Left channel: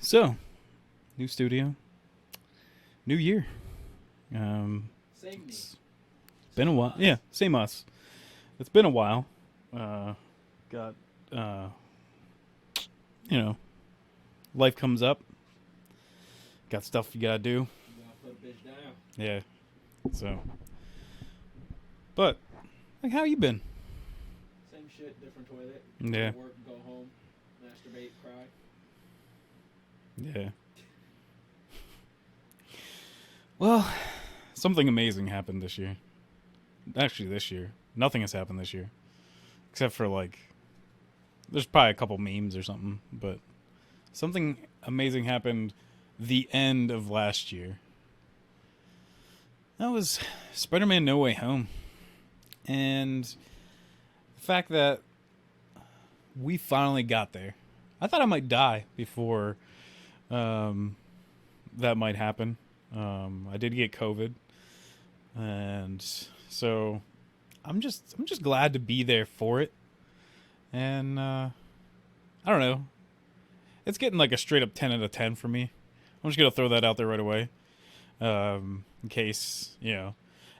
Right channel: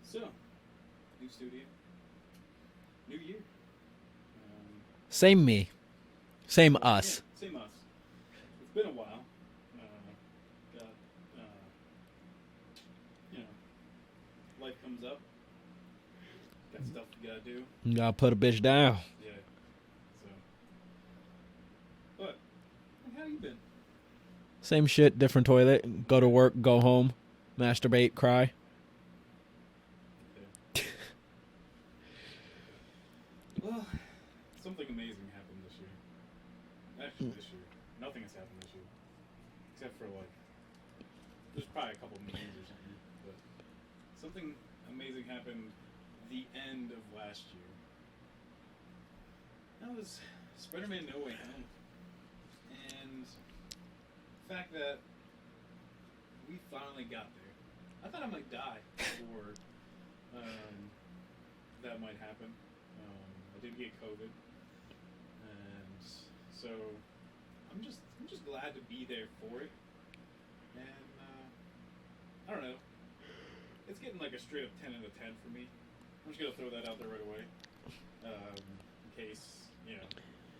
So, new studio, new year. Same me. Same us. Yeah, same us. It's been a while. Got, life comes up. Got stuff you gotta do. You gotta put a bitch down. Yeah. So, but like, how you been? Same shit, different toilet. Go to work, go home, masturbate, cry. Yeah. Well, something amazing happened this year. Actually, this year. Nothing has happened this year. Except for, like, there's probably a couple memes or something. But something amazing happened the end of last year. That was Spider-Man No Way Home. And the fact that we finally got there. I thought I might die before that might happen. I did get COVID, and so I'm just glad to be there for it. And I don't know, it's getting like a straight up 10 out of 10 for me. I'm just gonna throw that out there right away, in case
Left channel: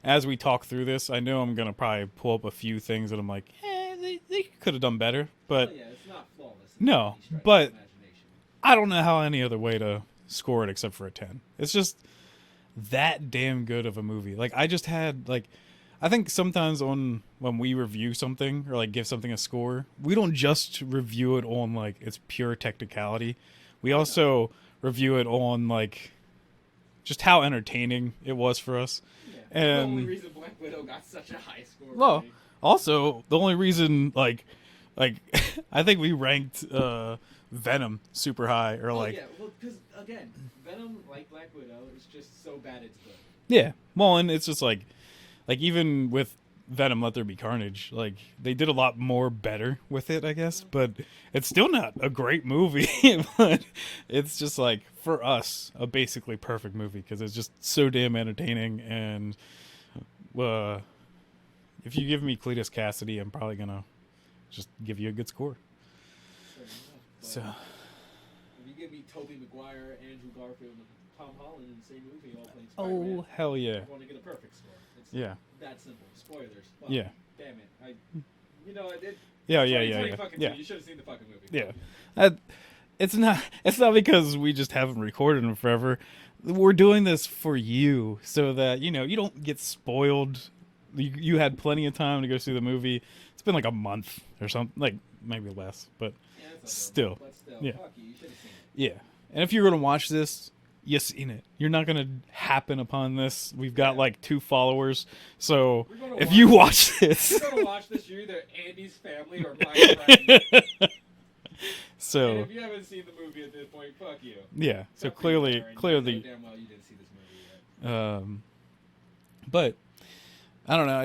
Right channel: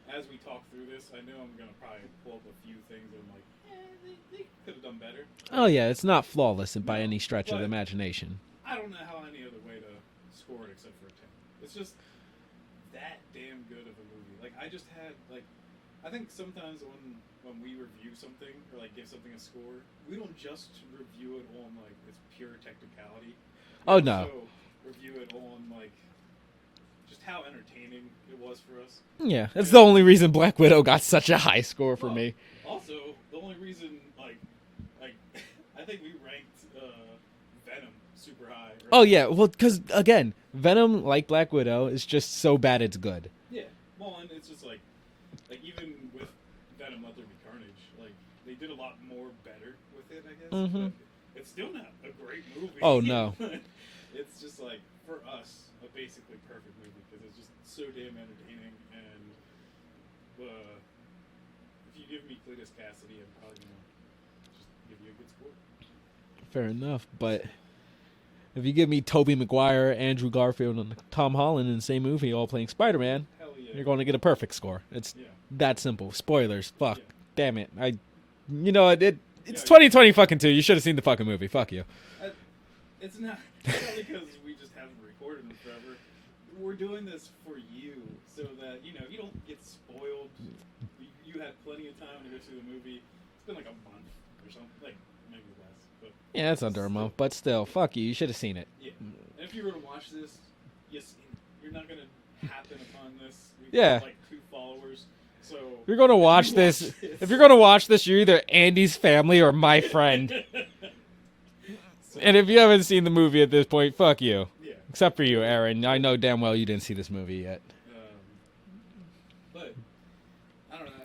as we talk through this, I know I'm gonna probably pull up a few things that I'm like, they could have done better. But oh yeah, it's not flawless by any stretch of the imagination. I don't know how any other way to score it except for a 10. It's just that damn good of a movie. Like, I just had, like, I think sometimes when we review something or like give something a score, we don't just review it on like its pure technicality. We also review it on like just how entertaining it was for us. Yeah, it's the only reason Black Widow got such a high score for me. Also, the only reason like I think we ranked Venom super high. Or well, because again, Venom, like Black Widow, is just so bad it's good. Yeah, well, and it's just like even with Venom, Let There Be Carnage, like they did a lot more better with it, I guess. Mm-hmm. But it's still not a great movie. Oh no, it's just like for us a basically perfect movie because it's just so damn entertaining. And if you give me Cletus Cassidy, I'm probably gonna just give you a good score. Fair enough, but if you give me Tobey Maguire, Andrew Garfield, and Tom Holland in the same movie, all playing Spider-Man, hell yeah, you're going to get a perfect score. It's that simple. Spoilers. Fuck. Yeah. Damn it. It's 2020 fucking two. You should have seen the fucking movie. Fuck you. It's not because we just haven't recorded them forever. We're doing this for you so that you don't get spoiled. You had plenty of time to go see the movie. It's been like a month or something, like maybe less, but yeah, it's under a month. But still, fuck you. You should have seen it. Yeah, and if you're gonna watch this, you've seen it. You're not gonna happen upon this. We've got like 2 followers, so if you're gonna watch this. If you're gonna watch this, you're either Andy's family or my friend. So, and if you haven't seen the movie at this point, fuck you. Yeah, except for you, Aaron. I know damn well you didn't see this movie yet. But I don't know.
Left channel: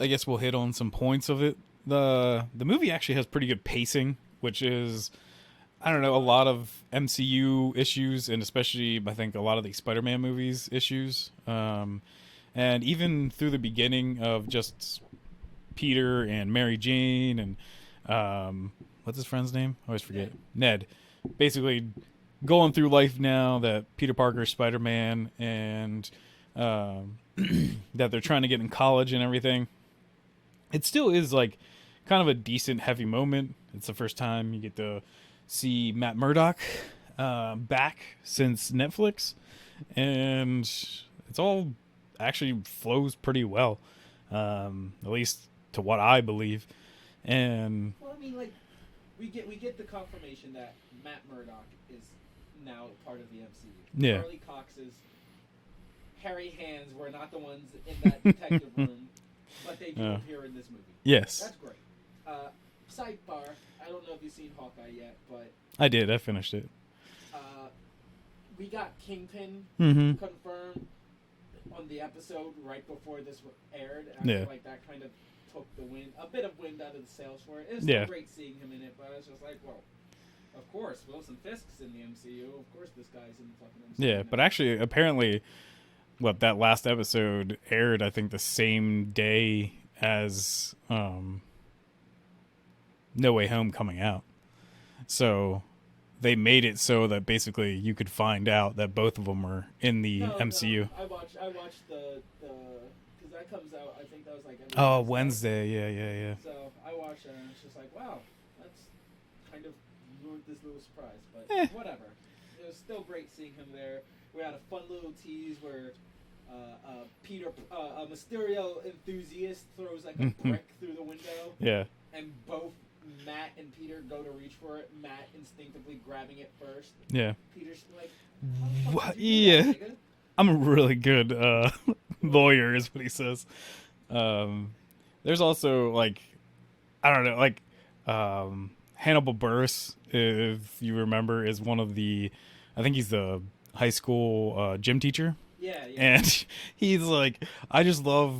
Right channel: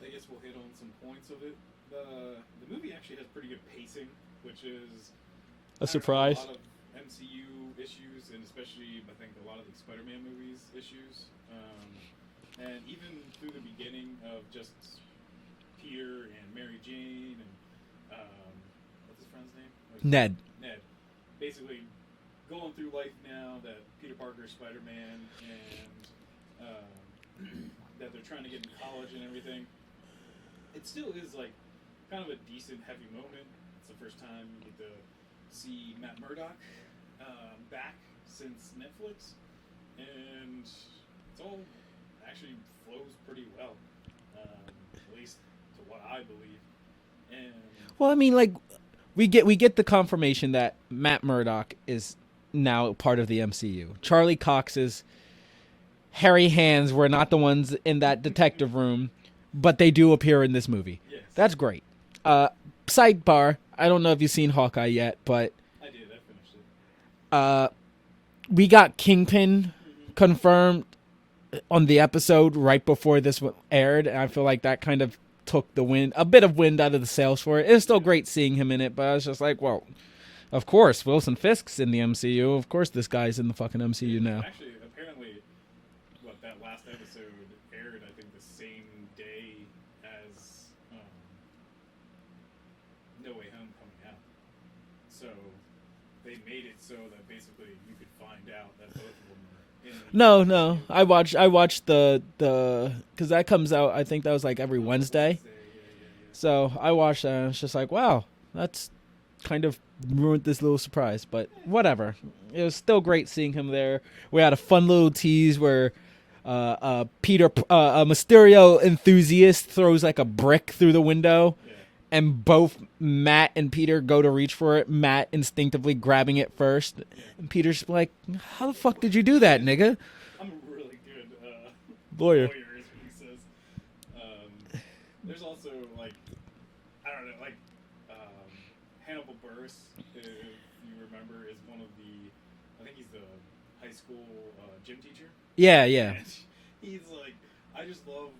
I guess we'll hit on some points of it. The movie actually has pretty good pacing, which is a lot of MCU issues, and especially I think a lot of the Spider-Man movies issues. And even through the beginning of just Peter and Mary Jane and what's his friend's name? Ned. Basically going through life now that Peter Parker is Spider-Man and that they're trying to get in college and everything. It still is like kind of a decent heavy moment. It's the first time you get to see Matt Murdock back since Netflix, and it's all actually flows pretty well, at least to what I believe. And well, I mean, like we get the confirmation that Matt Murdock is now part of the MCU. Yeah. Charlie Cox's hairy hands were not the ones in that detective room, but they do appear in this movie. Yes, that's great. Sidebar, I don't know if you've seen Hawkeye yet, but I did. I finished it. We got Kingpin confirmed on the episode right before this aired. And I feel like that kind of took a bit of wind out of the sails for it. It's still great seeing him in it, but I was just like, well, of course, Wilson Fisk's in the MCU. Of course, this guy's in the fucking MCU now. But actually, apparently, that last episode aired, I think, the same day as No Way Home coming out. So they made it so that basically you could find out that both of them were in the No, MCU. I watched the because that comes out. I think that was like every Wednesday. Wednesday, yeah. So I watched that, and it's just like, wow, that's kind of ruined this little surprise. But whatever, it was still great seeing him there. We had a fun little tease where Peter, a Mysterio enthusiast, throws like a brick through the window. Yeah. And both Matt and Peter go to reach for it. Matt instinctively grabbing it first. Yeah. And Peter's like, how the fuck did you do that, nigga? I'm a really good lawyer, is what he says. There's also, like, I don't know, like, Hannibal Buress, if you remember, is one of the, I think he's the high school gym teacher. Yeah. And he's like, I just love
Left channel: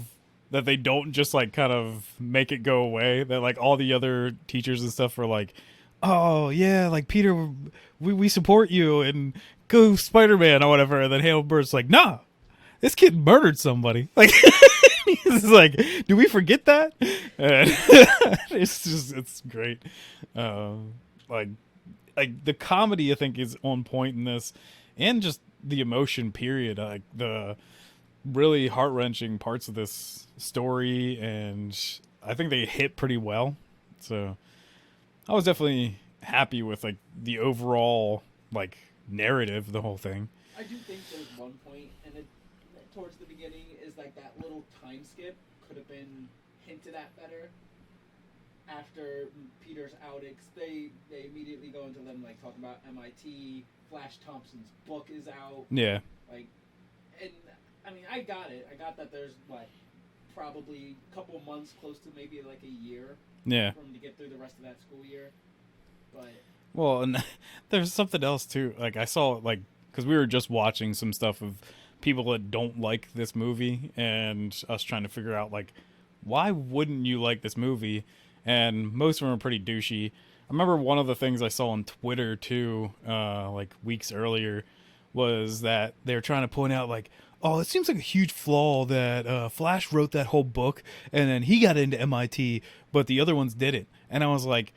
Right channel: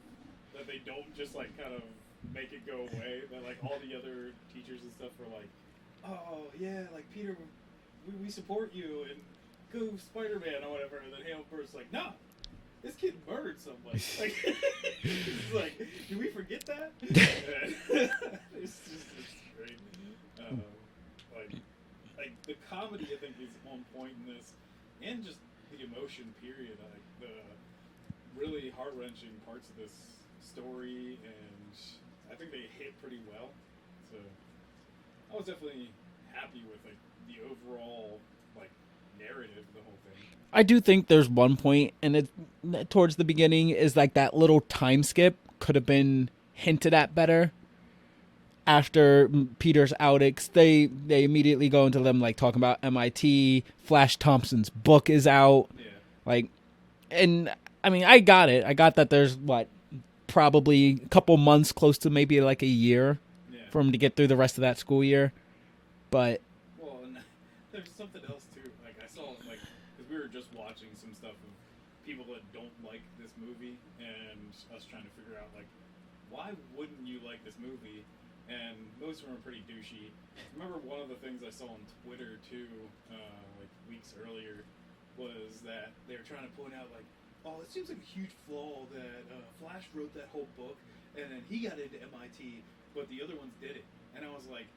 that they don't just like kind of make it go away. That like all the other teachers and stuff are like, oh yeah, like Peter, we support you and go Spider-Man or whatever. And then Hannibal Buress like, nah, this kid murdered somebody. Like, it's like, do we forget that? And it's great. Like the comedy I think is on point in this, and just the emotion period. Like the really heart-wrenching parts of this story, and I think they hit pretty well. So I was definitely happy with like the overall like narrative of the whole thing. I do think there's one point, and it towards the beginning is like that little time skip could have been hinted at better. After Peter's outings, they immediately go into them like talking about MIT. Flash Thompson's book is out. Yeah, like, and I mean, I got it. I got that there's probably a couple months, close to maybe like a year. Yeah, for him to get through the rest of that school year. But well, and there's something else too. Like I saw like because we were just watching some stuff of people that don't like this movie, and us trying to figure out like why wouldn't you like this movie? And most of them are pretty douchey. I remember one of the things I saw on Twitter too, like weeks earlier, was that they were trying to point out like, oh, it seems like a huge flaw that Flash wrote that whole book and then he got into MIT, but the other ones didn't. And I was like,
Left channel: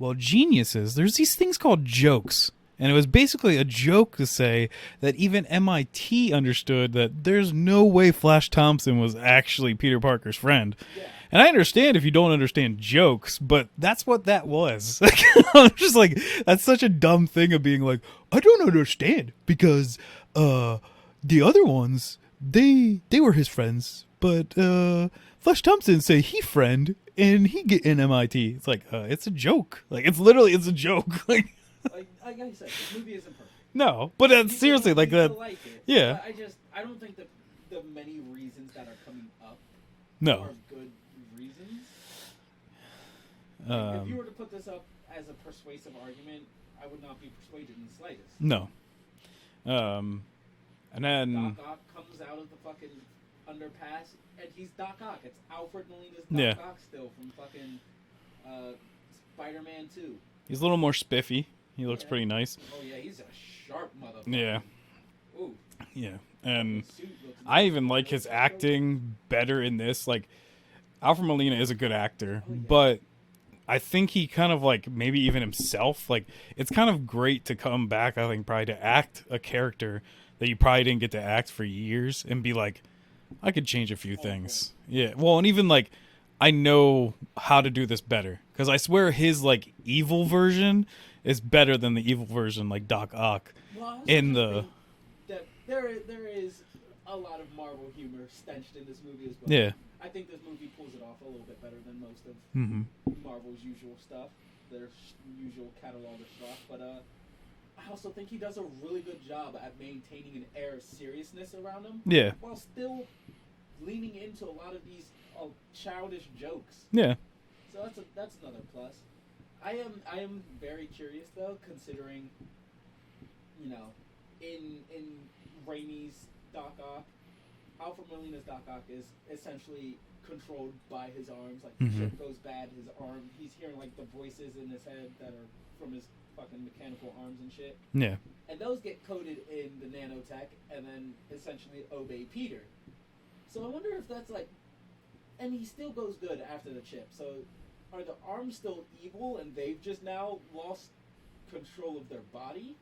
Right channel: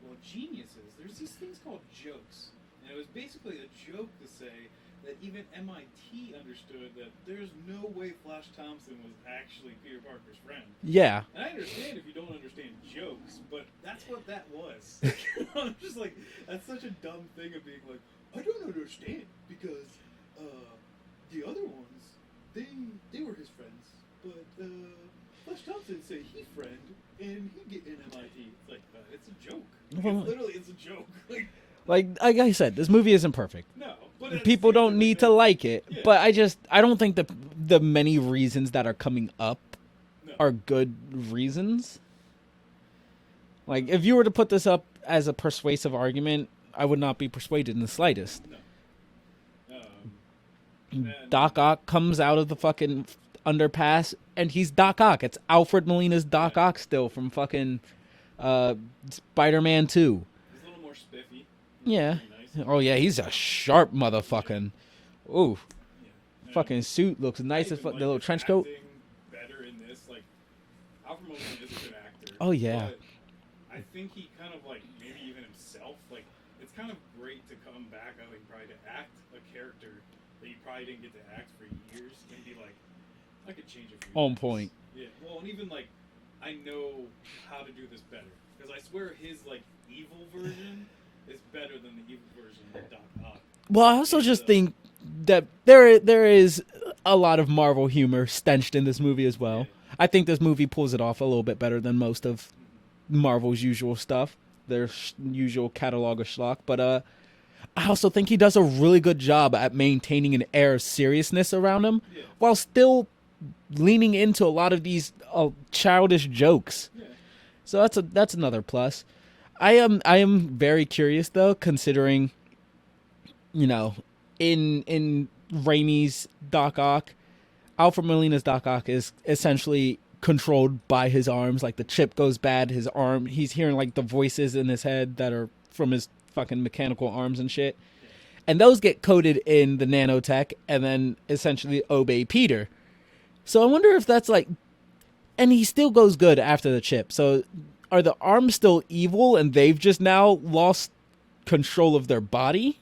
well, geniuses, there's these things called jokes. And it was basically a joke to say that even MIT understood that there's no way Flash Thompson was actually Peter Parker's friend. Yeah. And I understand if you don't understand jokes, but that's what that was. I'm just like, that's such a dumb thing of being like, I don't understand because the other ones, they were his friends, but Flash Thompson say he friend and he get in MIT. It's like, it's a joke. Like, it's literally, it's a joke. Like I said, this movie isn't perfect. No, but people don't need to like it. Yeah. But I don't think the many reasons that are coming up are good reasons. Like if you were to put this up as a persuasive argument, I would not be persuaded in the slightest. No. And then Doc Ock comes out of the fucking underpass, and he's Doc Ock. It's Alfred Molina's Doc Ock still from fucking Spider-Man 2. He's a little more spiffy. He looks pretty nice. Oh, yeah, he's a sharp motherfucking... Yeah. Ooh. Yeah. Fucking suit looks nice. I even like his acting better in this. Like, Alfred Molina is a good actor. Oh, yeah. But I think he kind of, like, maybe even himself, like, it's kind of great to come back, I think, probably to act a character that you probably didn't get to act for years and be like, I could change a few things. On point. Yeah. Well, and even, like, I know how to do this better. Because I swear his, like, evil version is better than the evil version, like Doc Ock. Well, I also just think that there is a lot of Marvel humor stenched in this movie as well. Yeah. I think this movie pulls it off a little bit better than most of Marvel's usual stuff, their usual catalog of schlock. But I also think he does a really good job at maintaining an air of seriousness around him, while still leaning into a lot of these childish jokes. Yeah. So that's another plus. I am very curious though, considering, you know, in Raimi's Doc Ock, Alfred Molina's Doc Ock is essentially controlled by his arms. Like the chip goes bad, his arm, he's hearing like the voices in his head that are from his fucking mechanical arms and shit. Yeah. And those get coded in the nanotech and then essentially obey Peter. So I wonder if that's like, and he still goes good after the chip. So are the arms still evil and they've just now lost control of their body.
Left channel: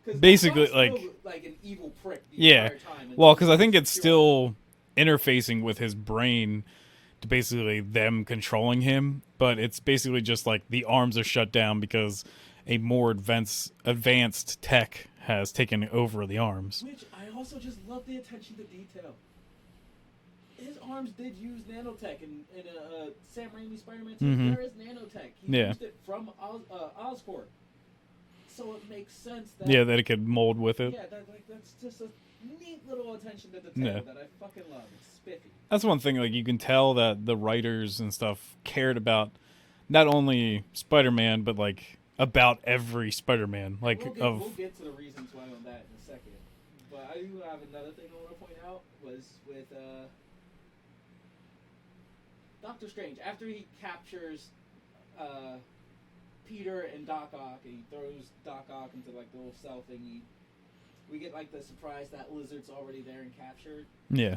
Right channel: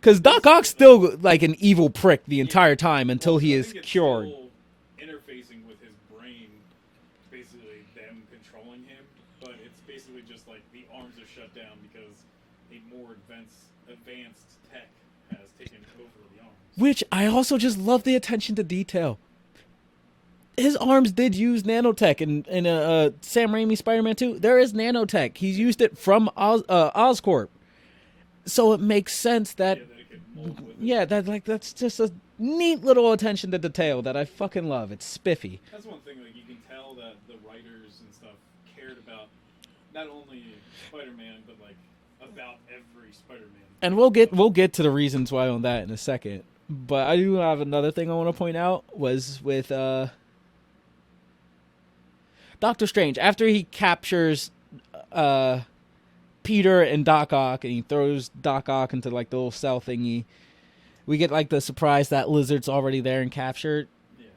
Because Doc Ock's still like an evil prick the entire time until because I think it's cured. Still interfacing with his brain to basically them controlling him, but it's basically just like the arms are shut down because a more advanced tech has taken over the arms. Which I also just love the attention to detail. His arms did use nanotech in Sam Raimi Spider-Man 2. Mm-hmm. There is nanotech. He's used it from Oscorp. So it makes sense that that it could mold with it. Yeah, that's just a neat little attention to detail that I fucking love. It's spiffy. That's one thing. Like you can tell that the writers and stuff cared about not only Spider-Man but like about every Spider-Man. And like, we'll get to the reasons why on that in a second. But I do have another thing I want to point out was with Doctor Strange after he captures Peter and Doc Ock, and he throws Doc Ock into like the little cell thingy. We get like the surprise that Lizard's already there and captured. Yeah.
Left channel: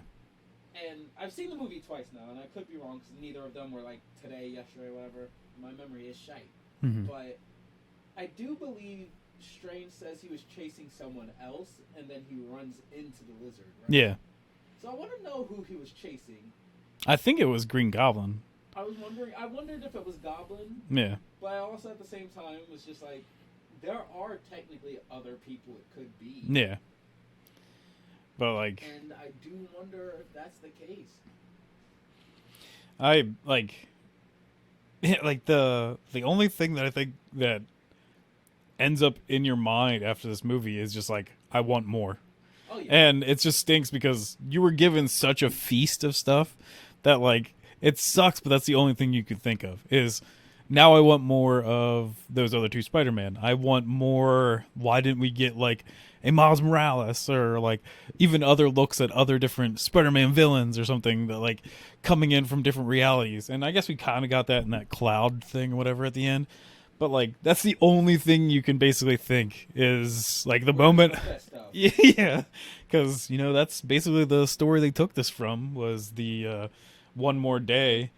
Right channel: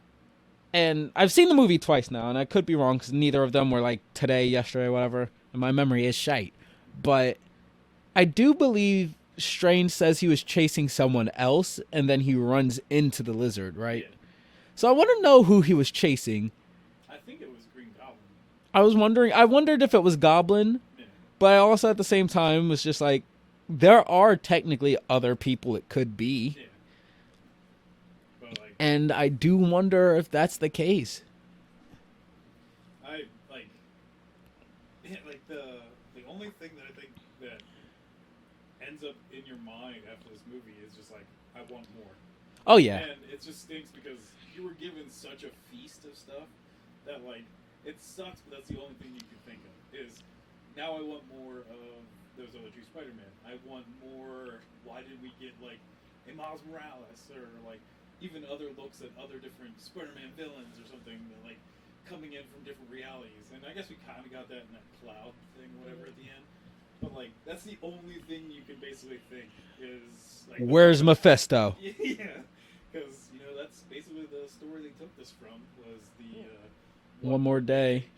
And I've seen the movie twice now, and I could be wrong because neither of them were like today, yesterday, whatever. And my memory is shite. Mm-hmm. But I do believe Strange says he was chasing someone else, and then he runs into the Lizard, right? Yeah. So I want to know who he was chasing. I think it was Green Goblin. I wondered if it was Goblin. Yeah. But I also, at the same time, was just like, there are technically other people it could be. Yeah. But, like... And I do wonder if that's the case. The only thing that I think that ends up in your mind after this movie is just, like, I want more. Oh, yeah. And it just stinks because you were given such a feast of stuff that, like, it sucks, but that's the only thing you could think of is... Now I want more of those other two Spider-Man. I want more. Why didn't we get like a Miles Morales or like even other looks at other different Spider-Man villains or something that like coming in from different realities? And I guess we kind of got that in that cloud thing or whatever at the end. But like that's the only thing you can basically think is like the Where's moment. Mephisto? Yeah, because that's basically the story they took this from was the one more day.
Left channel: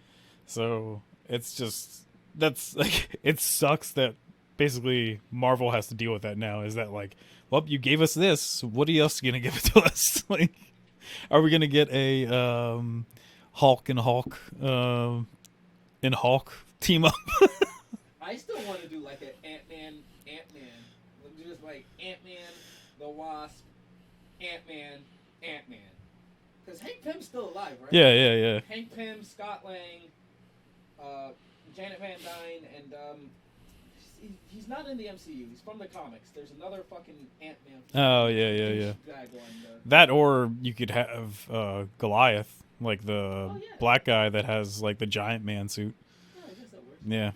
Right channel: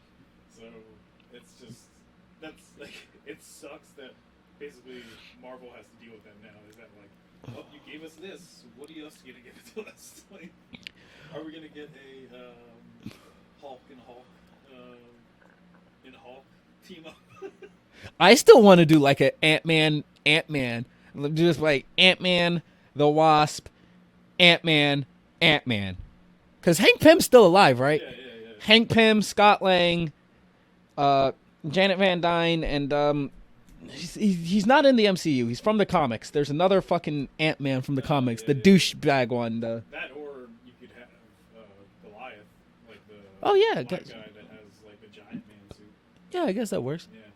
So it's just. That's like it sucks that basically Marvel has to deal with that now. Is that like, well, you gave us this. What else are you gonna give it to us? Like, are we gonna get a Hulk and Hulk team up? I still want to do like a Ant-Man, just like Ant-Man, the Wasp, Ant-Man. Because Hank Pym's still alive, right? Yeah. Hank Pym, Scott Lang, Janet Van Dyne, and he's not in the MCU. He's from the comics. There's another fucking Ant-Man from the comics, the douchebag one. That, or you could have Goliath, like the black guy that has like the giant man suit. Yeah, I guess that works. Yeah.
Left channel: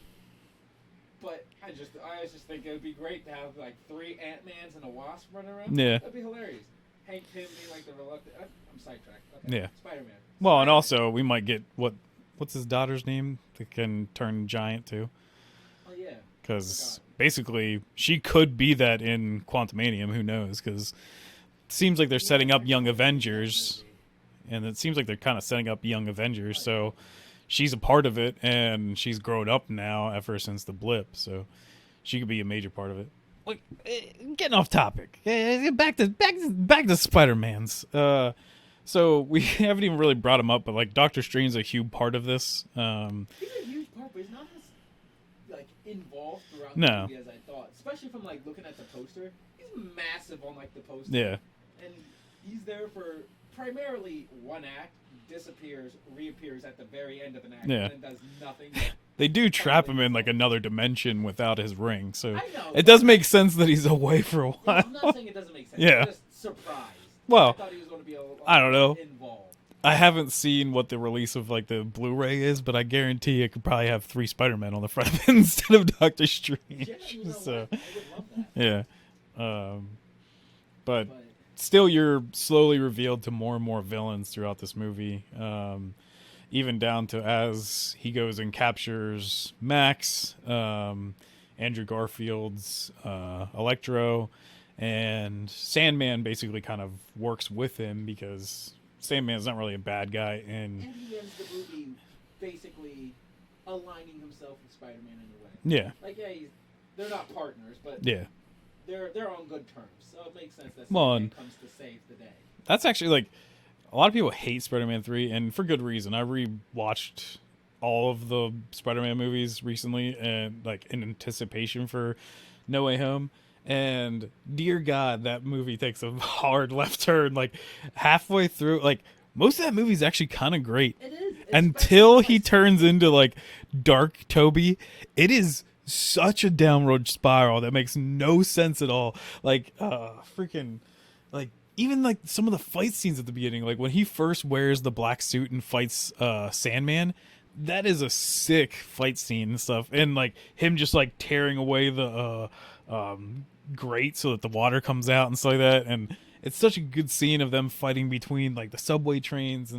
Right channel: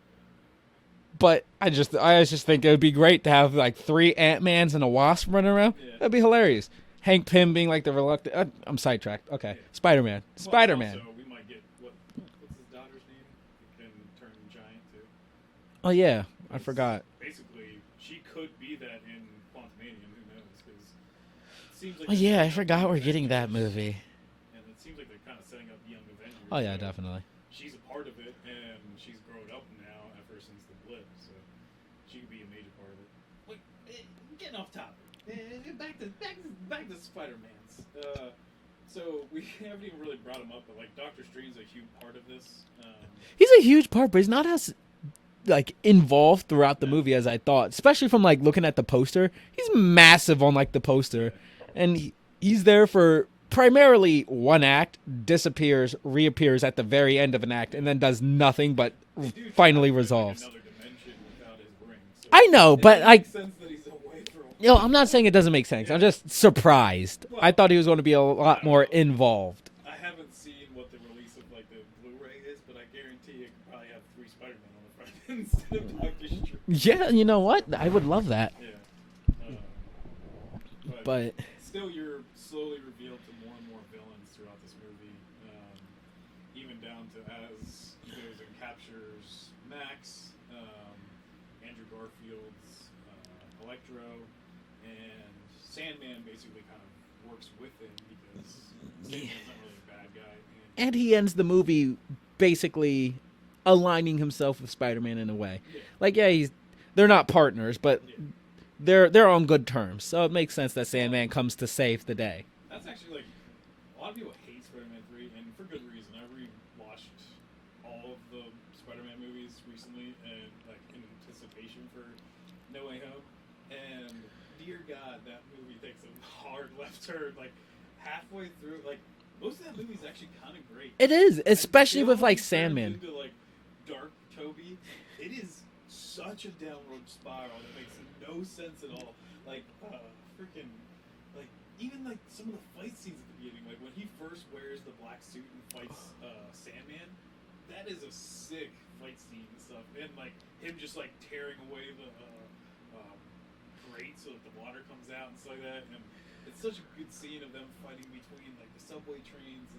But I just think it would be great to have like 3 Ant-Mans and a Wasp running around. Yeah. That'd be hilarious. Hank Pym being like the reluctant... I'm sidetracked. Okay. Yeah. Spider-Man. Well, and also we might get... What's his daughter's name that can turn giant too? Oh, yeah. I forgot. Basically, she could be that in Quantumanium. Who knows? Because it seems like they're setting up Young Avengers. That movie. And it seems like they're kind of setting up Young Avengers. Oh, yeah, so definitely. She's a part of it, and she's grown up now ever since the blip. So she could be a major part of it. Like, getting off topic. Back to Spider-Man's. So we haven't even really brought him up, but like Doctor Strange's a huge part of this. He's a huge part, but he's not as like involved throughout the movie as I thought. Especially from like looking at the poster, he's massive on like the poster, and he's there for primarily one act, disappears, reappears at the very end of an act, and then does nothing but. They do trap him in like another dimension without his ring. So I know, it but does make sense that he's away for a while. You know, I'm not saying it doesn't make sense. I'm just surprised. Well, I thought he was going to be a lot more involved. I haven't seen what the release of like the Blu-ray is, but I guarantee it could probably have 3 Spider-Men on the front of it instead of Doctor Strange. Yeah, you know what? I would love that. Yeah. But still, you're slowly revealed to more and more villains throughout this movie. Even down to as he goes and captures Max, Andrew Garfield's Electro, and Sandman basically kind of works with him because Sandman's not really a bad guy. And he ends the movie basically aligning himself with Spider-Man in a way. Yeah. Like, yeah, he's they're not partners, but yeah, they're on good terms. So it makes sense that Sandman comes to save the day. That's actually like a lot of people hate Spider-Man 3, and for good reason. I rewatched all of the Spider-Man movies recently, and like in anticipation for No Way Home. And dear God, that movie takes a hard left turn. Like halfway through, like most of that movie is actually kind of great. It is, especially until with, like, he turns Sandman. into like Dark Toby. It is such a downward spiral that makes no sense at all. Like, freaking, like even like some of the fight scenes at the beginning, like when he first wears the black suit and fights Sandman. That is a sick fight scene and stuff, and like him just like tearing away the grate so that the water comes out and stuff like that, and it's such a good scene of them fighting between like the subway trains,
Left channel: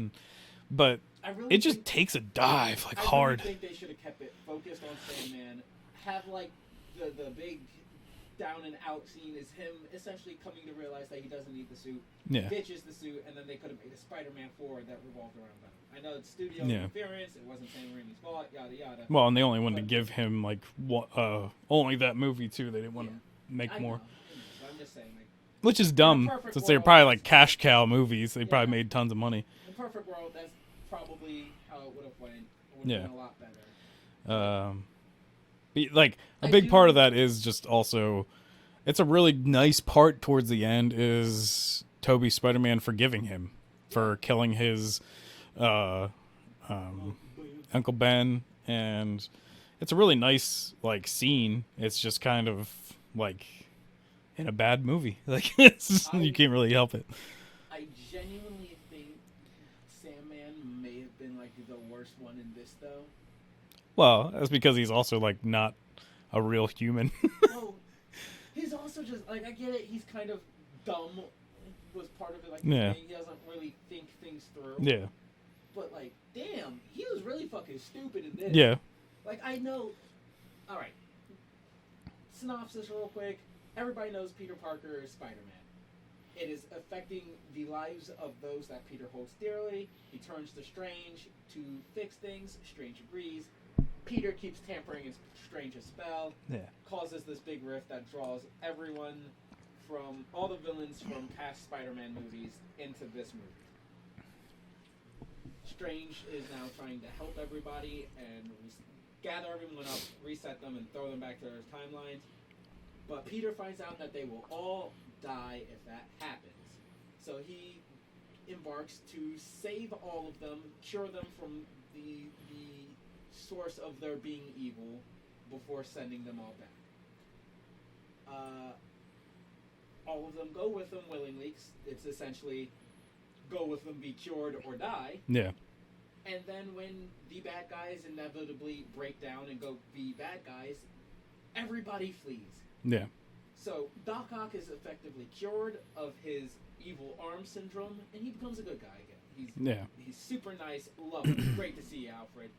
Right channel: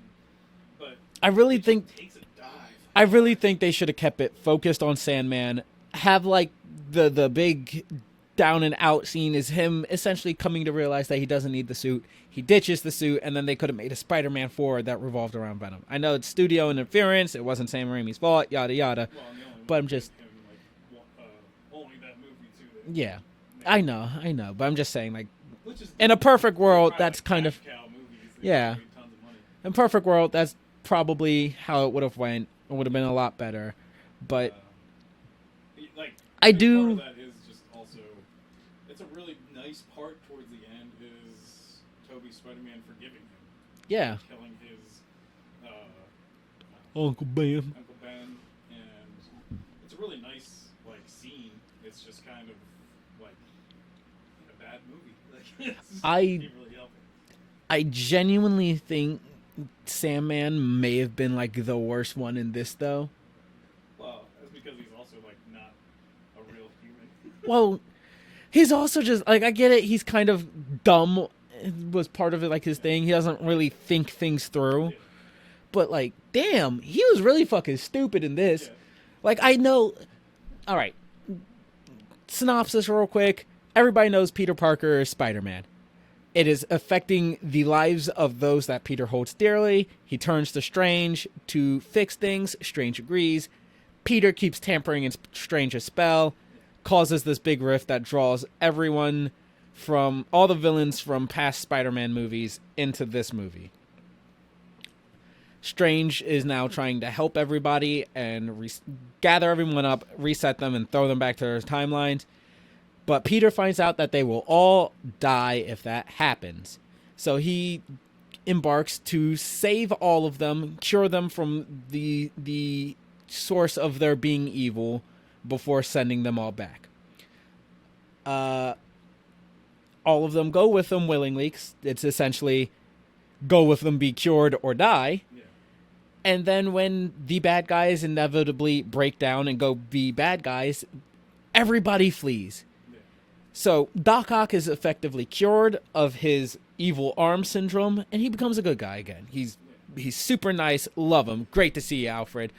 but I really it think just takes a dive. Like, I really hard. think they should have kept it focused on Sandman. Have like the big down and out scene is him essentially coming to realize that he doesn't need the suit. He ditches the suit, and then they could have made a Spider-Man 4 that revolved around Venom. I know it's studio interference. It wasn't Sam Raimi's fault, yada, yada. Well, and they only wanted to give him, like, only that movie, too. They didn't want to make I more. know. But I'm just saying, like... Which is dumb. In a perfect world, they're probably, that's like, cash cow movies. They Yeah. probably made tons of money. In a perfect world, that's probably how it would have went. It would have been a lot better. But... like, a big part of that is just also... It's a really nice part towards the end is Toby Spider-Man forgiving him for killing his Uncle Ben, and it's a really nice like scene. It's just kind of like in a bad movie. Like you can't really help it. I genuinely think Sandman may have been like the worst one in this though. Well, that's because he's also like not a real human. Well, he's also just like, I get it. He's kind of dumb. Was part of it, like his thing. He doesn't really think things through. Yeah. But like, damn, he was really fucking stupid in this. Yeah. Like, I know. All right. Synopsis, real quick. Everybody knows Peter Parker is Spider-Man. It is affecting the lives of those that Peter holds dearly. He turns to Strange to fix things. Strange agrees. Peter keeps tampering in Strange's spell. Yeah. Causes this big rift that draws everyone from all the villains from past Spider-Man movies into this movie. Strange is now trying to help everybody and gather everyone up, reset them, and throw them back to their timelines. But Peter finds out that they will all die if that happens. So he embarks to save all of them, cure them from the source of their being evil before sending them all back. All of them go with them willingly. It's essentially go with them, be cured, or die. Yeah. And then when the bad guys inevitably break down and go be bad guys, everybody flees. Yeah. So Doc Ock is effectively cured of his evil arm syndrome, and he becomes a good guy again. He's super nice. Love him. Great to see you, Alfred.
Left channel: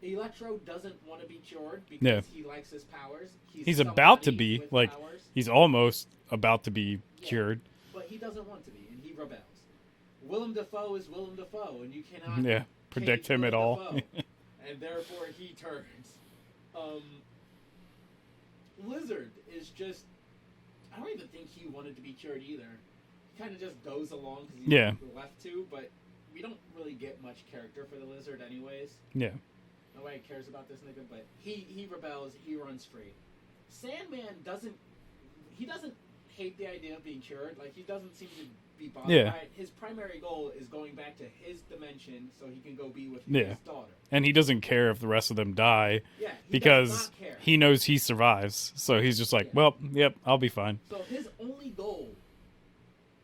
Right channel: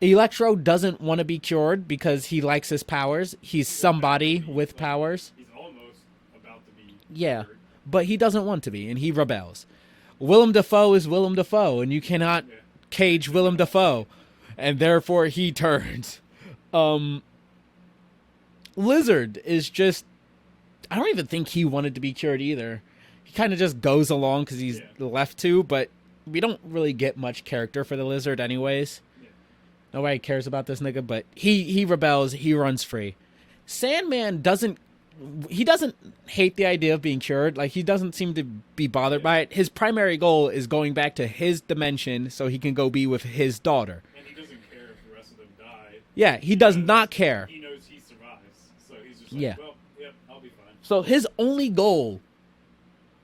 Electro doesn't want to be cured because he likes his powers. He's somebody with powers. He's almost about to be cured. But he doesn't want to be, and he rebels. Willem Dafoe is Willem Dafoe, and you cannot cage Willem Dafoe. And therefore he turns. Lizard is just... I don't even think he wanted to be cured either. He kind of just goes along because he's left to, but we don't really get much character for the Lizard anyways. Yeah. Nobody cares about this nigga, but he rebels. He runs free. Sandman doesn't hate the idea of being cured. Like, he doesn't seem to be bothered by it. His primary goal is going back to his dimension so he can go be with his daughter. And he doesn't care if the rest of them die. Yeah, he does not care. He knows he survives. So he's just like, well, yep, I'll be fine. So his only goal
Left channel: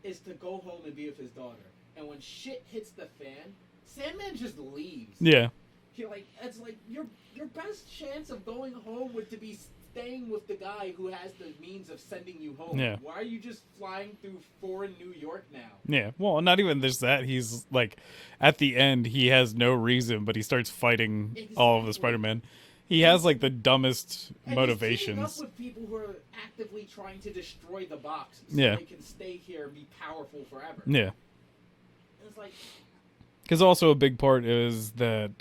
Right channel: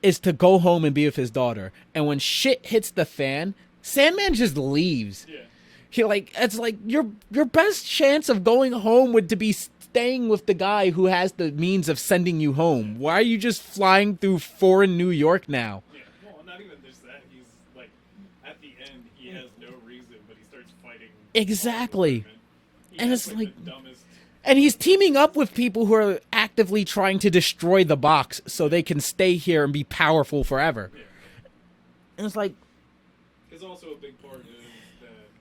is to go home and be with his daughter. And when shit hits the fan, Sandman just leaves. Yeah. It's like your best chance of going home would to be staying with the guy who has the means of sending you home. Yeah. Why are you just flying through foreign New York now? Yeah. Well, not even just that. He's like, at the end, he has no reason, but he starts fighting all of the Spider-Man. He has like the dumbest. And he's teaming up with people who are actively trying to destroy the box so they can stay here and be powerful forever. Yeah. And it's like, because also a big part is that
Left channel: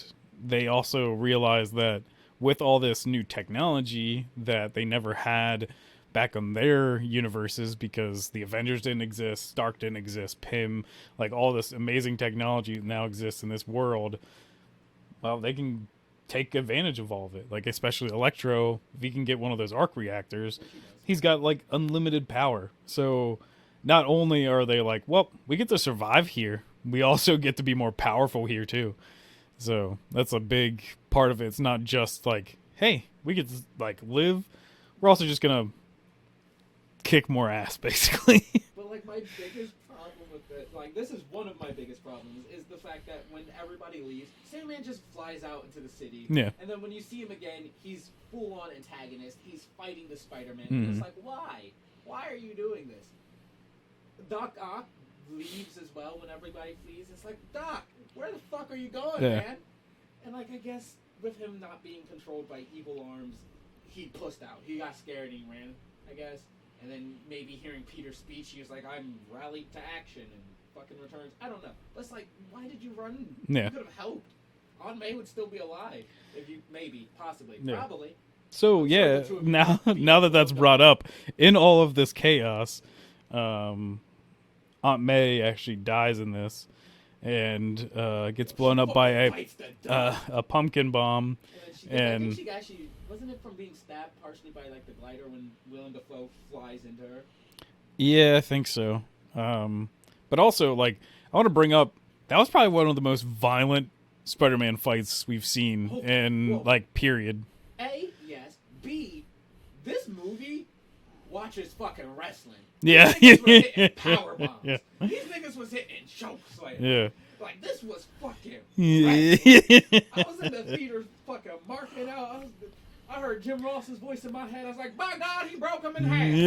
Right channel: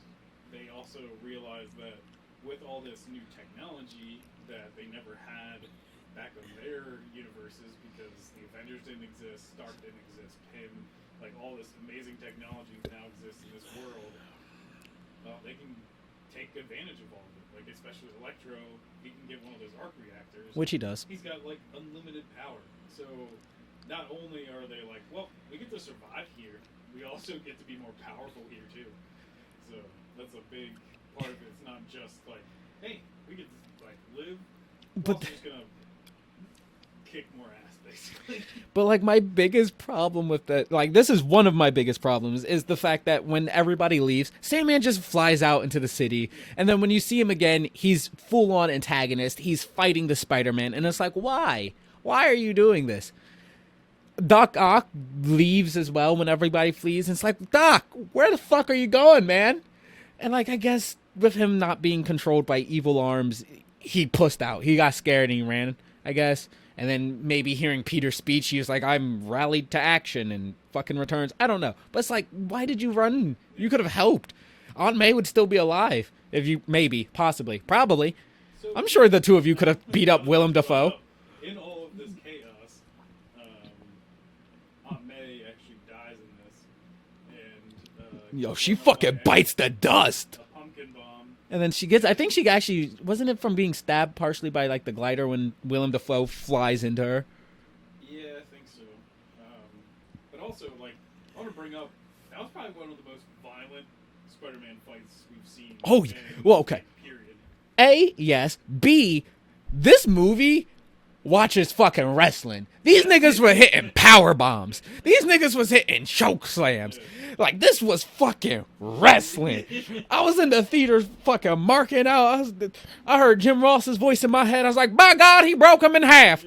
they also realize that with all this new technology that they never had back on their universes, because the Avengers didn't exist, Stark didn't exist, Pym, like all this amazing technology now exists in this world. Well, they can take advantage of all of it. Like, especially Electro, if he can get one of those arc reactors, which he does, he's got like unlimited power. So not only are they like, well, we get to survive here, we also get to be more powerful here too. So that's a big part of it. It's not just like, hey, we get to like live. We're also just gonna kick more ass, basically. But like, my biggest problem with that, like, this is one of my biggest problems, is the fact that when everybody leaves, Sandman just flies out into the city. Yeah. And then when you see him again, he's full on antagonist. He's fighting the Spider-Man. And it's like, why? Why are you doing this? Doc Ock leaves as well when everybody flees. And it's like, Doc, where the fuck are you going, man? And like, I guess with him not being controlled by evil arms, he pussed out. He got scared and he ran, I guess. And then maybe hearing Peter's speech, he was like, I'm rallied to action, and fucking returns. I don't know. But it's like, why did you run? Yeah. You could have helped. Aunt May would still be alive. If you, maybe, possibly, probably. So I'm sure the two of you could have beat up Willem Dafoe. Brought up, in all of this chaos, Aunt May actually dies in this. And gets blown up by bites the dust. A pumpkin bomb. And then she gets, I think she actually, wasn't it from being stabbed partially by like the glider when Willem Dafoe flies into her? Yeah, I think so. But also, like, I want to bring up, that was probably one of the most violent Spider-Man fights we've seen like, period. A, yes. B, this movie watches fucking wrestling. These niggas were hitting power bombs. These niggas was hitting choke slams. Like, this was fucking wrestling. I was in the theater fucking marking out. I heard Jim Ross's voice in my head. I was like, by God, he broke him in half.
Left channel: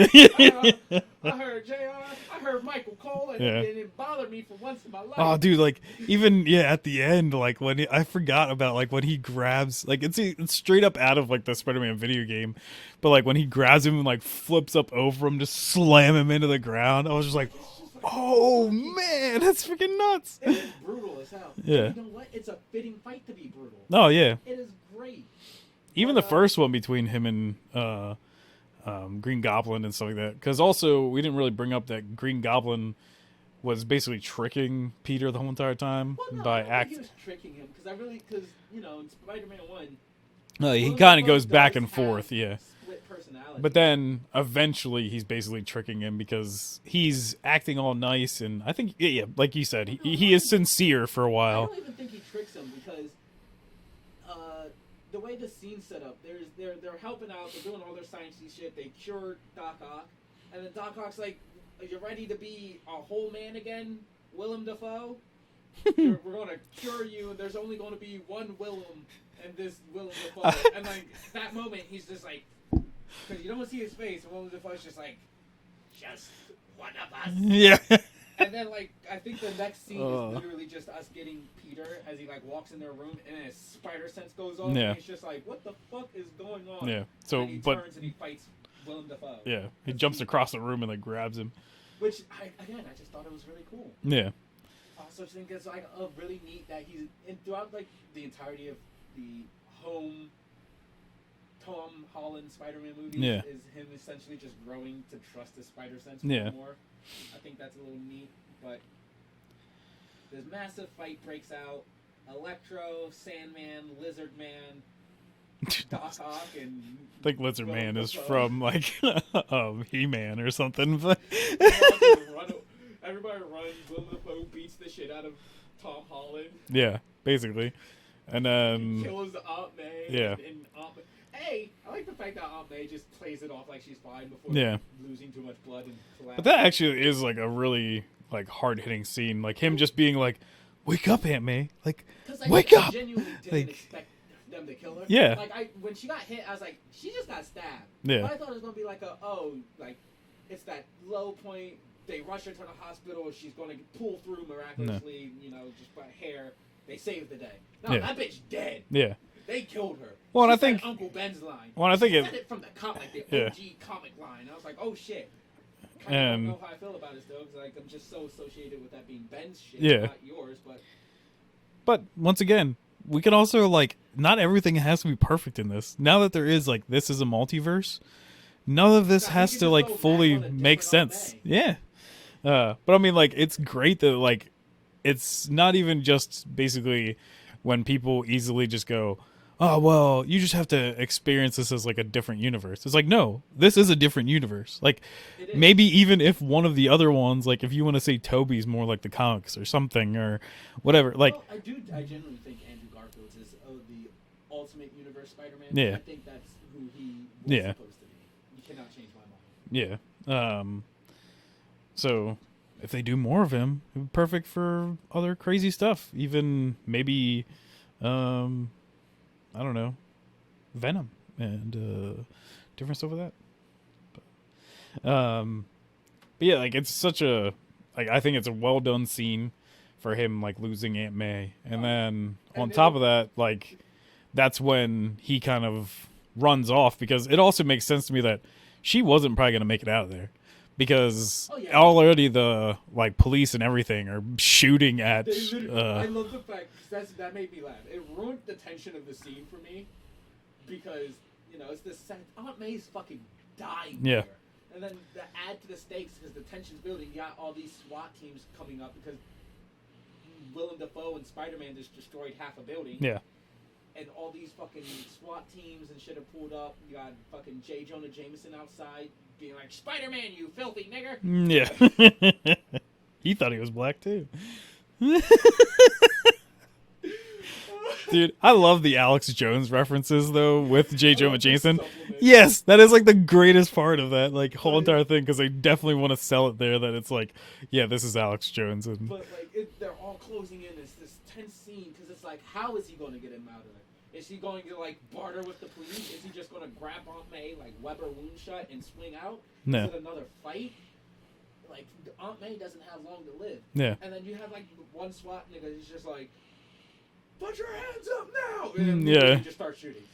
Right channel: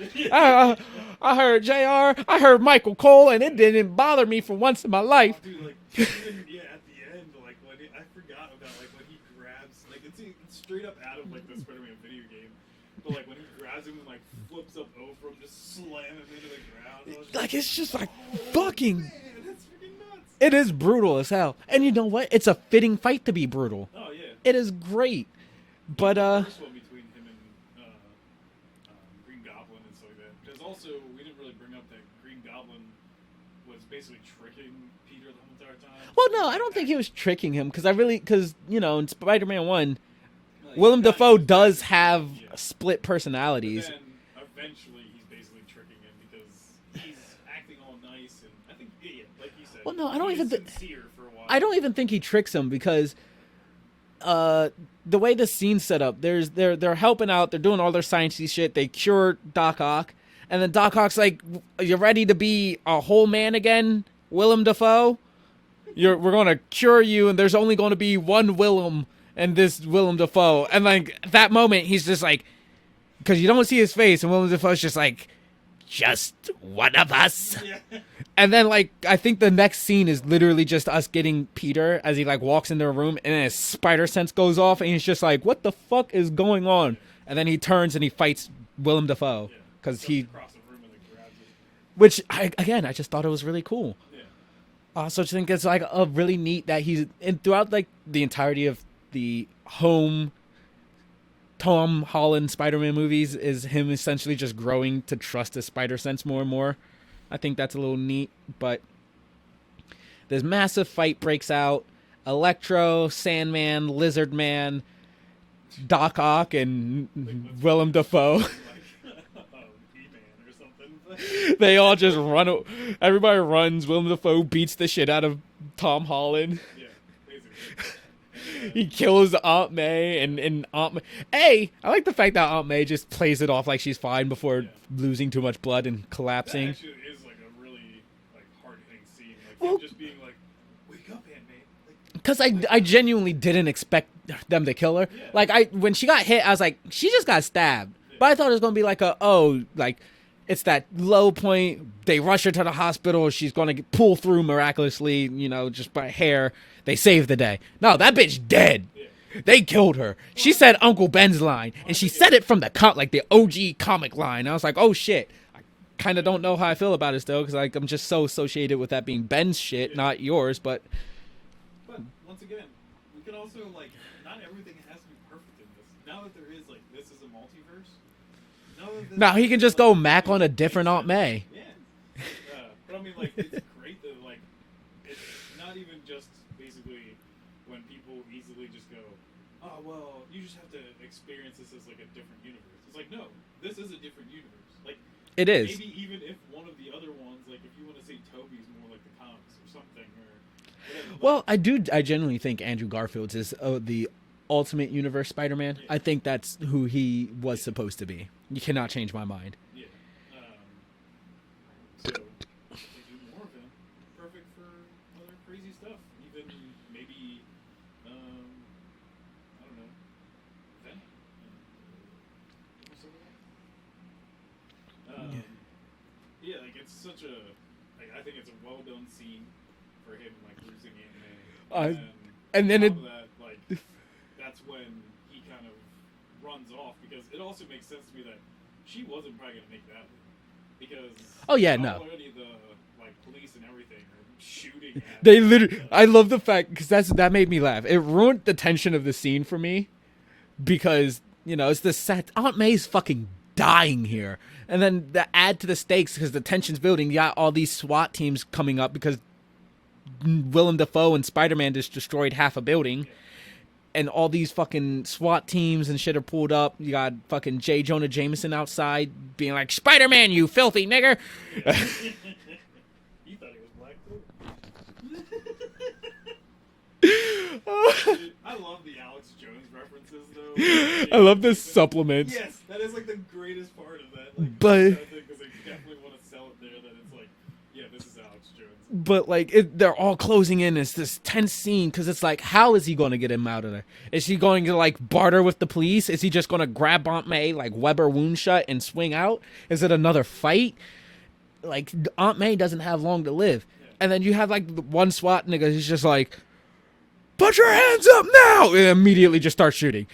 I heard JR. I heard Michael Cole, and it didn't bother me for once in my life. Oh, dude, like, even, at the end, like, when I forgot about, like, when he grabs, like, it's straight up out of, like, the Spider-Man video game. But, like, when he grabs him and, like, flips up over him, just slam him into the ground, I was just like, it's just like, oh, fucking, man, that's freaking nuts. It is brutal as hell. And you know what? It's a fitting fight to be brutal. Oh, yeah. It is great. Even the first one between him and Green Goblin and stuff like that. Because also, we didn't really bring up that Green Goblin was tricking Peter the whole entire time. Well, no, I don't think he was tricking him. Because, in Spider-Man 1, Willem Dafoe does have split personalities. But then eventually he's basically tricking him because he's acting all nice, and I think like you said, he is sincere for a while. I don't even think he tricks him because the way the scene's set up, they're helping out, they're doing all their sciencey shit, they cure Doc Ock, and then Doc Ock's like, "You ready to be a whole man again, Willem Dafoe? We're gonna cure you, and there's only going to be one Willem." And this Willem Dafoe, and like that moment, he's just like, because you don't see his face, and Willem Dafoe's just like, just one of us. Yeah. And then like I think the next scene is literally just us getting Peter as he like walks into a room, and his spider sense goes off, and he's just like, what the fuck is going on? Yeah. And then he turns and he fights Willem Dafoe. Yeah. Because jumps across the room and like grabs him. Which I just thought it was really cool. Yeah. I also think it's like a really neat that he's throughout like the entirety of the home Tom Holland Spider-Man movies is him essentially just growing to trust his spider sense more and more. I think that's a little neat, but this massive fight breaks out. Electro, Sandman, Lizard Man, Doc Ock, and Willem Dafoe from like He-Man or something. They all just run. Everybody runs. Willem Dafoe beats the shit out of Tom Holland. Yeah, basically. And then he kills Aunt May and Aunt May. I like the fact that Aunt May just plays it off like she's fine before losing too much blood and collapsing. That actually is like a really like hard hitting scene. Like him just being like, "Wake up, Aunt May!" Like, because I genuinely didn't expect them to kill her. Yeah. Like when she got hit, I was like, she just got stabbed. Yeah. But I thought it was gonna be like it's that low point. They rush her to the hospital. She's gonna pull through miraculously. Just by hair. They saved the day. No, that bitch dead. Yeah. They killed her. Well, she said Uncle Ben's line. And she said it from the the OG comic line. I was like, oh, shit. I kind of don't know how I feel about it still because I'm just so associated with that being Ben's shit, not yours. But once again, we can also like not everything has to be perfect in this. Now that there is like this is a multiverse, none of this. He can just like, go Mac on a different Aunt May. Yeah, but I mean, like it's great that like it's not even just basically when people easily just go, oh well, you just have to experience this as like a different universe. It's like, no, this is a different universe. Like it is. Maybe even if one of the other ones, like if you want to say Toby's more like the comics or something or whatever. Like, well, I genuinely think Andrew Garfield's is the ultimate universe Spider-Man. Yeah. I think that's who he was supposed to be. You cannot change my mind. Yeah. So if they do more of him, it'd be perfect for other crazy stuff. Even maybe, I don't know, Venom and different stuff with that. But yeah, like it's such a, like I think it's a well done scene for him like losing Aunt May, and then on top of that, like that's when he kind of runs off, because it also makes sense to me that she wasn't probably gonna make it out of there. Because already the like police and everything are shooting at. They literally. I love the fact because that made me laugh. It ruined the tension of the scene for me, because it's the set. Aunt May's fucking dying here, and then the add to the stakes because the tension's building. You got all these SWAT teams coming up because Willem Dafoe and Spider-Man just destroyed half a building. Yeah. And all these fucking SWAT teams and shit are pulled up. You got fucking J. Jonah Jameson outside being like, Spider-Man, you filthy nigger. Yeah. He thought he was black, too. Dude, I love the Alex Jones references, though, with J. Jonah Jameson. Supplement. Yes, that is, like, the greatest part of that whole entire thing, because they definitely want to sell it there that it's like, yeah, this is Alex Jones. But, like, they're all closing in. It's this tense scene, because it's like, how is he going to get him out of there? Is he going to, like, barter with the police? Is he just going to grab Aunt May, like, Weber wound shut and swing out? Is it another fight? Like, Aunt May doesn't have long to live. Yeah. And then you have, like, one SWAT nigga who's just like, put your hands up now! And immediately just starts shooting.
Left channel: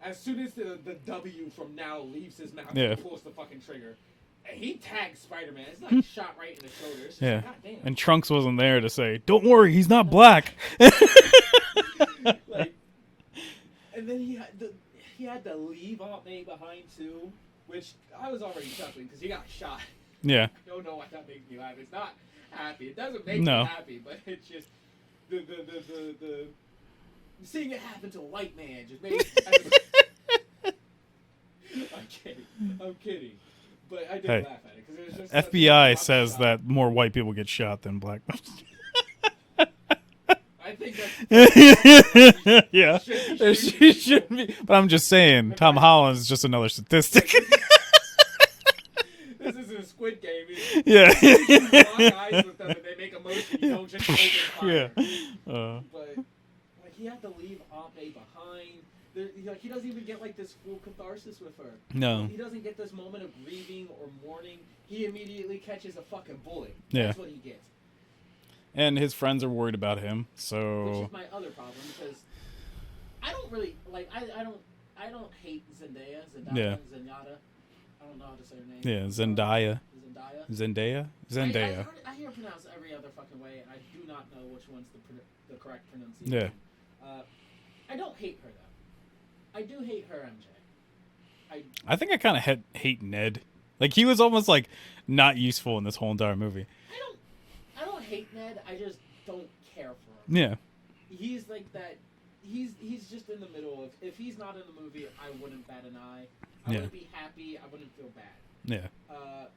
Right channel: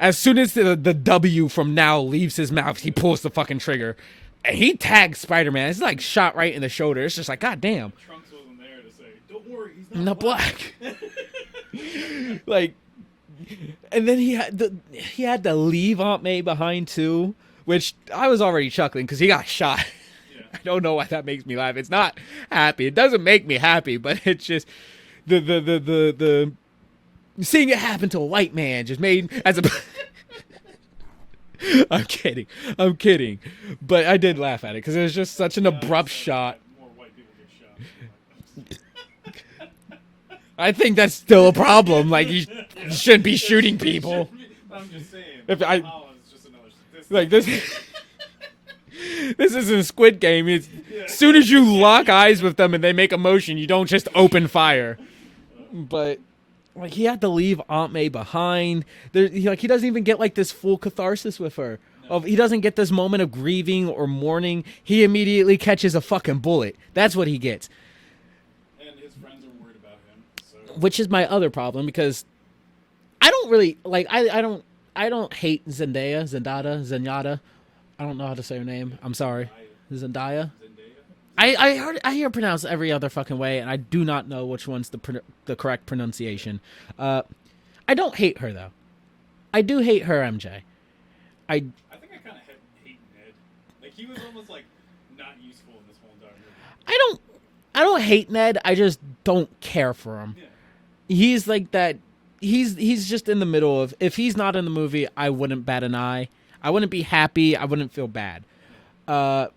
As soon as the W from now leaves his mouth, he pulls the fucking trigger. And he tags Spider-Man. It's like shot right in the shoulder. It's just like, God damn. And Trunks wasn't there to say, don't worry, he's not black. Like, and then he had to leave Aunt May behind too, which I was already chuckling because he got shot. Yeah. I don't know why that makes me laugh. It's not happy. It doesn't make me happy, but it's just the seeing it happen to a white man just made as a I'm kidding, but I did laugh at it because it was just such an abrupt says shot. that more white people get shot than black. I think that's still a problem. Like you shouldn't be shooting people. But I'm just saying, Tom Holland's just another statistic. Like this isn't Squid Game. As soon as you lock eyes with them and they make a motion, you don't just open fire. But like he had to leave Aunt May behind. He doesn't even get like this full catharsis with her. No, he doesn't get this moment of grieving or mourning. He immediately catches a fucking bullet. That's what he gets. And his friends are worried about him. So, which is my other problem because I don't really like. I don't hate Zenyatta. I don't know how to say her name. Yeah, I'm sorry. Zendaya. I hear it pronounced every other fucking way, and I do not know which one's the correct pronunciation. Yeah. I don't hate her though. I do hate her, MJ. I think I kind of hate Ned. Like he was almost like not useful in this whole entire movie. I don't hate Ned. I just don't care for him. Yeah. He's like that. He's just in the middle of. If he's not in the movie, I wouldn't bat an eye. I wouldn't be happy. I wouldn't feel bad. Yeah. But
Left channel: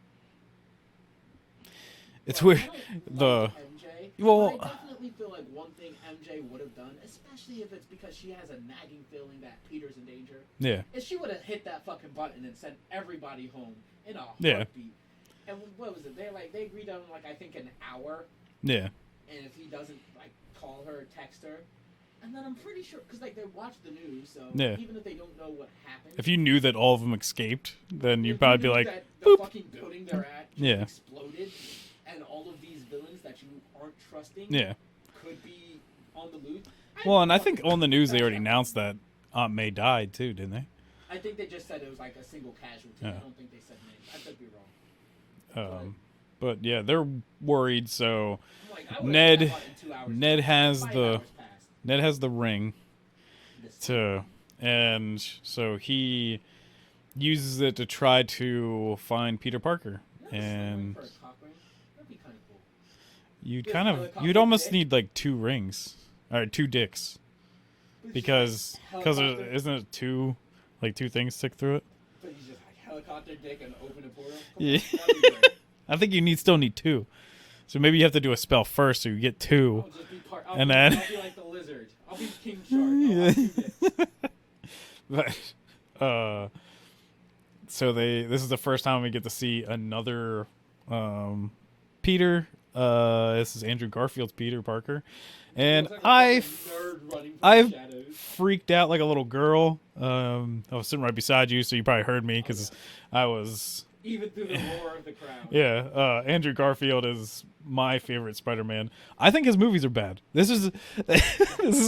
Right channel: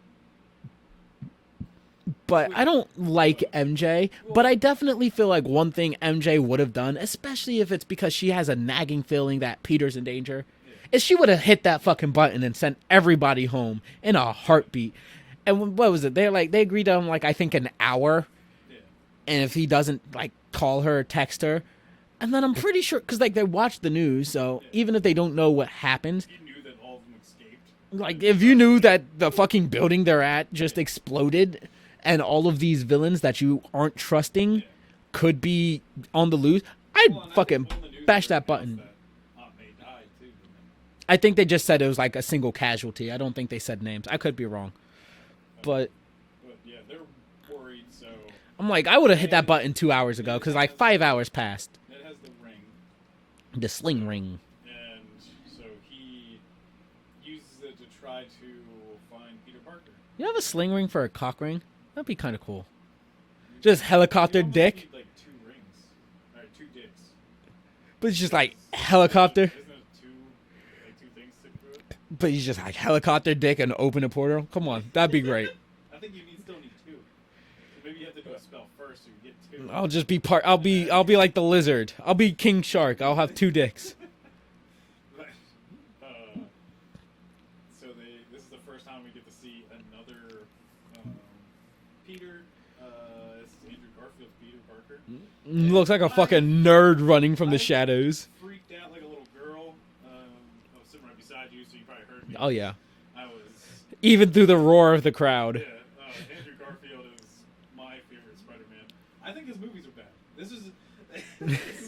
I don't like MJ. But I definitely feel like one thing MJ would have done, especially if it's because she has a nagging feeling that Peter's in danger, is she would have hit that fucking button and sent everybody home in a heartbeat. And what was it? They agreed on like I think an hour. Yeah. And if he doesn't like call her or text her. And then I'm pretty sure, because like they watch the news, so even if they don't know what happened, if you knew that all of them escaped, like if you knew that the fucking building they're at just exploded, and all of these villains that you aren't trusting could be on the loose, I think on the news they already announced that Aunt May died too, didn't they? I think they just said it was like a single casualty. I don't think they said names. I could be wrong, but But yeah, they're worried. So I'm like, I would have hit that button 2 hours ago. Because like 5 hours passed. Ned has the ring, the sling ring, and so he uses it to try to find Peter Parker. You have a sling ring for a cock ring? That'd be kind of cool. You just helicopter You'd almost dick? need like 2 rings, or 2 dicks. But it's just like helicopter. Isn't it 2 things stick through it? But he's just like helicopter dick and open a portal. Come on, that'd be great. I think you still need 2. So maybe you have to do a spell first, so you get 2. I'll just be I'll be like the lizard. I'll be King Shark. I'll have 2 dicks. But, so this is the first time we get to see another Peter. This is Andrew Garfield's Peter Parker. He looks like a fucking nerd running from the shadows. Freaked out like a little girl. I was sitting right beside you, so you probably heard me. Oh yeah, I was even through the roar of the crowd. Yeah, Andrew Garfield is my favorite Spider-Man. I think his movies are bad. This is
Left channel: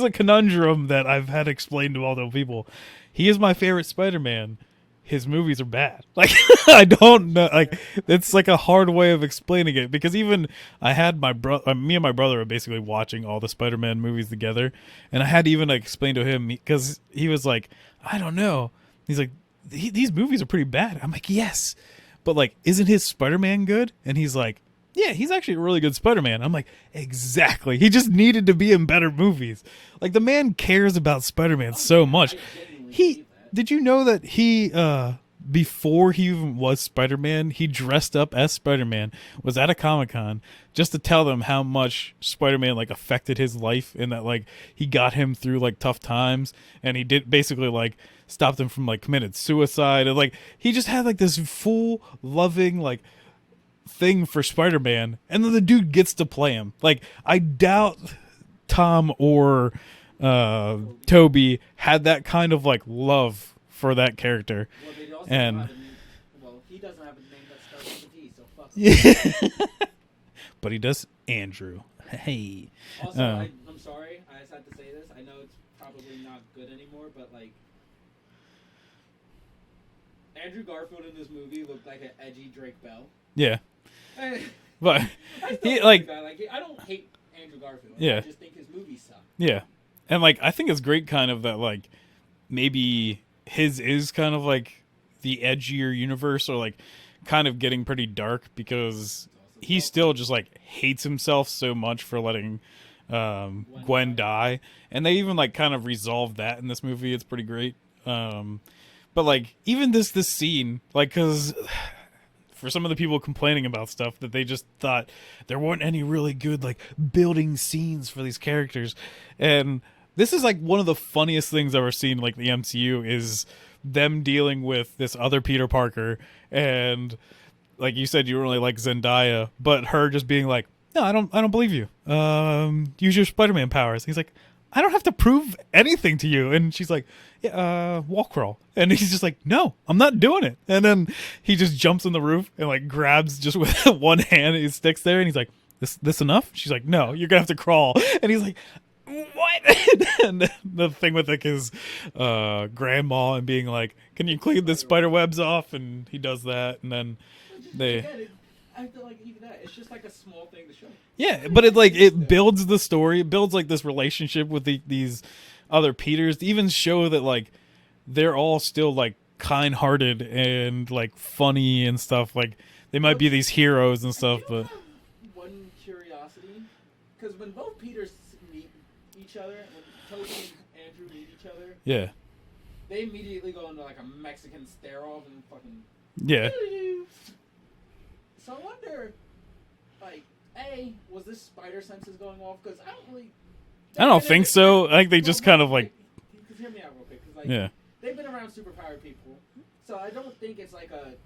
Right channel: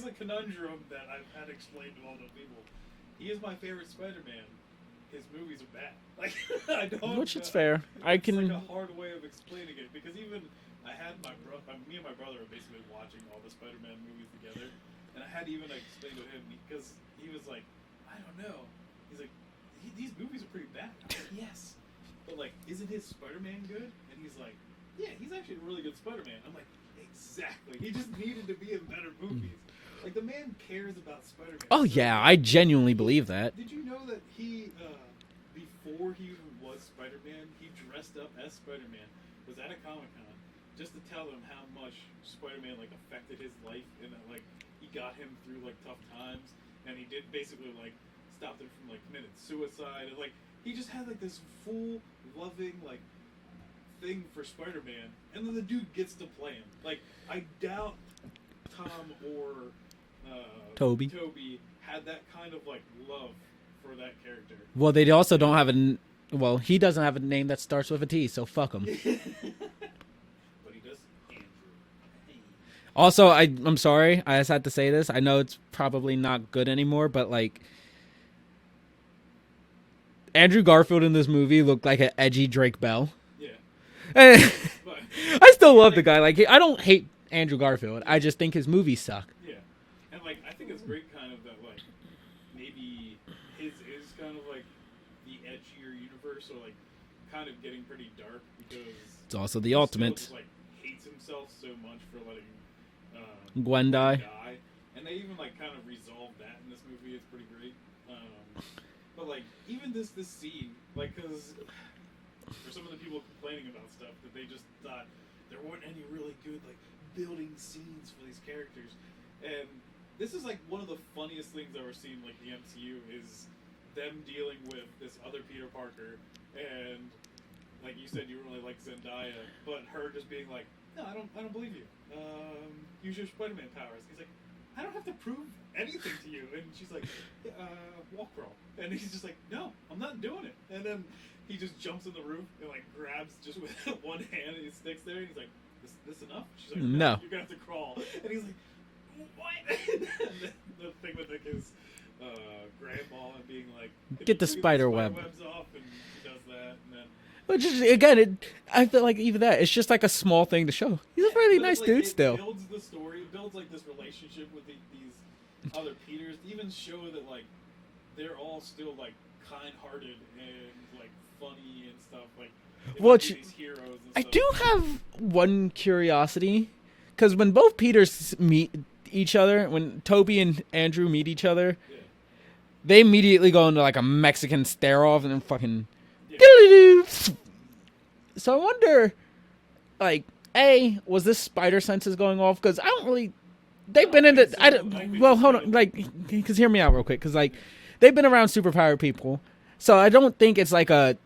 a conundrum that I've had explained to all the people. He is my favorite Spider-Man. His movies are bad. Like I don't know. Like it's like a hard way of explaining it because even I had me and my brother were basically watching all the Spider-Man movies together, and I had to even explain to him because he was like, I don't know. He's like, these movies are pretty bad. I'm like, yes, but like, isn't his Spider-Man good? And he's like, yeah, he's actually a really good Spider-Man. I'm like, exactly. He just needed to be in better movies. Like, the man cares about Spider-Man so much. I genuinely believe that. Did you know that he, before he even was Spider-Man, he dressed up as Spider-Man, was at a Comic-Con, just to tell them how much Spider-Man, like, affected his life, and that, like, he got him through, like, tough times, and he did basically, like, stopped him from, like, committed suicide, and, like, he just had, like, this full, loving, like, thing for Spider-Man, and then the dude gets to play him. Like, I doubt Tom or Toby had that kind of like love for that character. Well, they also don't have he doesn't have a name that starts with a T, so fuck him. But he does Andrew. Hey. Also, I'm sorry, I just had to say this. I know it's probably not good anymore, but like Andrew Garfield in this movie looked like an edgy Drake Bell. Yeah. But I still love the guy. Like I don't hate Andrew Garfield. Yeah. I just think his movies suck. Yeah. And like I think it's great kind of that like maybe his is kind of like the edgier universe or like kind of getting pretty dark because it's also he still just like hates himself so much for letting Gwen die. And they even like kind of resolved that in this movie. It's pretty great. But like even this scene, like, because for some of the people complaining about stuff that they just thought there weren't any really good like building scenes for these characters, and this is like one of the funniest things I've ever seen like the MCU is them dealing with this other Peter Parker, and like you said, you really like Zendaya, but her just being like, no, I don't believe you. Use your Spider-Man powers. He's like, I don't have to prove anything to you. And she's like, yeah, wall crawl. And he's just like, no, I'm not doing it. And then he just jumps on the roof and like grabs just with one hand, he sticks there, and he's like, this enough? She's like, no, you're gonna have to crawl. And he's like, what? And the thing with like his grandma and being like, can you clean the spider webs off? And he does that, and then I feel like even that, it's just like a small thing to show. Yeah, but it's like it builds the story. It builds like this relationship with these other Peters to even show that like they're all still like kind-hearted and like funny and stuff. Like they might be these heroes and stuff. I do have one curiosity, because when both Peters meet each other, when Toby and Andrew meet each other, yeah, they immediately go into like a Mexican stare-off and then fucking So I wonder, like, was this spider senses going off? Because I don't really. I don't think so. Like they just kind of like. Because hear me out real quick. Because like they've been around superpowered people, so I don't think it's like a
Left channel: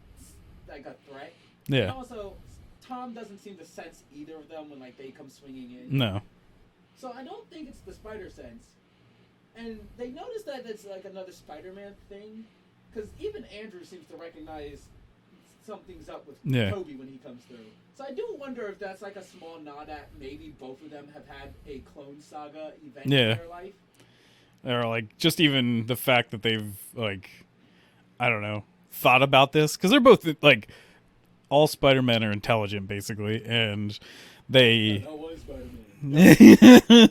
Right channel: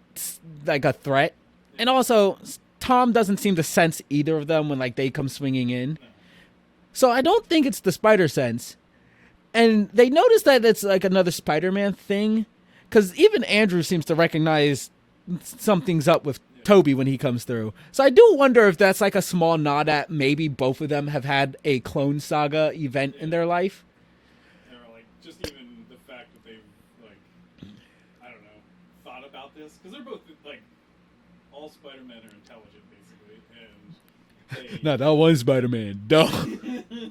threat. Yeah. And also, Tom doesn't seem to sense either of them when like they come swinging in. No. So I don't think it's the spider sense, and they notice that it's like another Spider-Man thing, because even Andrew seems to recognize something's up with Toby when he comes through. So I do wonder if that's like a small nod at maybe both of them have had a Clone Saga event in their life. Or like just even the fact that they've like, I don't know, thought about this, because they're both like all Spider-Men are intelligent, basically, and they... No, that was Spider-Man. Dumb.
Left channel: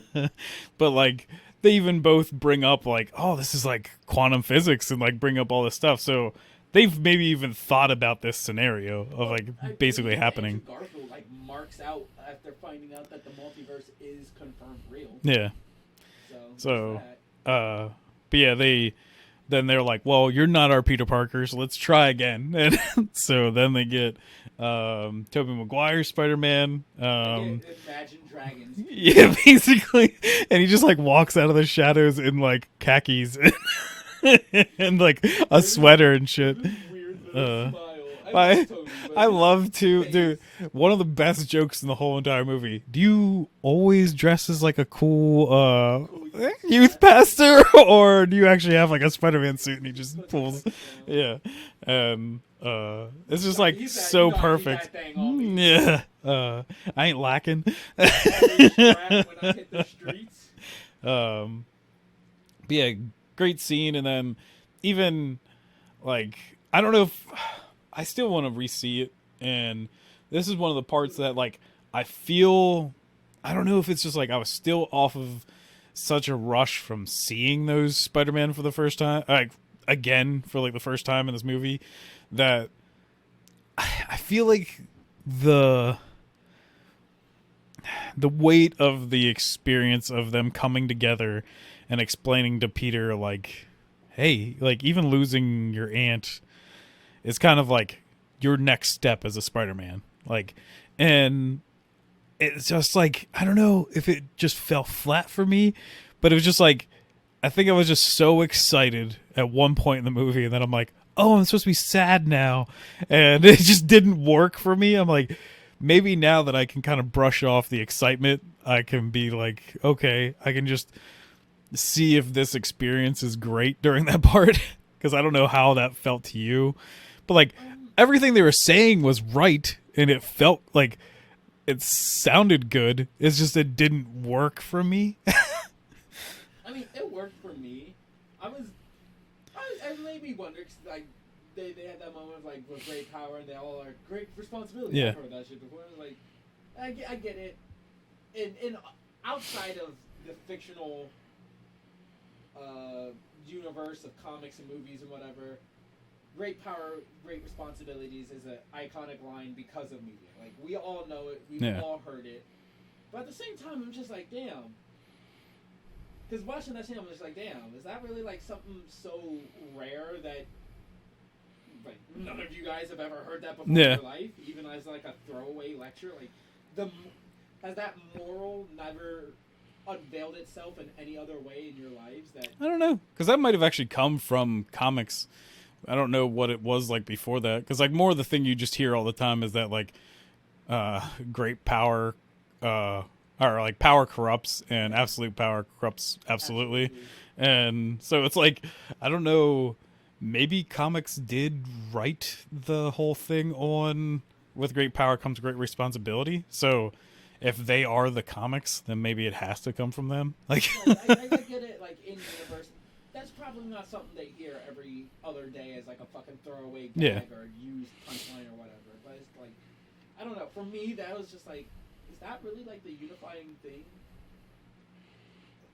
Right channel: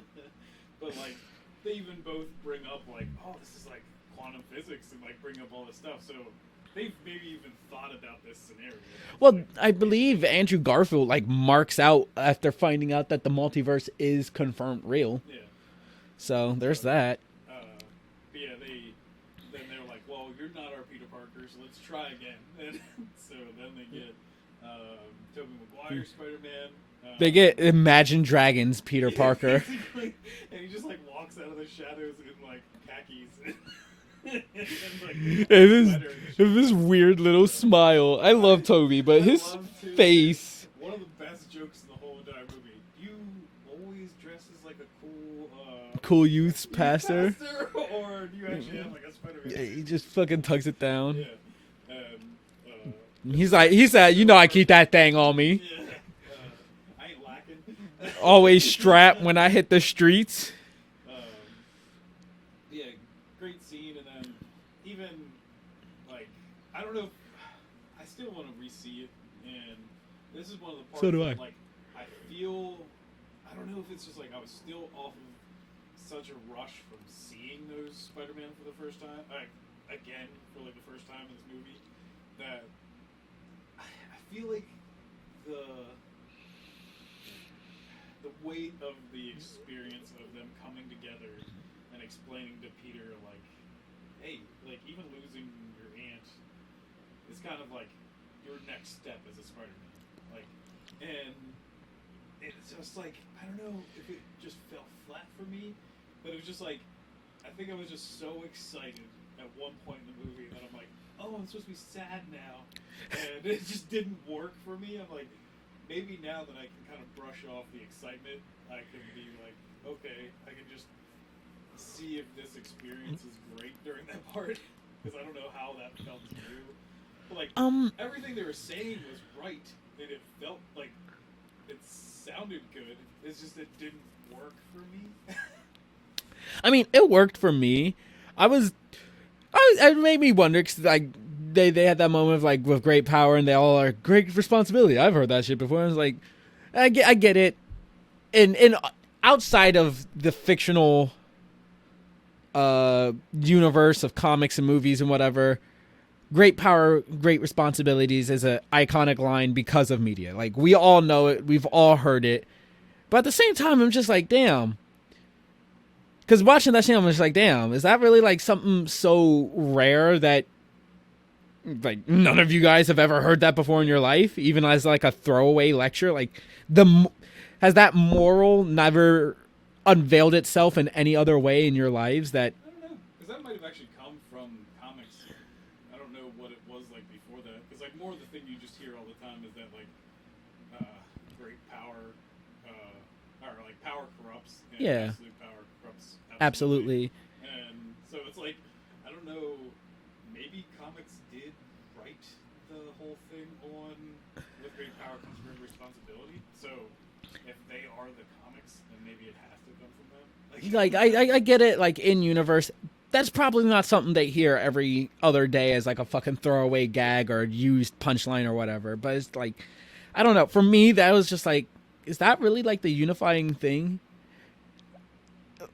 But, like, they even both bring up, like, oh, this is, like, quantum physics, and, like, bring up all this stuff, so... They've maybe even thought about this scenario. Of, like, I basically believe Andrew Garfield like marks out after finding out that the multiverse is confirmed real. Yeah. So there's that. But yeah, they're like, well, you're not our Peter Parker, so let's try again. And so then they get Tobey Maguire Spider-Man. They get Imagine Dragons Peter Parker. Basically. And he just like walks out of the shadows in like khakis. And like a sweater and shit. This weird little smile. I love Toby, but I love to. Face. Dude, one of the best jokes in the whole entire movie. Do you always dress as like a cool youth pastor, or do you actually have like a Spider-Man suit? And he just fucking tugs it down. Yeah, he's like, so you know, perfect. I keep that thing on me. Yeah, I ain't lacking. Always strapped when I hit the streets. But yeah. Great scene, and then even like I don't know if I still want to re-see it, and this is one of the parts that like I feel I don't know if it's just like I was still off of such a rush from seeing those Spider-Man for the first time, like again for like the first time in this movie, that I feel like the weight of the experience of them coming together and explaining to Peter, like, hey, like, even losing your aunt is kind of like your next step as a Spider-Man. Like, and it's just like, I don't know if it just fell flat for me, but it was just like, I think I was just so excited at one point in the movie, and then I'm like, oh, I'm supposed to be sad now. And it just didn't work for me. I'm like, maybe now that I can kind of brush off the excitement, I can be like, okay, I can just see if this experience is great during that part, because I don't know how that felt to you, but like everything they were saying was right, and it felt like it sounded good. It's just it didn't work for me. I mean, it worked for me. It made me wonder, because like they had that moment of like, with great power and they all are great responsibility. Yeah. I've heard that shit before. I was like, I get it. And outside of the fictional universe of comics and movies and whatever, great power, great responsibilities is an iconic line because of media. Like, we all know it, we've all heard it, but at the same time, I'm just like, damn, because watching that shit, I'm just like, damn, is that really like something so rare that like none of you guys have ever heard that before in your life, even as like a throwaway lecture? Like, has that moral never unveiled itself in any other way in your lives? That I don't know, because that might have actually come from comics. I don't know what it was like before that, because like more of the thing you just hear all the time is that like great power or like power corrupts, and absolute power corrupts absolutely. And so it's like, I don't know, maybe comics did write the whole thing on with great power comes great responsibility, so if they are the comics, then maybe it has to come from them. Like I get it. Like, in universe, that's probably not something they hear every other day as like a fucking throwaway gag or used punchline or whatever. But it's like, I don't know. For me, that was just like, is that really like the unifying thing?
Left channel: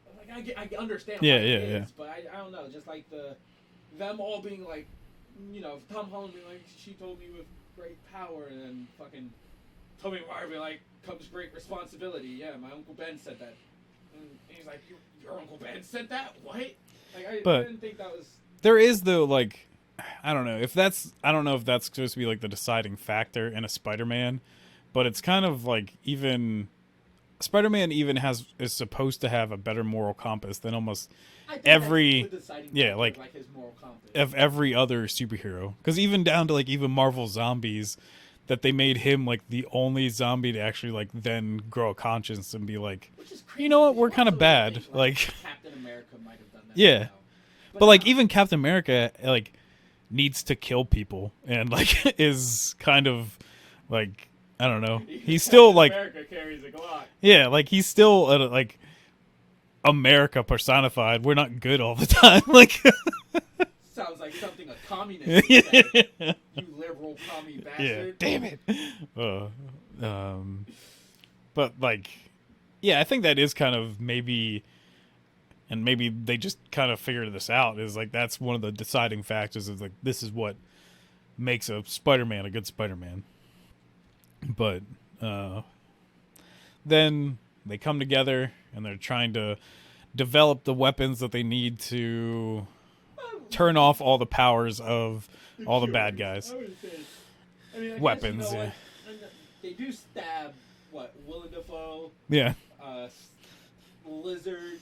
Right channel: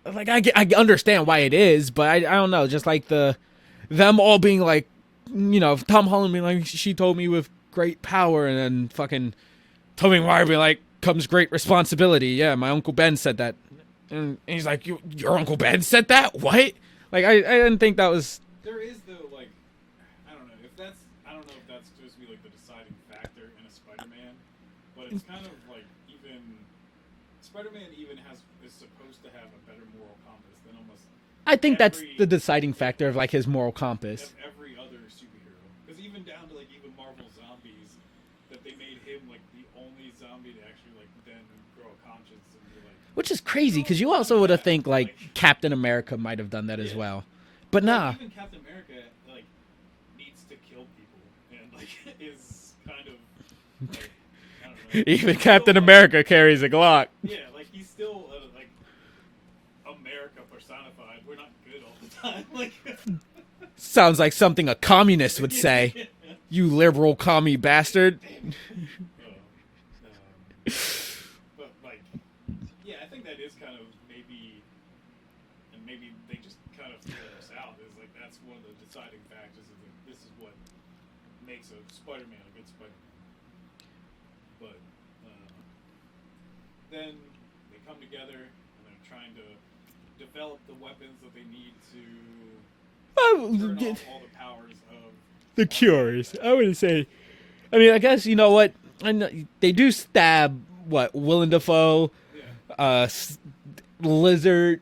Like, I understand why it is, but I don't know. Just like them all being like, you know, Tom Holland being like, she told me with great power, and then fucking Tobey Maguire being like, comes great responsibility. Yeah, my Uncle Ben said that. And he's like, your Uncle Ben said that? What? Like, I didn't think that was... There is, though, like, I don't know if that's supposed to be like the deciding factor in a Spider-Man, but it's kind of like, even Spider-Man even is supposed to have a better moral compass than almost I think that's the deciding factor of like his moral compass of every other superhero. Because even down to like even Marvel Zombies, that they made him like the only zombie to actually like then grow a conscience and be like, which is crazy, because you also would think like Captain America might have done that as well, but like even Captain America like needs to kill people and like is kind of like, I don't know, even Captain still, America carries a Glock. Yeah, like he's still like America personified. We're not good all the time. Like Sounds like something a communist would say. You liberal commie bastard. Yeah, damn it. But like, yeah, I think that is kind of maybe they just kind of figured this out. Is like that's one of the deciding factors. Is like this is what makes a Spider-Man a good Spider-Man. But then they come together and they're trying to develop the weapons that they need to turn off all the powers of the all cures. The bad guys. I would say. I mean, I guess you know Weapons. what? I know, they do stab Willem Dafoe, Yeah. Lizard,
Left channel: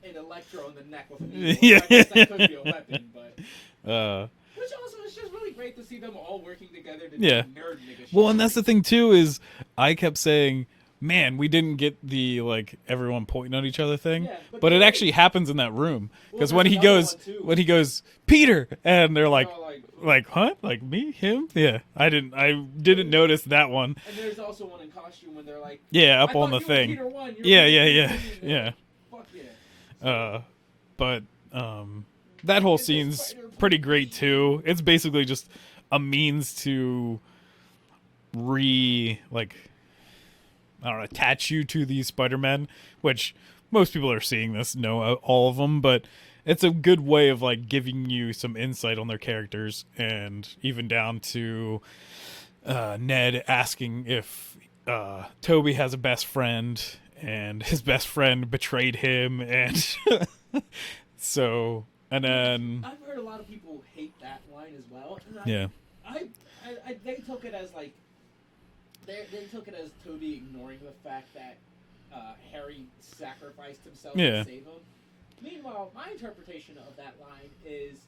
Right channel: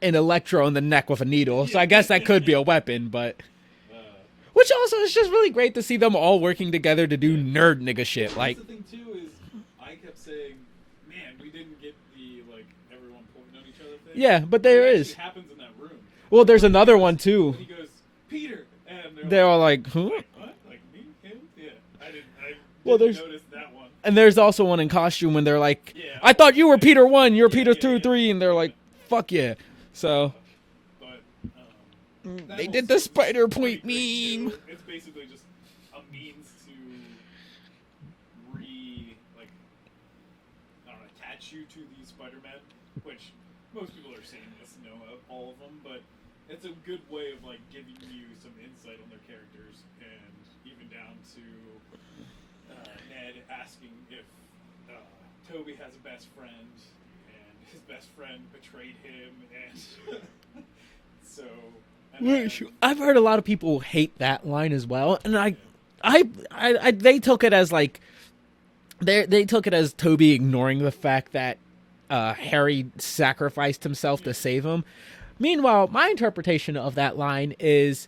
and Electro in the neck with a needle. Yeah. So I guess that could be a weapon, but which also is just really great to see them all working together to do nerd nigga shit. Well, and that's the thing too is I kept saying, man, we didn't get the like everyone pointing at each other thing. Yeah, but it actually happens in that room. Well, there's another goes, one too. When he goes, Peter, and they're all like, who? Like, huh? Like me, him? Yeah, I didn't notice that one. And there's also one in costume when they're like, yeah, I thought you were Peter 1, you're yeah, Peter 2, yeah. 3, and they're like, fuck yeah. So, but that whole scene's pretty great too. It's basically just a means to attach you to these Spider-Men, which most people are seeing this, know all of them, but it's a good way of like giving you some insight on their characters, and even down to Ned asking if Toby has a best friend, and his best friend betrayed him, and so and then I've heard a lot of people hate that line as well, and I they took it as like they took it as Toby ignoring the fact that Harry sacrificed himself to save him. Meanwhile, my interpretation of that line is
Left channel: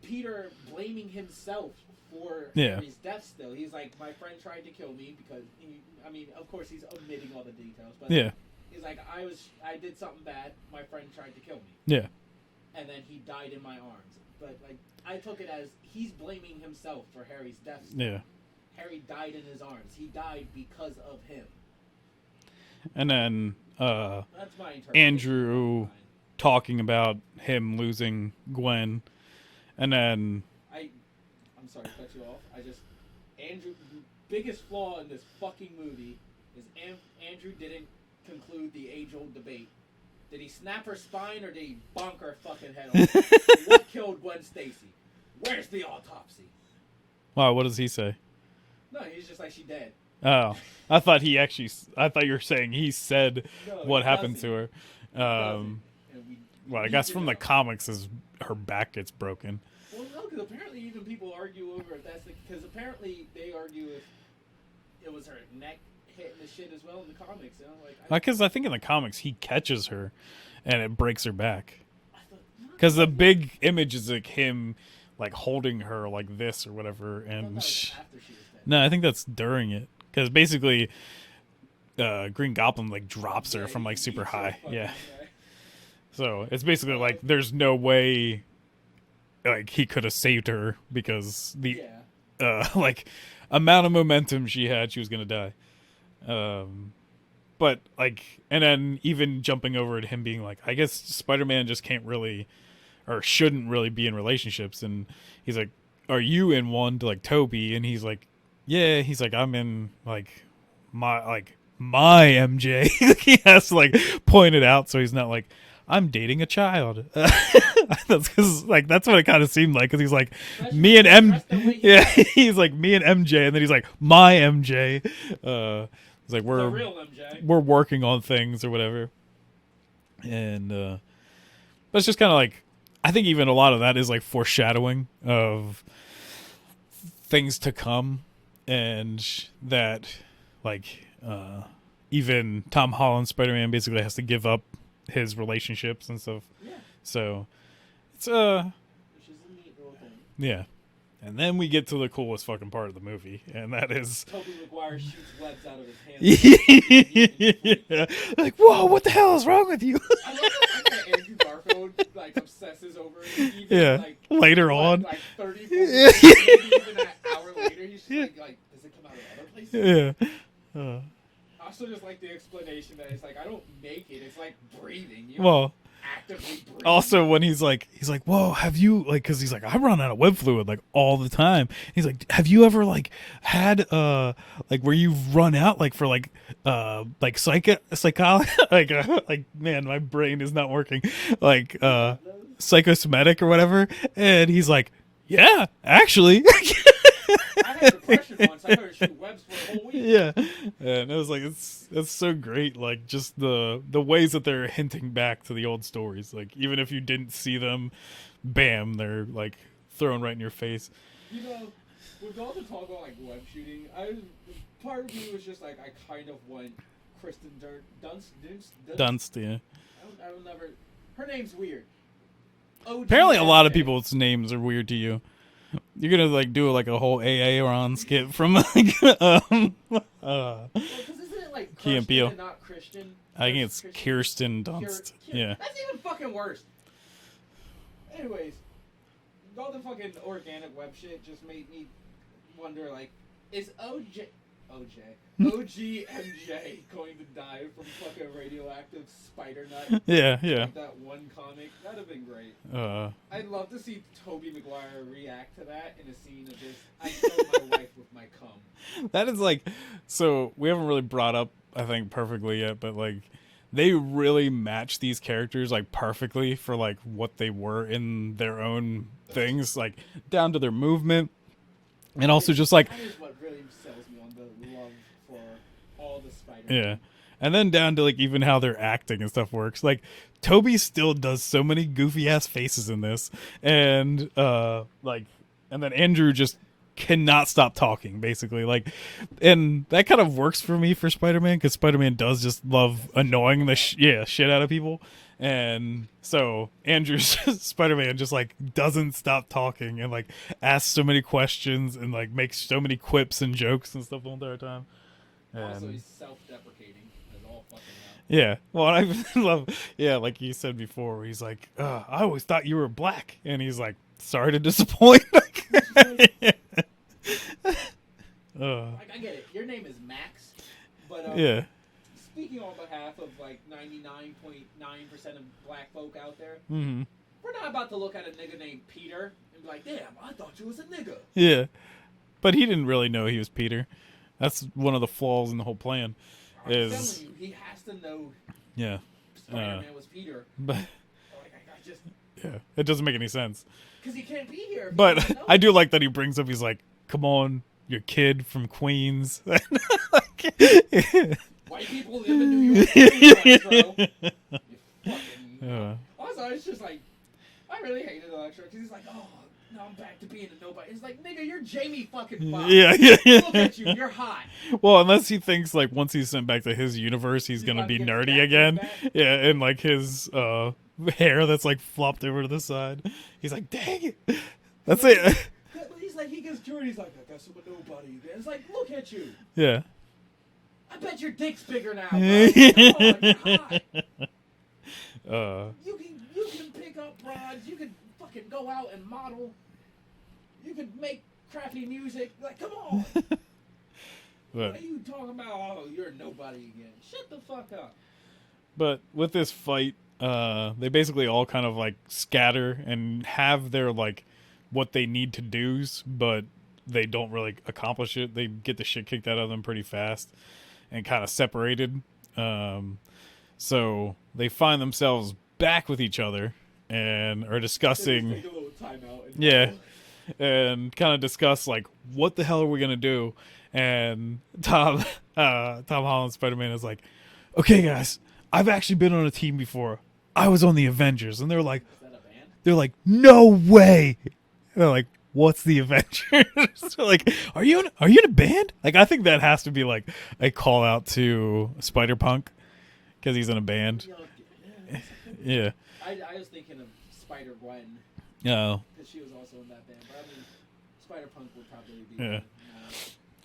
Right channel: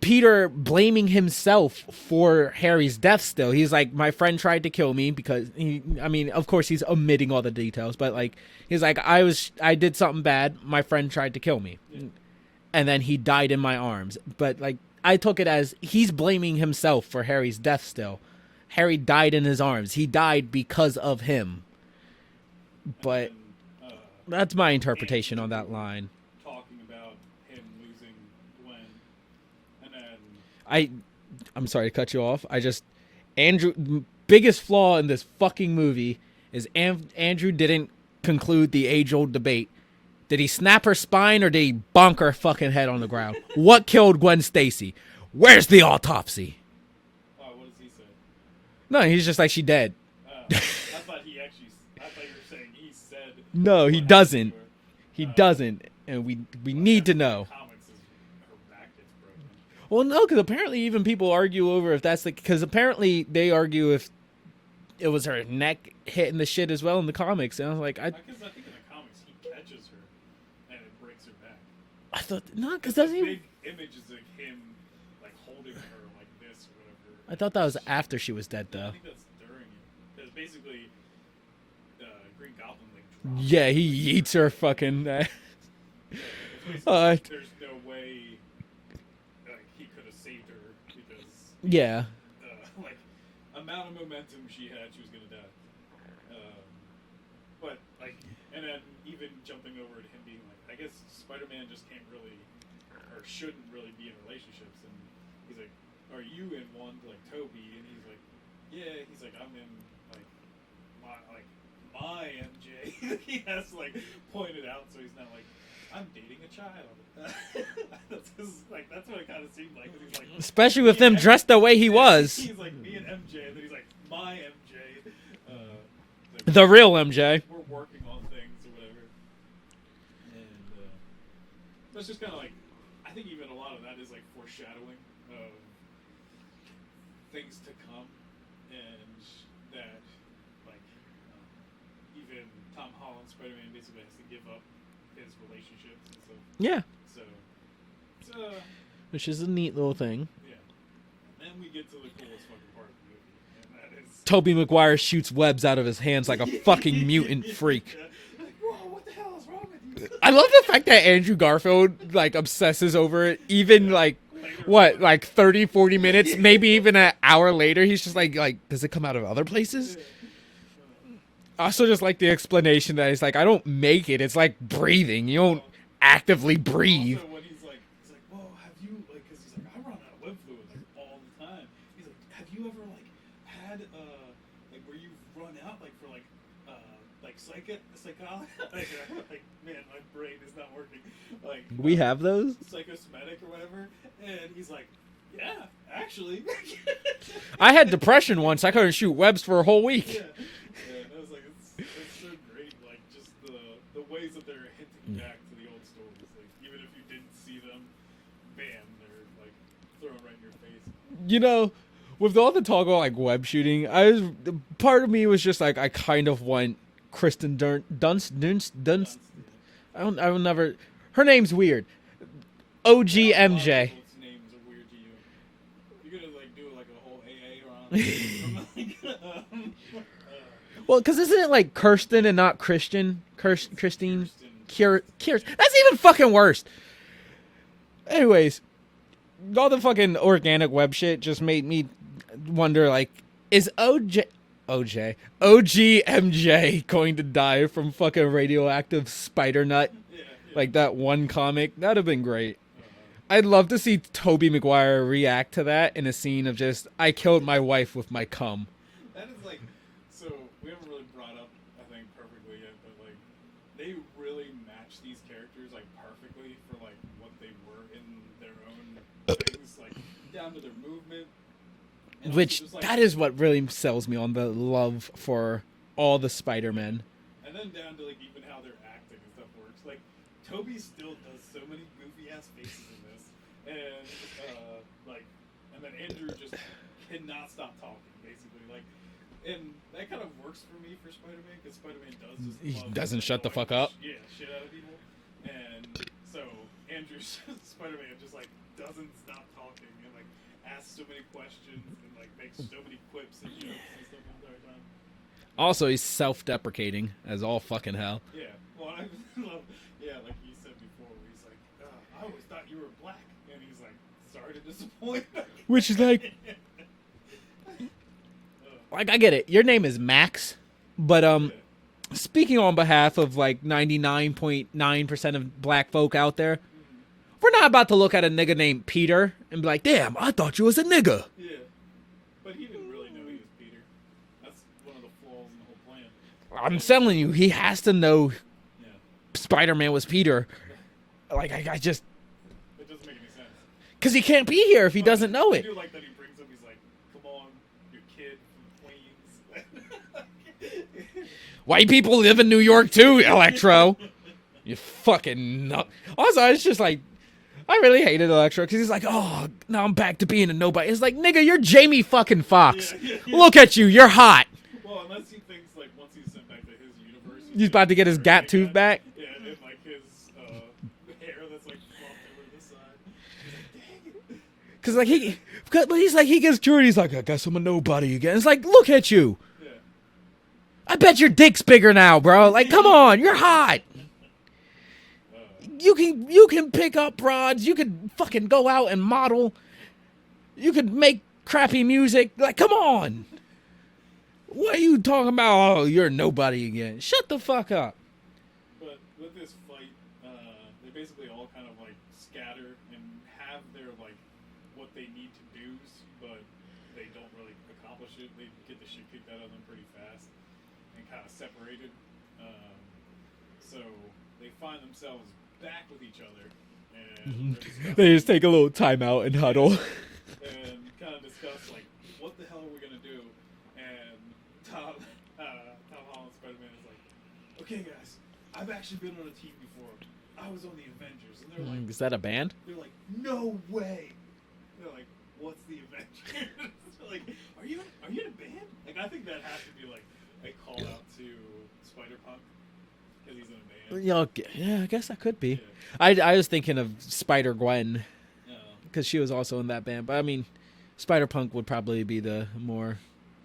Peter blaming himself for Harry's death still. He's like, my friend tried to kill me because of course he's omitting all the details, but like he's like, I did something bad, my friend tried to kill me. Yeah. And then he died in my arms. But like I took it as he's blaming himself for Harry's death still. Yeah. Harry died in his arms. He died because of him. And then that's my interpretation Andrew of that line. Talking about him losing Gwen. And then I'm sorry to cut you off. Andrew, biggest flaw in this fucking movie is Andrew didn't conclude the age-old debate. Did he snap her spine or did he bonk her fucking head on the ground? What killed Gwen Stacy? Where's the autopsy? Wow, what does he say? No, he's just like, she dead. Oh, I thought you were saying he said no, what he doesn't. To her. He doesn't, and we need to know. The comics is her back gets broken. Well, no, because apparently even people argue over if that's because apparently they argue if it was her neck hitting the shit as well in the comics, and I was like, because I think in the comics he catches her, and it breaks her back. I thought not because the big image is like him, like holding her like this or whatever. I thought that was after she was dead. No, I think that's during it. Because basically, Green Goblin like drops her from like super eats high. Her fucking. Yeah. So it's basically like there's no way, like he could have saved her because the like amount of momentum she had, she was gonna die. But like, and then even jumping over to him being like, I guess Spider-Man just can't really, or shouldn't really be in relationships, and he's like, are you in one to like Toby? And he's like, yeah, he's like, I'm in like my MJ. He has to like point it out so he's not like, I'm dating a child. That's because like that's what it kind of seemed like, because he's like, especially with him dressed the way he was. He's like, me and MJ, and then he's like, my MJ. He's like, the real MJ. We're working on things or whatever. And but it's just kind of like, I think even a lot of that is like foreshadowing of things to come. And that, like, even Tom Holland Spider-Man basically has to give up his relationships and stuff. Yeah. So, it's which is a neat little thing. Yeah. And then we get to the coolest fucking part of the movie, and that is Tobey Maguire shoots webs out of his hands like a fucking mutant freak. Like, whoa, what the hell is wrong with you? I love the fact that Andrew Garfield like obsesses over it, even like later on, like 30, 40 minutes, maybe even an hour later. He's just like, does it come out of other places? Yeah. I also just like the explanation that it's like, I don't make it. It's like breathing. You know, actively breathe. Also, when he's like, whoa, have you, like, because he's like, I run out of web fluid, like, all the time. He's like, have you ever, like, had, like, where you've run out, like, for, like psychology, like, man, my brain is not working. Like, we have those? Psychosomatic or whatever. And he's like, yeah, actually. I had depression once. I couldn't shoot webs for a whole week. Yeah. And it was like, it's so great. Like, just the ways that they're hinting back to the old stories. Like, even if you didn't see them, bam, they're like thrown right in your face. You know, with all the talk about like web shooting, part of me was just like, I kind of want Kristen Dunst. Yeah. I will never. Her name's weird. OG Apparently, MJ. a lot of people's names are weird to you. You're gonna like do like a whole AA Ron skit from like well, because isn't it like Kirsten and not Christian? I think it's Kirsten Dunst. Kirsten. Yeah. That's even fucking worse. Anyways, all the fucking organic web shit just made me wonder, like, is OGMJ going to die from fucking radioactive spider nut? Yeah. Like that one comic. That'd have been great. I'd love to see Tobey Maguire react to that in a scene of just, I killed my wife with my cum. That is like, so we haven't really brought up, I think, perfectly yet, but like, they really match these characters like perfectly for like what they were in their own things, like down to their movement. And also just like, that is what really sells me on the love for all the Spider-Man. Yeah. And then down to like even how their acting and stuff works. Like Toby still does so many goofy ass faces in this. And and then Andrew just cannot stop talking, basically. Like, and that kind of works for me for Spider-Man, because Spider-Man does just love annoying the shit out of people. And so Andrew's Spider-Man just like doesn't stop talking and like asks so many questions and like makes so many quips and jokes and stuff the entire time. And also, he's self-deprecating as all fucking hell. Yeah. Well, I love, like you said before, he's like, I always thought you were black. And he's like, sorry to disappoint. Which is like, like, I get it. Your name is Max, but speaking on behalf of like 99.9% of black folk out there, we're not about to look at a nigga named Peter and be like, damn, I thought you was a nigga. Yeah. But he didn't really know he was Peter. That's one of the flaws in the whole plan. I'm telling you, he has to know Spider-Man was Peter. But like, I just... Yeah, it doesn't make any sense. Because he can't be here if he doesn't know it. I do like that he brings up, he's like, come on, your kid from Queens. White people live in New York too, Electro. You fucking nut. Also, it's just like, I really hated Electro because he's like, oh, now I'm back to being a nobody. It's like, nigga, you're Jamie fucking Foxx. Yeah. Look at you, you're hot. Well, unless he thinks like once he's sent back to his universe, he's about to get his gat tooth back. Yeah, and like his hair that's like flopped over to the side. He's like, dang it. But he's like, he gets cured. He's like, I guess I'm a nobody again. It's like, look at you. Yeah. I bet your dick's bigger now, bro. Like, come on, you're hot. You can pick up broads. You could fucking go out and model. You could make crappy music. Like, come on. What are you talking about? Oh, you're nobody again. Shut the fuck up. But with this fight, they basically all kind of like scatter and have their like what they need to do's, but they don't really accomplish it. They get the shit kicked out of them pretty fast and kind of separated. So they find themselves back with each other and are discussing. They just take a little time out and huddle. Yeah, and kind of discuss like, what the hell are we gonna do? And Tom Holland Spider-Man is like, okay guys, I've actually been on a team before. I was on the Avengers. And they're like, is that a band? They're like, no way. And they're like, what's the Avengers? They're like, are you in a band? Like, I think that has to be like a call out to Spider-Punk because he's in a band. Yeah, I guess that could be. Yeah. I was thinking of Spider-Gwen. No. Because she was also in that band. But I mean, Spider-Punk would probably be the more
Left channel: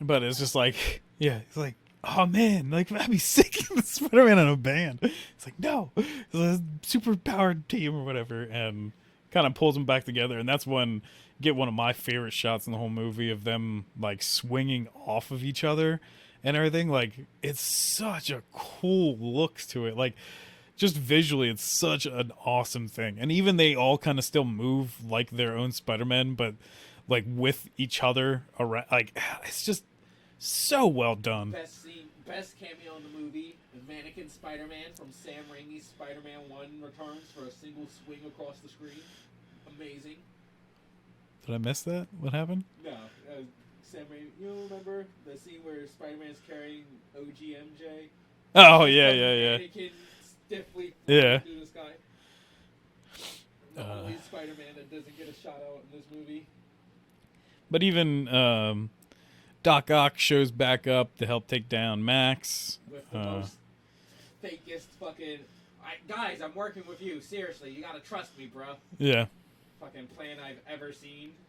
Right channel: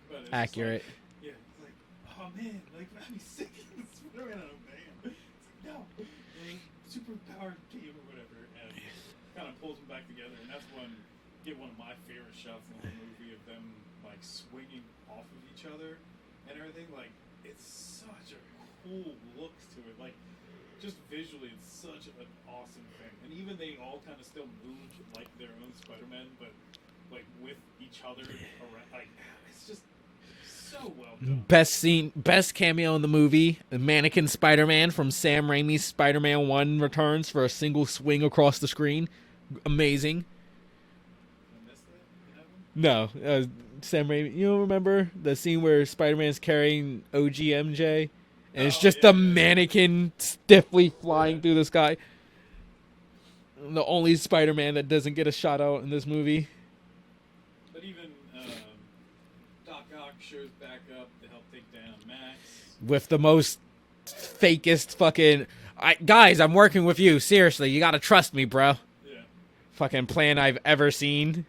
But it's accurate. just like, it's like, oh man, like I'd be sick of Spider-Man in a band. It's like, no, it's a super powered team or whatever, and kind of pulls them back together. And that's when you get one of my favorite shots in the whole movie of them like swinging off of each other and everything. Like, it's such a cool look to it. Like, just visually, it's such an awesome thing. And even they all kind of still move like their own Spider-Man, but like with each other around. Like, it's just so well done. Best scene, best cameo in the movie, the mannequin Spider-Man from Sam Raimi's Spider-Man 1 returns for a single swing across the screen. Amazing. Did I miss that? What happened? No, Sam Raimi. You don't remember the scene where Spider-Man's carrying OG MJ? It's just a mannequin stiffly flying through the sky. The only Spider-Man that doesn't get a shout out in this movie. But even Doc Ock shows back up to help take down Max. With the most fakest fucking... guys, I'm working with you. Seriously, you gotta trust me, bro. Yeah. Fucking plan I've ever seen.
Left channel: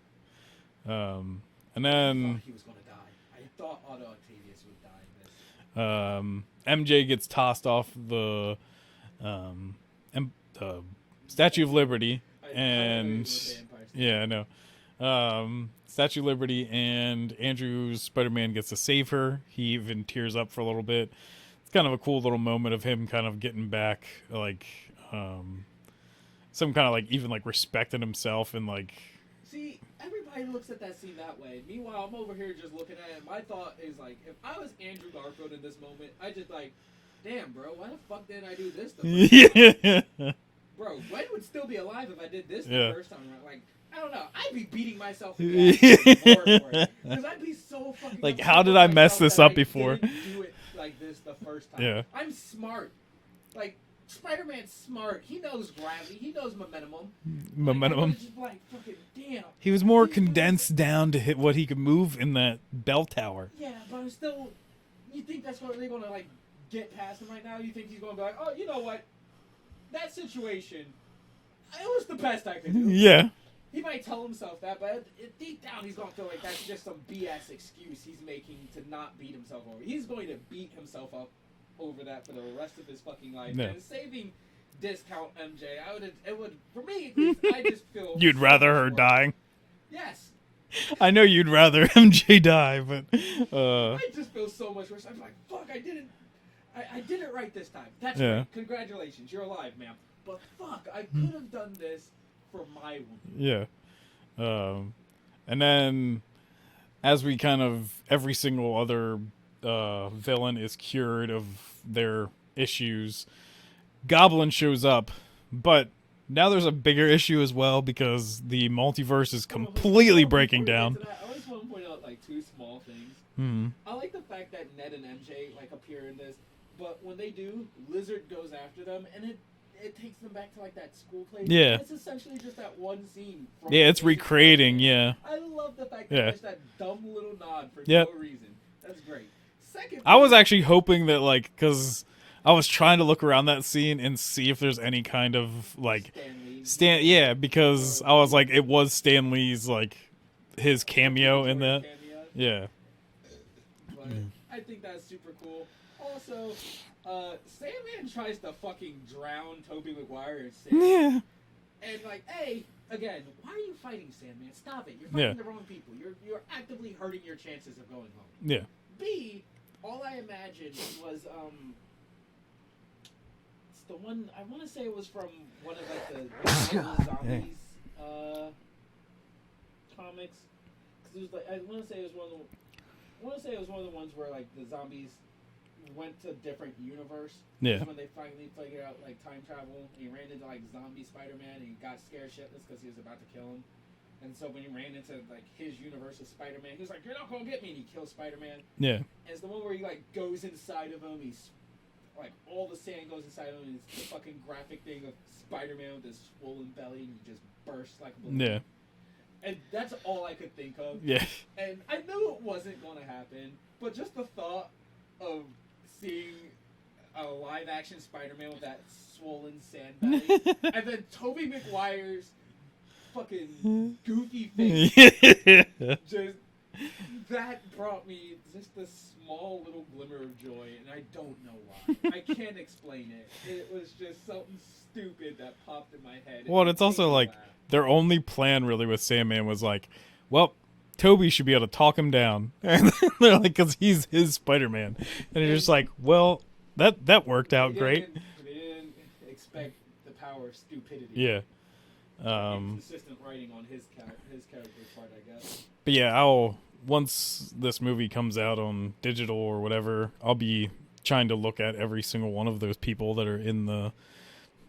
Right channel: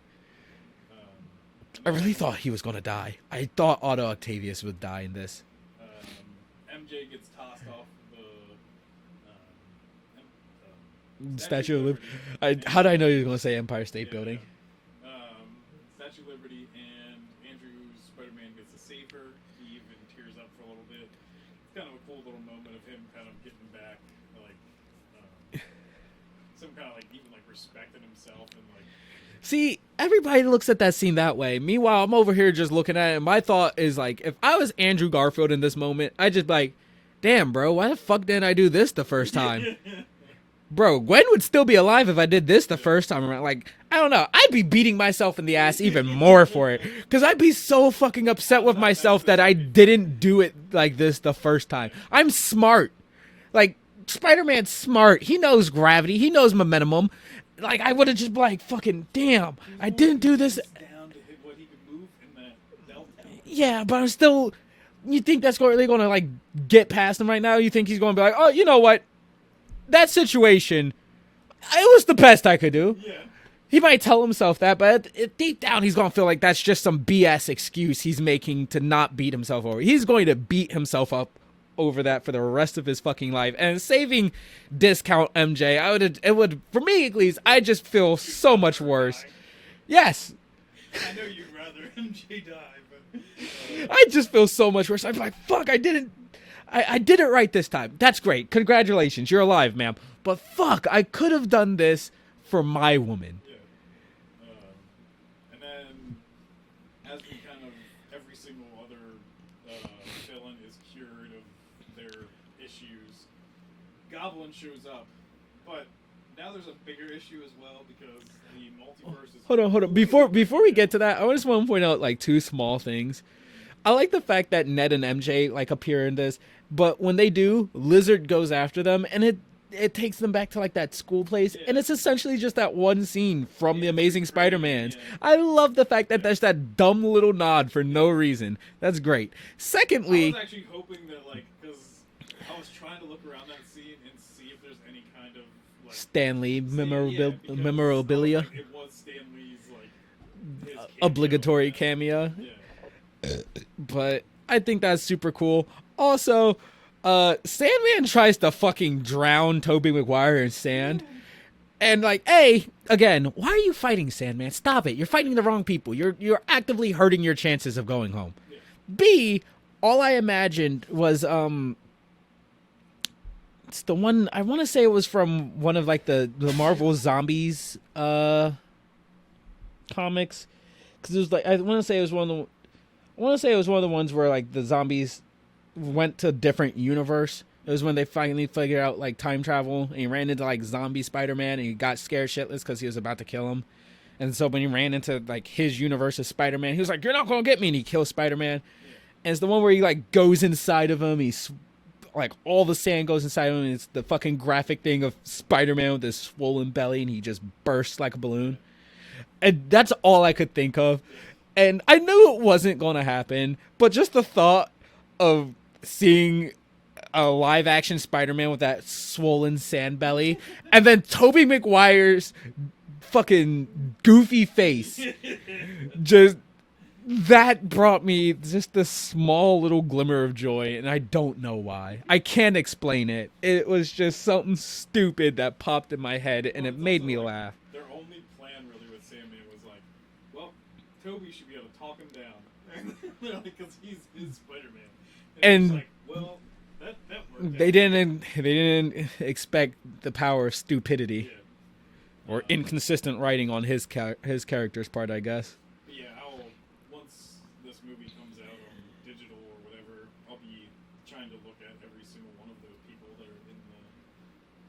And I really thought he was gonna die. I thought Otto Octavius would die in this. MJ gets tossed off the Statue of Liberty. How did I know you were going to say Empire State Building? Yeah, I know. Statue of Liberty, and Andrew's Spider-Man gets to save her. He even tears up for a little bit. It's kind of a cool little moment of him kind of getting back, like, some kind of, like, even, like, respecting himself and, like... See, everybody looks at that scene that way. Meanwhile, I'm over here just looking at it, and my thought is, like, if I was Andrew Garfield in this moment, I'd just be like, damn, bro, why the fuck didn't I do this the first time? Bro, Gwen would still be alive if I did this the first time around. Like, I don't know. I'd be beating myself in the ass even more for it. Because I'd be so fucking like, upset with myself that I didn't do it like this the first time. Yeah. I'm smart. Like, Spider-Man's smart. He knows gravity. He knows momentum. Like, I would have just been like, fucking damn. He was more condensed down to hit what he could move in that bell tower. Yeah, but I'm still... You think that's really going to, like, get past him right now? You think he's going to be like, oh, you know what? That situation, it was the best I could do. Yeah. He might tell himself that, but deep down he's going to feel like that's just some BS excuse he's making to not beat himself over. He's going to beat himself up over that for the rest of his fucking life. Yeah. And saving discount MJ, it would, for me at least, I just feel you'd so rather much her worse. Dying. Yes. I know you'd rather MJ die, but I just feel so much worse. I'm like, fuck, I did it right this time. That's great. Congratulations. You're alive, ma'am. But fuck, I could have done this for my woman. Yeah. And then as we kind of, every single other villain is cured of their issues, Goblin shows up, but now there's a bigger issue as well because the multiverse is completely breaking down. Before we get to that, I just want to point out like two small things. Mm-hmm. I like the fact that Ned and MJ like appear in this, but when they do, Lizard goes after them, and it takes them back to like that school place, and it's essentially just that one scene from the Amazing Spider-Man. Yeah, I love the fact that there's that dumb little nod for no reason. That's great. Secondly, I was actually hoping that because I was trying to look around that scene and see if there's any kind of like Stan Lee, because I was like, it was Stan Lee's like his cameo, obligatory cameo. Yeah, but I think that's super cool. Also, Sandman tries to fucking drown Tobey Maguire in sand. And like, A, again, why are you fighting Sandman? Stop it. You're fighting the wrong people. You're actively hurting your chances of going home. Yeah. B, all I imagined was it's the one, I want to say it was from one of like the Marvel Zombies comics, because it was like, I want to say it was one of the ones where like the zombies went to a different universe. It was when they finally figured out like time travel, and he ran into like zombie Spider-Man, and he got scared shitless because he was about to kill him. And so when he ran into like his universe of Spider-Man, he was like, "You're not gonna get me," and he kills Spider-Man. Yeah. And it's the one where he like goes inside of him. He's like, all the sand goes inside of him, and it's the fucking graphic thing of Spider-Man with his swollen belly, and he just bursts like a balloon. Yeah. And that's all I could think of. Yeah. And I knew it wasn't gonna happen, but just the thought of seeing a live action Spider-Man with that swollen sand belly and then Tobey Maguire's fucking goofy face just that brought me just a small little glimmer of joy, and I don't know why. I can't explain it. It was just something stupid that popped in my head, and it made me laugh. Their only plan really with Sandman was like, well, Toby should be able to talk him down. And they're like, because he's his Spider-Man. And he's like, well, that worked out. They didn't expect the power of stupidity. Yeah. Or inconsistent writing on his character's part, I guess. But yeah, once this movie comes out on digital or whatever, I'll be trying to look at every single one of those people that are in the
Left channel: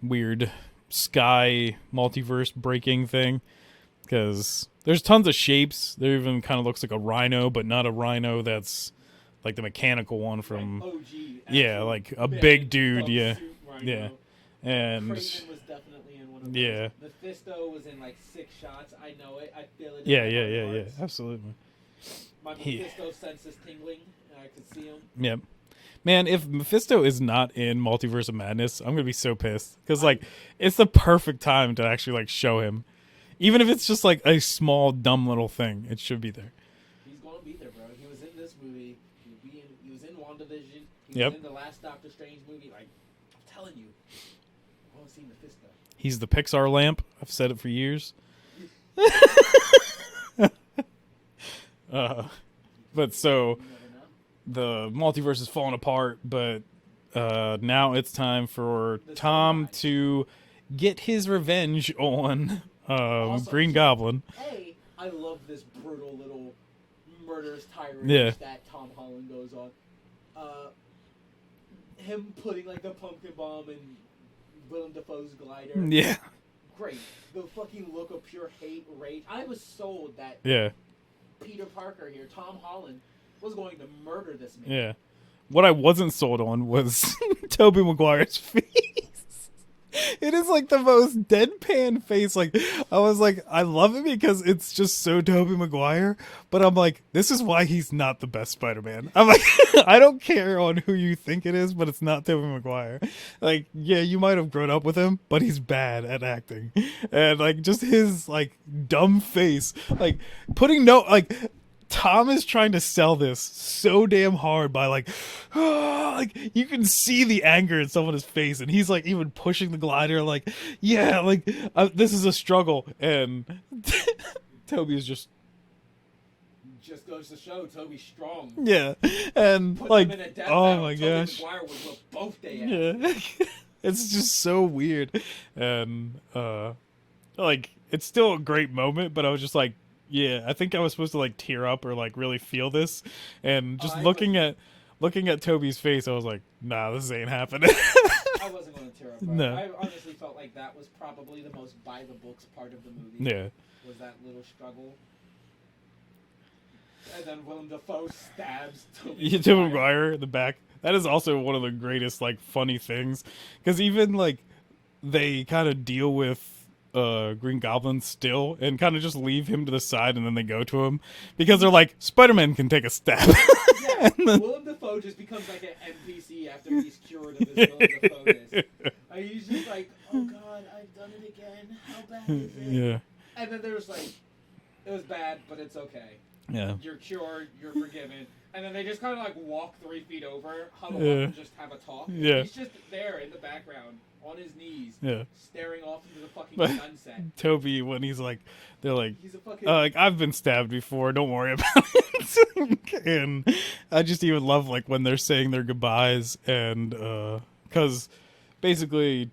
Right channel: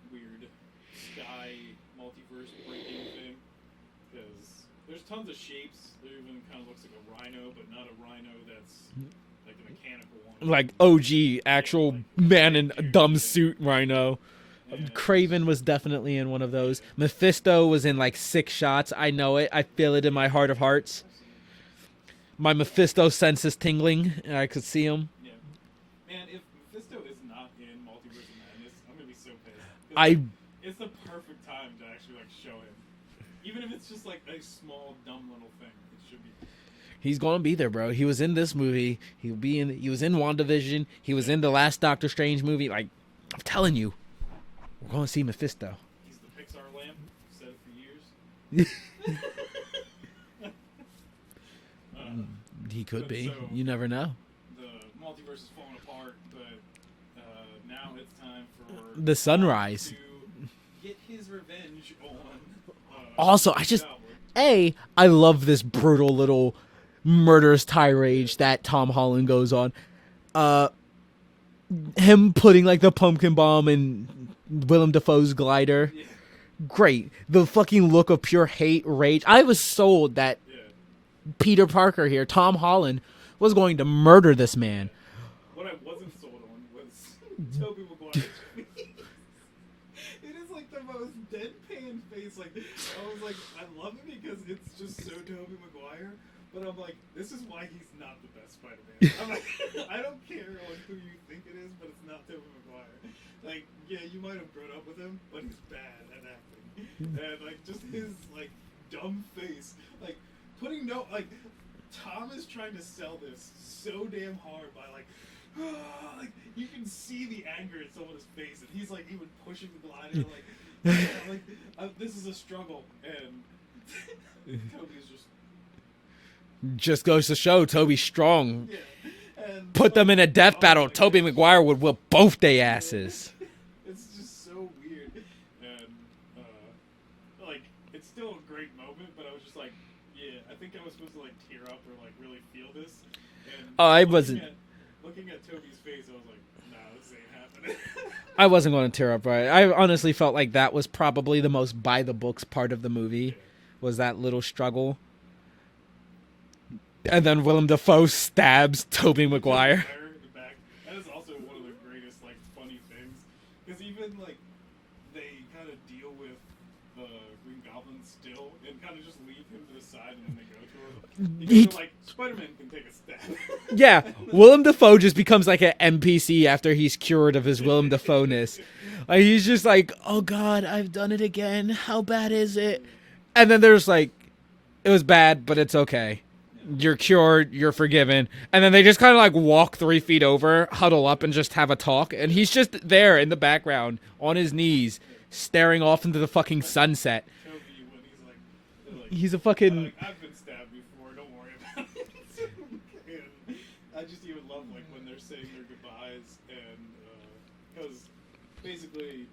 weird sky multiverse breaking thing, because there's tons of shapes. There even kind of looks like a rhino, but not a rhino that's like the mechanical one from, like OG actual like a man big in dude, dumb suit rhino. Yeah. And Craven was definitely in one of those. Yeah. Mephisto was in like 6 shots. I know it. I feel it in my heart of hearts. Yeah, absolutely. My Mephisto sense is tingling, and I could see him. Yep. Man, if Mephisto is not in Multiverse of Madness, I'm gonna be so pissed, because it's the perfect time to actually like show him, even if it's just like a small dumb little thing. It should be there. He's gonna be there, bro. He was in this movie. He was in WandaVision. He was in the last Doctor Strange movie. Like, I'm telling you, we're going to see Mephisto. He's the Pixar lamp. I've said it for years. He could but be. So you never know. The multiverse is falling apart, but now it's time for the Tom sunrise to get his revenge on also, Green Goblin. I love this brutal little murderous tirade that Tom Holland goes on. Him putting like the pumpkin bomb in Willem Dafoe's glider. Yeah. Great. The fucking look of pure hate, rage. I was sold that Peter Parker here, Tom Holland, was going to murder this man. Yeah. What I wasn't sold on was Tobey Maguire's face. It is like the most deadpan face. Like, I was like, I love it because it's just so Tobey Maguire, but I'm like, this is why he's not the best Spider-Man. I'm like, I don't care on who you think it is, but it's not Tobey Maguire. Like, yeah, you might have grown up with him, but he's bad at acting. And like, just his like dumb face, like Tom is trying to sell this so damn hard by like you can see the anger in someone's face, and he's like even pushing the glider like, yeah, like this is a struggle, and Toby is just goes to show Toby's strong. Yeah, and put them in a death battle. Tobey Maguire would whip both their asses. Yeah. It's just so weird, and like it's still a great moment, but I was just like, yeah, I think I was supposed to like tear up or like really feel this, and looking at Toby's face, I was like, nah, this ain't happening. I wasn't going to tear up, right? No. I honestly felt like that was probably the most by the books part of the movie. Yeah, was that little struggle, and then Willem Dafoe stabs Tobey Maguire. Tobey Maguire in the back. That is also one of the greatest like funny things, because even like they kind of deal with Green Goblin still and kind of just leave him to the side, and then they go to him because they're like, Spider-Man can take a stab. Yeah, Willem Dafoe just becomes like an NPC after he's cured of his Willem Dafoe-ness. Like, he's just like, oh god, I've done it again. How bad is it? Yeah. And then there's like, it was bad, but it's okay. Yeah. You're cured, you're forgiven. And then they just kind of like walk 3 feet over, huddle up, and just have a talk. And he's just there in the background on his knees, staring off into the fucking sunset. Toby, when he's like, they're like, he's a fucking like, I've been stabbed before, don't worry about it. And I just even love like when they're saying their goodbyes, and because basically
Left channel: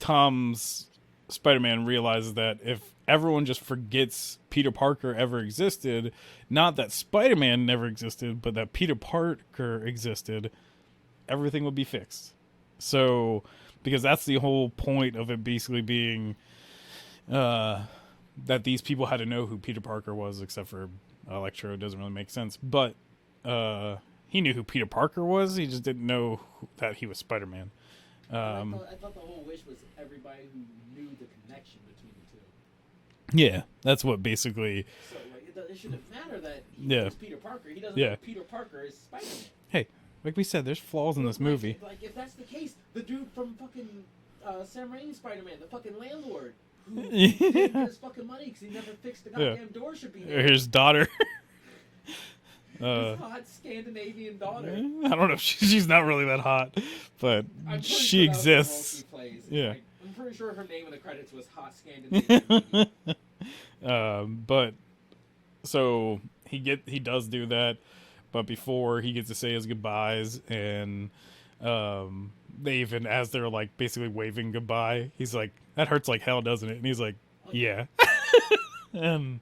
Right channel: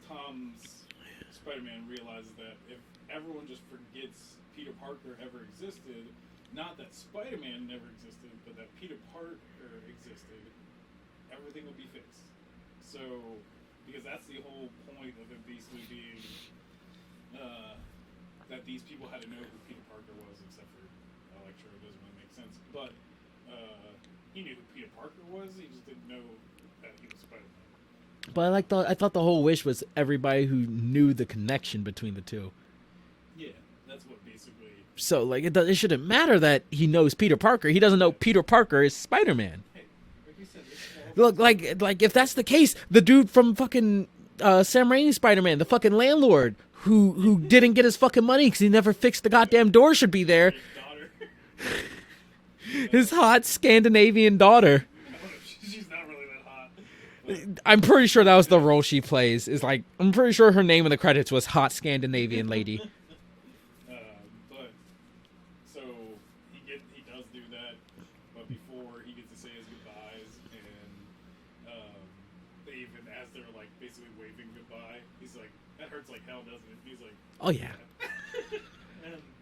Tom's Spider-Man realizes that if everyone just forgets Peter Parker ever existed, not that Spider-Man never existed, but that Peter Parker existed, everything would be fixed. So, because that's the whole point of it basically being that these people had to know who Peter Parker was, except for Electro. It doesn't really make sense. But he knew who Peter Parker was, he just didn't know that he was Spider-Man. But I thought the whole wish was everybody who knew the connection between the two. Yeah, that's what basically. So like it shouldn't matter that he knows Peter Parker. He doesn't know Peter Parker is Spider-Man. Hey, like we said, there's flaws in this movie. Like if that's the case, the dude from fucking Sam Raimi's Spider-Man, the fucking landlord who didn't get his fucking money because he never fixed the goddamn door, should be there. His daughter. His hot Scandinavian daughter. I don't know if she's not really that hot. But I'm pretty sure that was the role she exists. plays. Is like, I'm pretty sure her name in the credits was Hot Scandinavian Lady. But so he does do that, but before he gets to say his goodbyes, and They even, as they're like basically waving goodbye, he's like, "That hurts like hell, doesn't it?" And he's like, "Oh yeah." And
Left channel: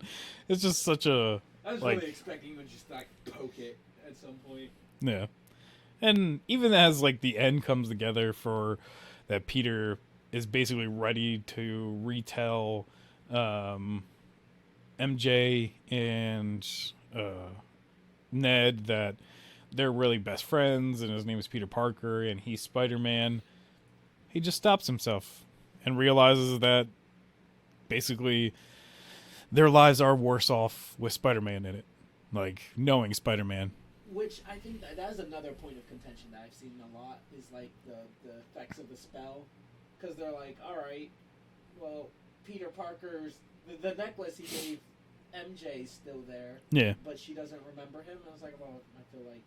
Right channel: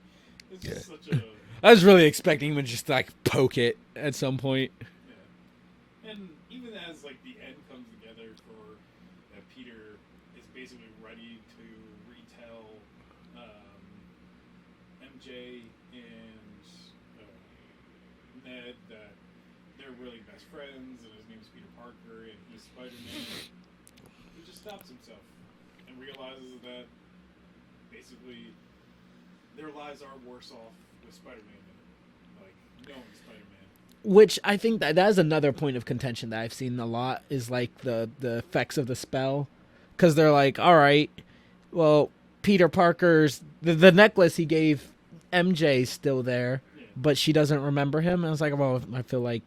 it's just such a. I was really expecting him to just like poke it at some point. Yeah, and even as like the end comes together for that, Peter is basically ready to retell MJ and Ned that they're really best friends, and his name is Peter Parker, and he's Spider-Man. He just stops himself and realizes that basically their lives are worse off with Spider-Man in it, like knowing Spider-Man. Which I think that is another point of contention that I've seen a lot is like the effects of the spell, because they're like, all right, well, Peter Parker's the necklace he gave MJ's still there, but she doesn't remember him. And I was like, well, I feel like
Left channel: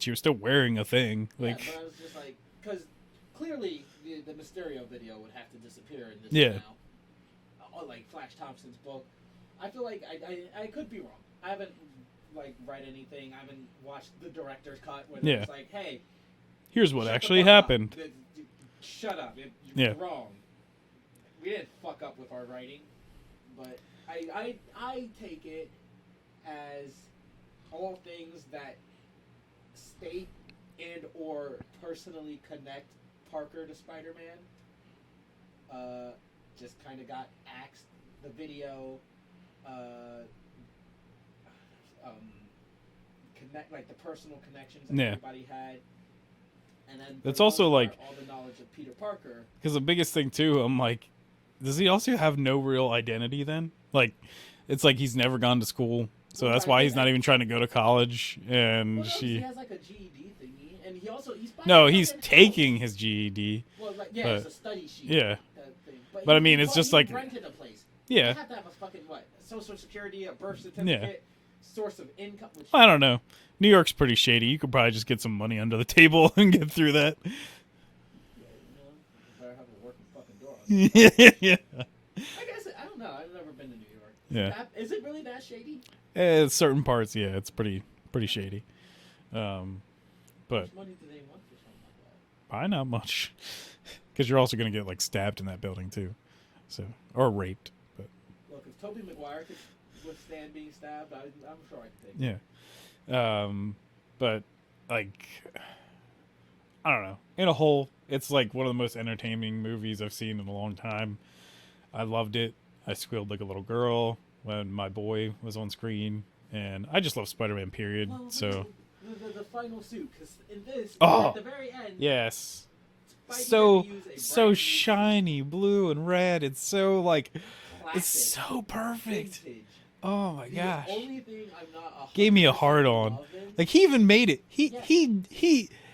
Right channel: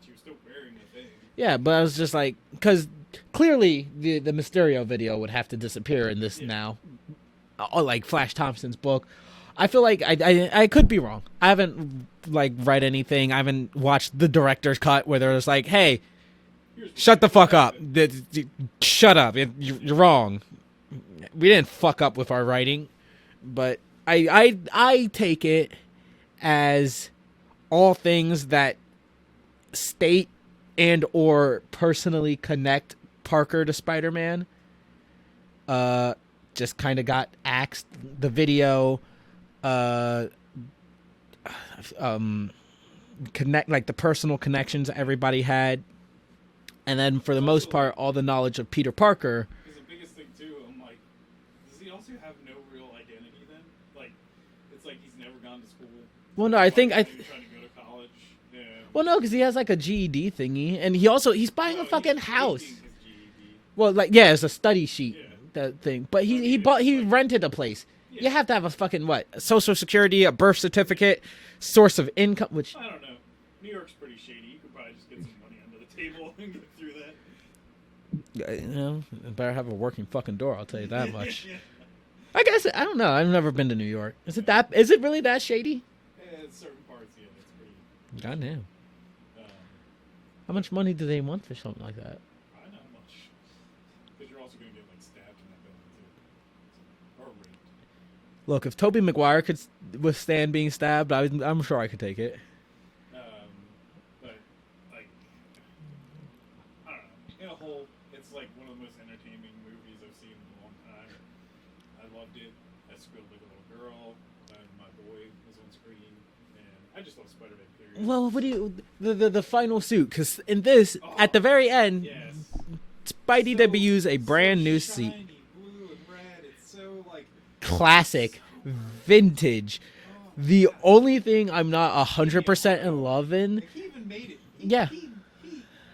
she was still wearing a thing. Yeah, but I was just like, because clearly the Mysterio video would have to disappear in this now, like Flash Thompson's book. I feel like I could be wrong. I haven't like read anything. I haven't watched the director's cut where there's like, hey, here's what shut the fuck happened. Up. Shut up. You're wrong. We didn't fuck up with our writing, but I take it as all things that state and or personally connect Parker to Spider-Man. Just kind of got axed. The video, connect like the personal connections everybody had, and then for the most part, like, all the knowledge of Peter Parker. Because the biggest thing too, I'm like, does he also have no real identity then? Like, it's like he's never gone to school. So that's why he's not even trying to go to college. And well, no, because he has like a GED thingy, and he's buying a fucking house. No, he's taking his GED. Well, like it's a study sheet. Yeah, that thing. But he rented a place. Yeah, you have to have a fucking Social Security, a birth certificate, source of income. Which I don't know. New York's pretty shady. You could probably just get some money under the table and get through that. Better have a working fucking door. I'll tell you that much. Yeah. I guess I don't know. I've never been to New York. Is it really that shady? Certain parts, it's pretty shady. How much money do they want for something like that? Probably not much, because you're also gonna get like stabbed in that building too, or raped. But. Look, if Tobey Maguire could withstand being stabbed, I'm sure I could take it. Yeah. But like, I don't know. In a whole, it's like one of the most entertaining movies I've seen in a long time. I loved it. I squealed like a little girl when my boy was on screen, and I just love Spider-Man, period. Well, the final suit, because in this, at the very end, Spidey debuts a brand new suit. Shiny blue and red. It's so like classic, so perfect, vintage. Oh my The gosh. only thing I'm not 100% loving, like he even made it. He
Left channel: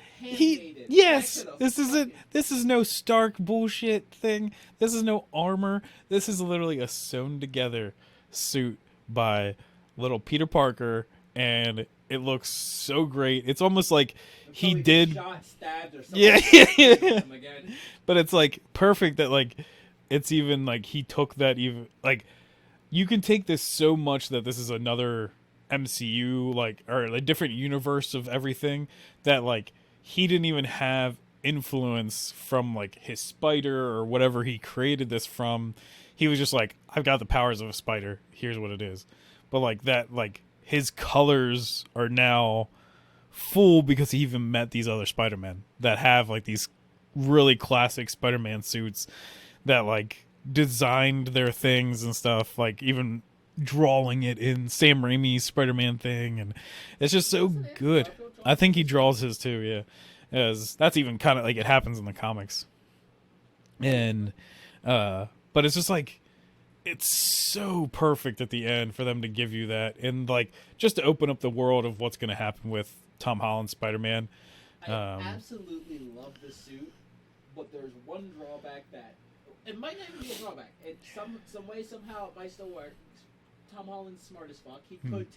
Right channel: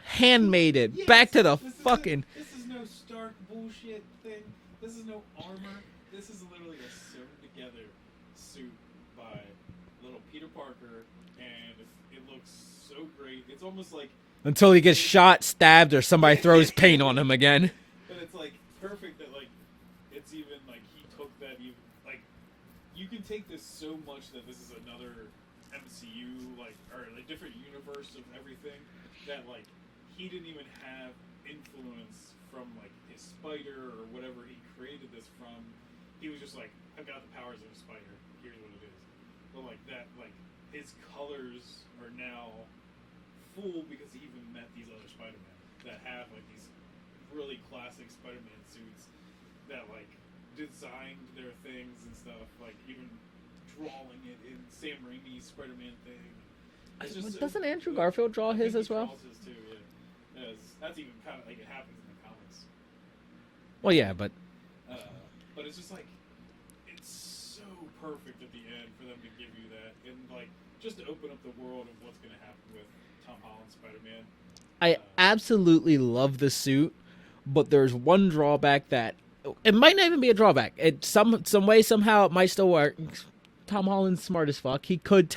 handmade it. Yes, back to the fucking. This is no Stark bullshit thing. This is no armor. This is literally a sewn together suit by little Peter Parker, and it looks so great. It's almost like until he gets shot, stabbed, or somebody throws paint on him again. But it's like perfect that like it's even like he took that, even like you can take this so much that this is another MCU like, or a different universe of everything, that like he didn't even have influence from like his spider or whatever he created this from. He was just like, I've got the powers of a spider, here's what it is. But like that, like his colors are now full because he even met these other Spider-Men that have like these really classic Spider-Man suits that like designed their things and stuff, like even drawing it in Sam Raimi's Spider-Man thing, and it's just so good. I think he draws his too, yeah. As that's even kind of like it happens in the comics. Well, but it's just like it's so perfect at the end for them to give you that, and like just to open up the world of what's going to happen with Tom Holland's Spider-Man. I absolutely love the suit, but there's one drawback that it might not even be a drawback. It some way somehow it might still work. Tom Holland's smart as fuck. He could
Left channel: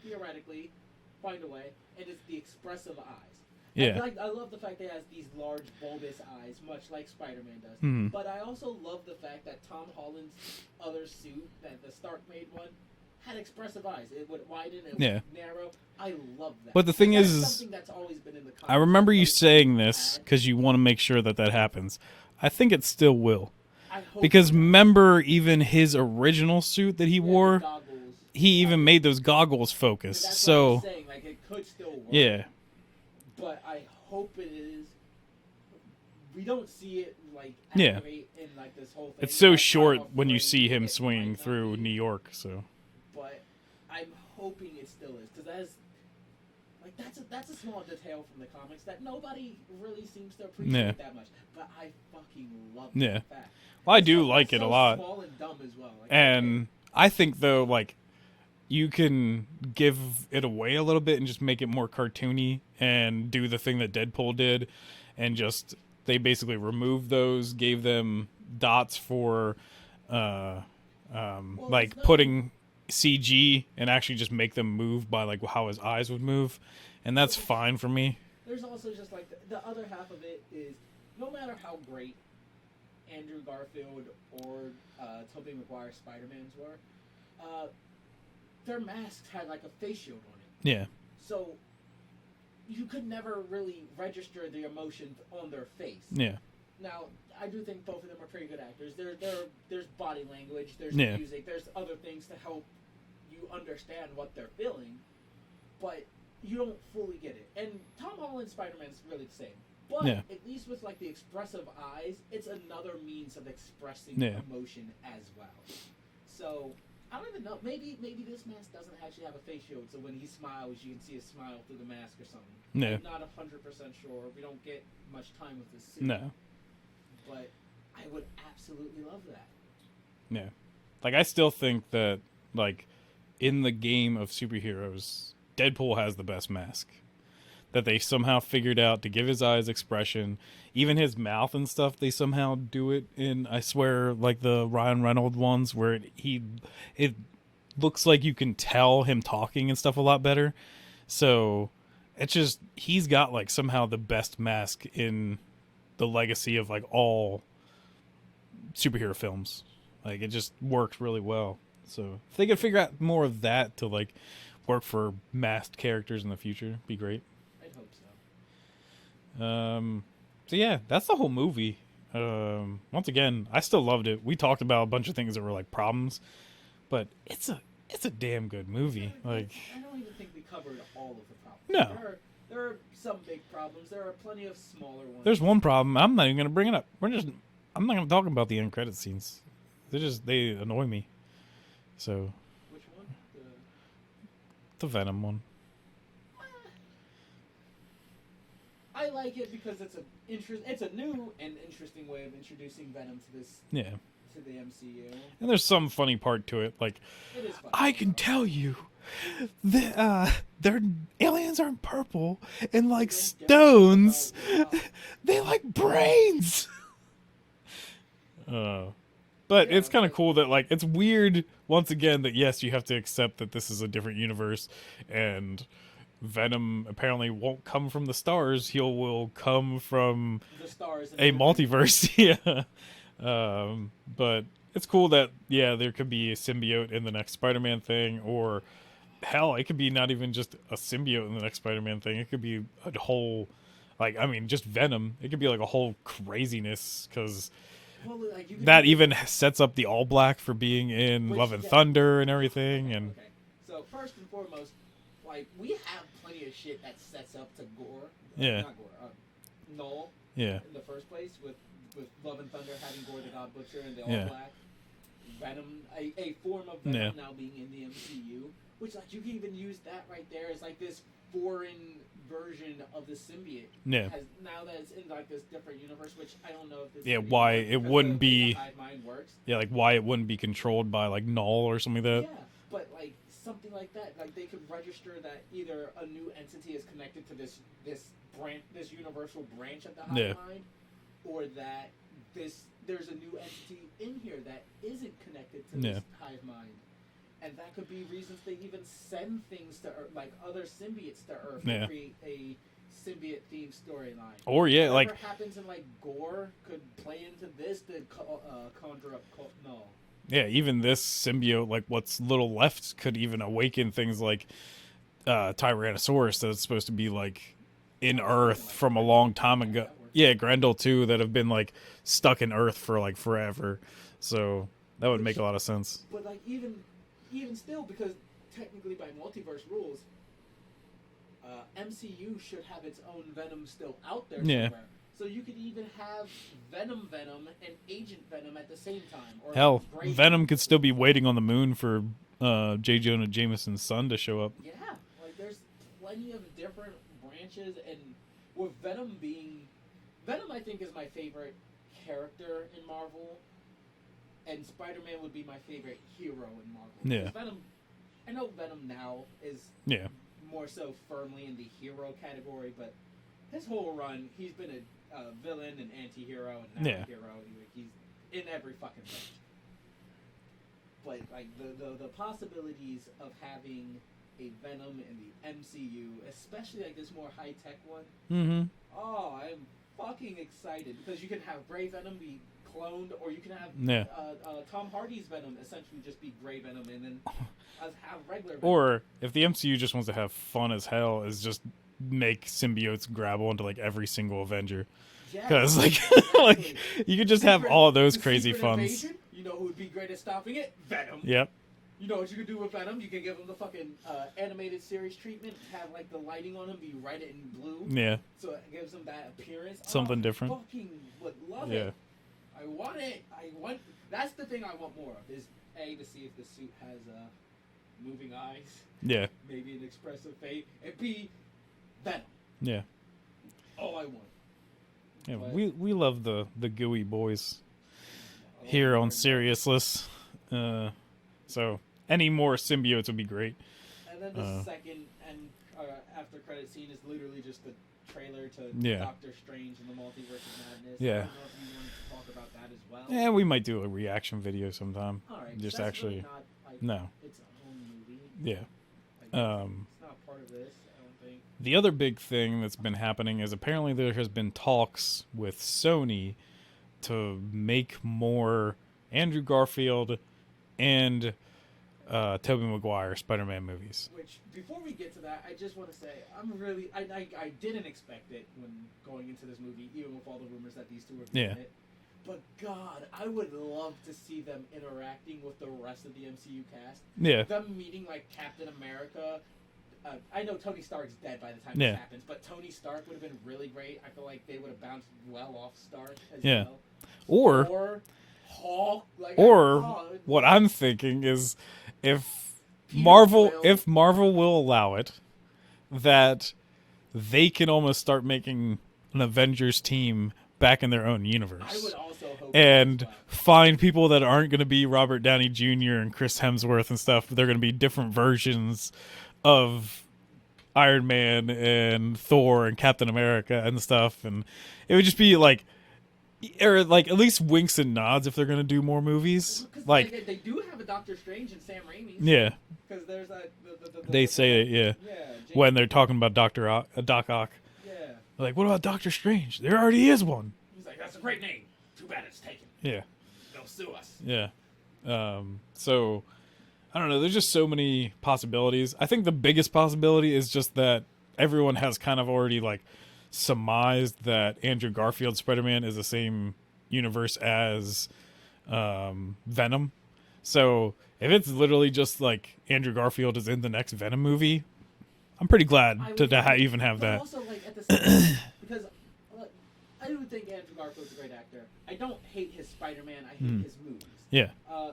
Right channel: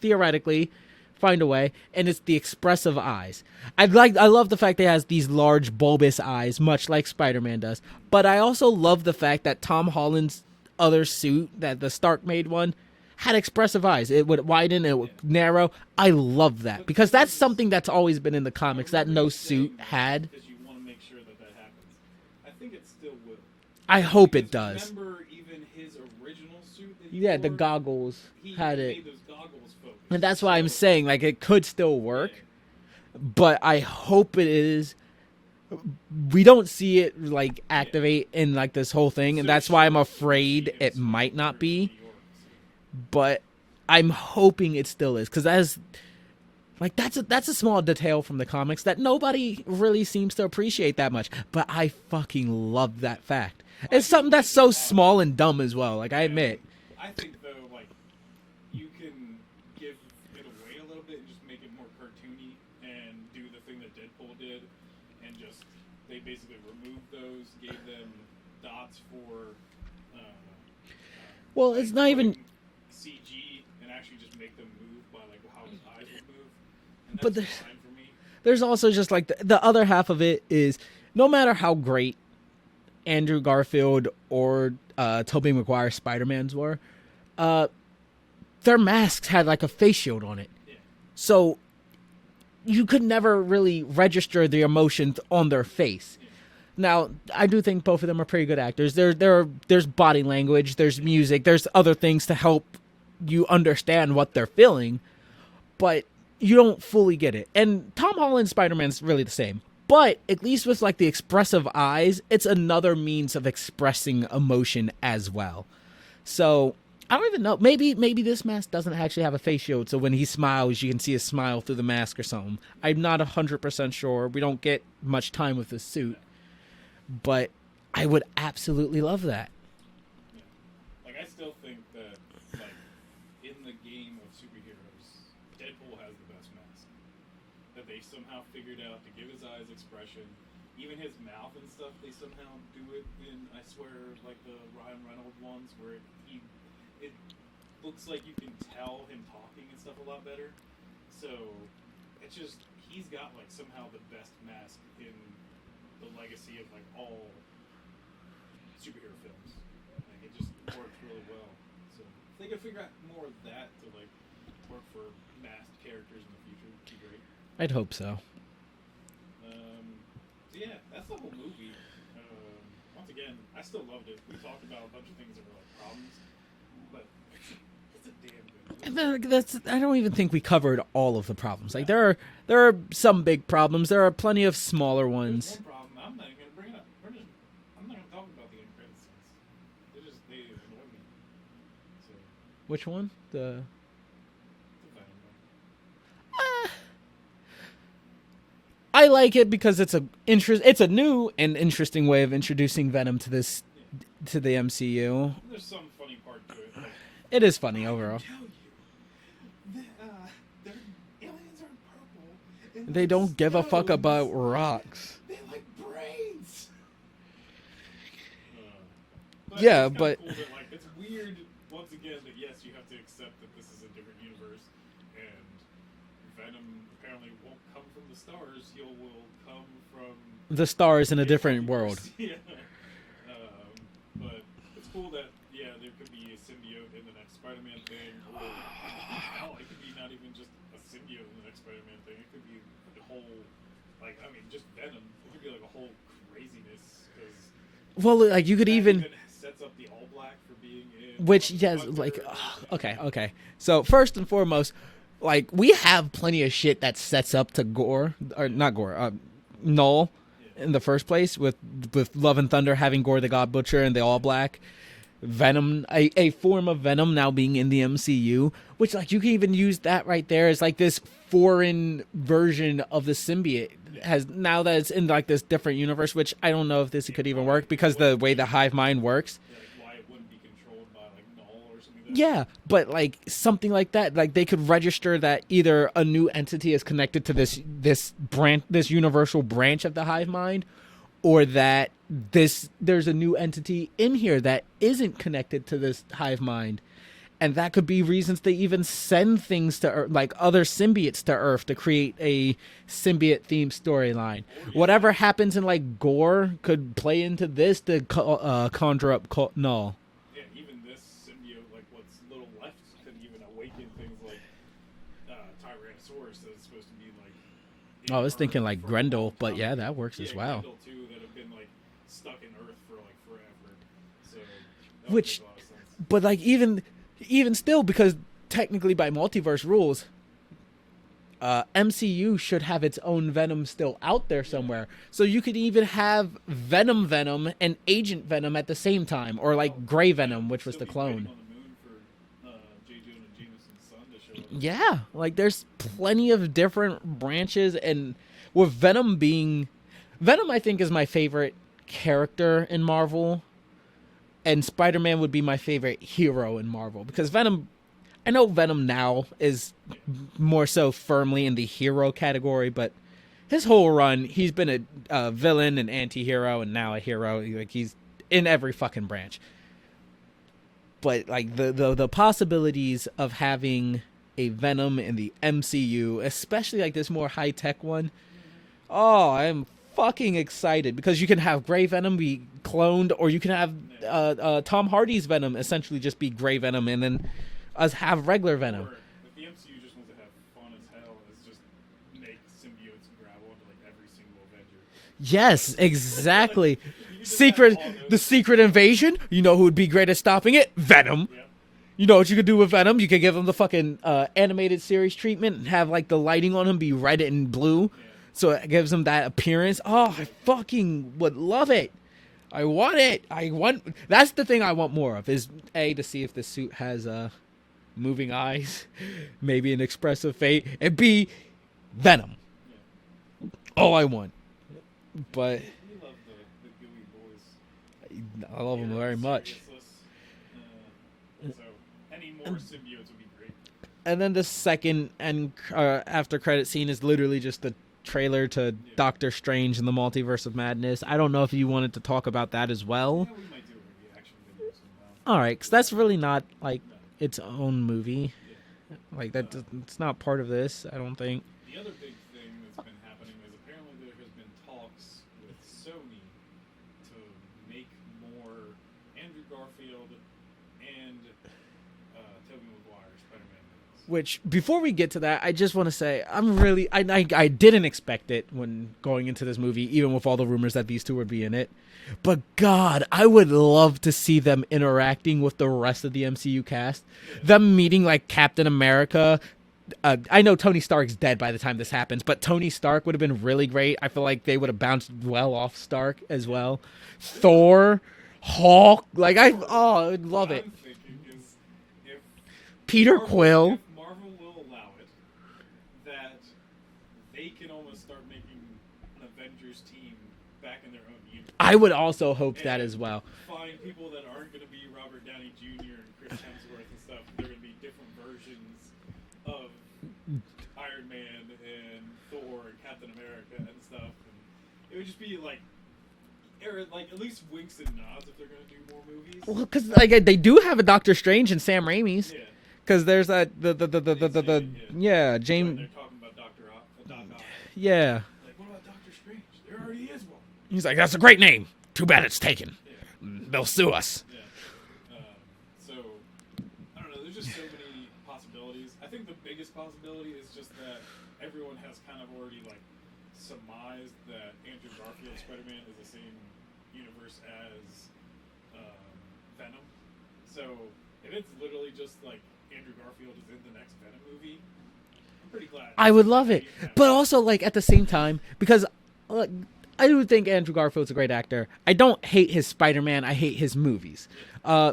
theoretically find a way, and it's the expressive eyes. Yeah. I love the fact that he has these large bulbous eyes, much like Spider-Man does. But I also love the fact that Tom Holland's other suit, that the Stark made one, had expressive eyes. It would widen, it would narrow. I love that. But because that's something that's always been in the comics. I remember you saying this because you want to make sure that happens. I think it still will. I hope because it does. Remember, even his original suit that he wore, the goggles. He even made those goggles focus. And that's why I'm saying, like, it could still work. Yeah. But I hope it is. We don't see it like activate in like this whole thing, it's and that's why I'm afraid it might not be New York. So, but I'm hoping it still is because that's a small detail from the comics that nobody really seems to appreciate that much. But I fucking love that fact. Well, it's something that's so small and dumb as well. Like, I admit. I think though, like, you can give it away a little bit and just make it more cartoony and do the thing that Deadpool did, and just they basically removed those, gave them dots for, like putting CG and actually just make them move by like how his eyes would move, and that's fine for me. There's also just like the other half of it is no matter how great Andrew Garfield or Tobey Maguire Spider-Mans were, their masks had like a face shield on it. Yeah. So you could never really register the emotions on their face. Yeah. Now, I do think both of them are pretty good actors. There's body language, there's music, there's other things to help you understand what they're feeling, but you don't fully get it. And Tom Holland's Spider-Man's really the same. But at least with like the expressive eyes, it's another means of expressing emotion as well. So I don't even know. Maybe this mask doesn't actually have a face shield, so when he smiles, you can see a smile through the mask or something. Yeah. I'm not 100% sure. We don't get much time with this suit. No. But I would absolutely love that. Yeah. Like, I still think that, like, in the game of superheroes, Deadpool has the best mask. That they somehow figured out to give his eyes expression. Even his mouth and stuff, they somehow do it in, I swear, like the Ryan Reynolds ones, where it looks like you can tell him talking and stuff a lot better. So it's just, he's got like somehow the best mask in the legacy of like all superhero films. Like, it just works really well. So if they could figure out more of that to like work for masked characters in the future, it'd be great. I'd hope so. So yeah, that's the whole movie. Once again, I still loved it. We talked about a bunch of things that were like problems, but it's a damn good movie. I don't even think we covered all of the problems. No. Like, there are some big problems. There are plenty of smaller ones. There's one problem. I'm not even gonna bring it up. I'm not gonna talk about the end credit scenes. They annoy me. So which one? The Venom one. I like it because it's a new and interesting way of introducing Venom to this to the MCU. And there's some funny part to it, like it is funny. I can tell you, their aliens aren't purple and like they don't stones, give a fuck about rocks. They like brains. But it's kind of cool that like it's weird once again that yes, you have to accept that this is a different universe and Venom apparently won't come from the stars. He will come from the stars in a different multiverse. Yeah. But it's cool that there could be a symbiote in the next Spider-Man thing, or hell, it could be not even just a symbiote in the next Spider-Man thing. It could be a whole, just Venom. It could be like a whole craziness because. Well, like you could even sets up the All Black for being in Love and Thunder and everything. Okay. So first and foremost, like we have plenty of shit that sets up to Gore, or not Gore, Null. Yeah. In the first place, with Love and Thunder having Gore the God Butcher and the All Black, Venom, a form of Venom now being in the MCU, which like you can even use that right there as like this foreign version of the symbiote has now that it's in like this different universe, which I don't know if this could even work because the way the hive mind works. Yeah, like why it wouldn't be controlled by like Null or something like that. Yeah, but like something like that, like they could register that either a new entity is connected to this branch, this universal branch of the hive mind, or that there's a new entity in here that isn't connected to this hive mind. And that could be reasons they even send things to Earth, like other symbiotes to Earth to create a symbiote-themed storyline. Or whatever like, happens in like Gore could play into this to conjure up Null. Yeah, even this symbiote, like what's little left, could even awaken things like Tyrannosaurus that's supposed to be like in I was Earth thinking like from Grendel, a long time yeah, ago. that works. Yeah, as well. Grendel too, that have been like stuck in Earth for like forever. So that would make a lot of sense. But like even still, because technically by multiverse rules, MCU should have its own Venom still out there somewhere. So you could even have Venom and Agent Venom at the same time, or like Gray Venom could still be waiting on the moon for J. Jonah Jameson's son to show up. Yeah, like there's plenty of different branches, and with Venom, I think is my favorite character in Marvel, and Spider-Man would be my favorite hero in Marvel, because Venom, I know Venom now is more so firmly in the hero category, but his whole run, he's been a villain, an anti-hero, and now a hero. Like, he's in every fucking branch. But like the possibilities of having a Venom in the MCU, especially like this more high tech one, oh, I'm fucking excited, because you can have Gray Venom be cloned, or you can have Tom Hardy's Venom essentially just be Gray Venom, and then us have regular Venom. Or if the MCU just wants to have fun as hell, is just make symbiotes grab onto like every single Avenger. Yes, like, exactly. Like, you could just have all those the crazy secret funs. Invasion. You know who would be great at stopping it? Venom. Yep. You know what you could do with Venom? You could give him the fucking animated series treatment and have like the lighting on him be red and blue. Yeah. So it gives him that appearance. Something I different. fucking would love it. I want it. That's the thing I want more of, is A, to see if the suit has moving eyes. Yeah. Maybe an expressive fate. And B, Venom. Yeah. All I want. Yeah, But we love the gooey boys I love here them on very much. Seriousless. So any more symbiotes would be great. And then the second and after credit scene is literally just the trailer to Doctor Strange and the Multiverse of Madness. I don't know if you wanted to talk about that as well. Yeah, we might do a reaction video sometime. All right, because that's really not like No. its own movie. Yeah. Like that, it's not part of this, I don't think. The other big thing that's been happening is apparently there has been talks with Sony to make more Andrew Garfield and Tobey Maguire Spider-Man movies. Which, before we get to that, I just want to say I didn't expect it when going into this movie, even with all the rumors that these two would be in it. But God, I would love to see them interacting with the rest of the MCU cast. Yeah. Them meeting like Captain America. I know Tony Stark's dead by the time this happens, but Tony Stark would have been really great. I feel like they would have bounced well off Stark as well. Thor, Hulk, like I'm thinking is if Peter Marvel Quill. if Marvel will allow it, that they can almost start making an Avengers team back in their own universe. I would also hope that as well. Find people that aren't going to be Robert Downey Jr. and Chris Hemsworth and stuff. They're going to be different versions of Iron Man and Thor and Captain America and stuff, and it would just be like, or like at least winks and nods if they're going to do more movies. Because like they do have a Doctor Strange and Sam Raimi's. Yeah. Because there's that James, when they're talking about Doc Ock. Yeah. They're like, what about Doctor Strange? There already is one. He's like, that's a great name. Too bad it's taken. Yeah. They'll sue us. Yeah. So I don't know. There's just so many possibilities. I think the biggest possibility is just that everyone has kind of already like surmised that Andrew Garfield's Spider-Man is the same universe as Venom. So if it's literally just like Andrew Garfield is in the next Venom movie, I'm pretty glad I would love it. even have but that. Also, like, at the same time, because I do think Andrew Garfield's a great actor. I don't hate his Spider-Man. I hate his movies. Yeah.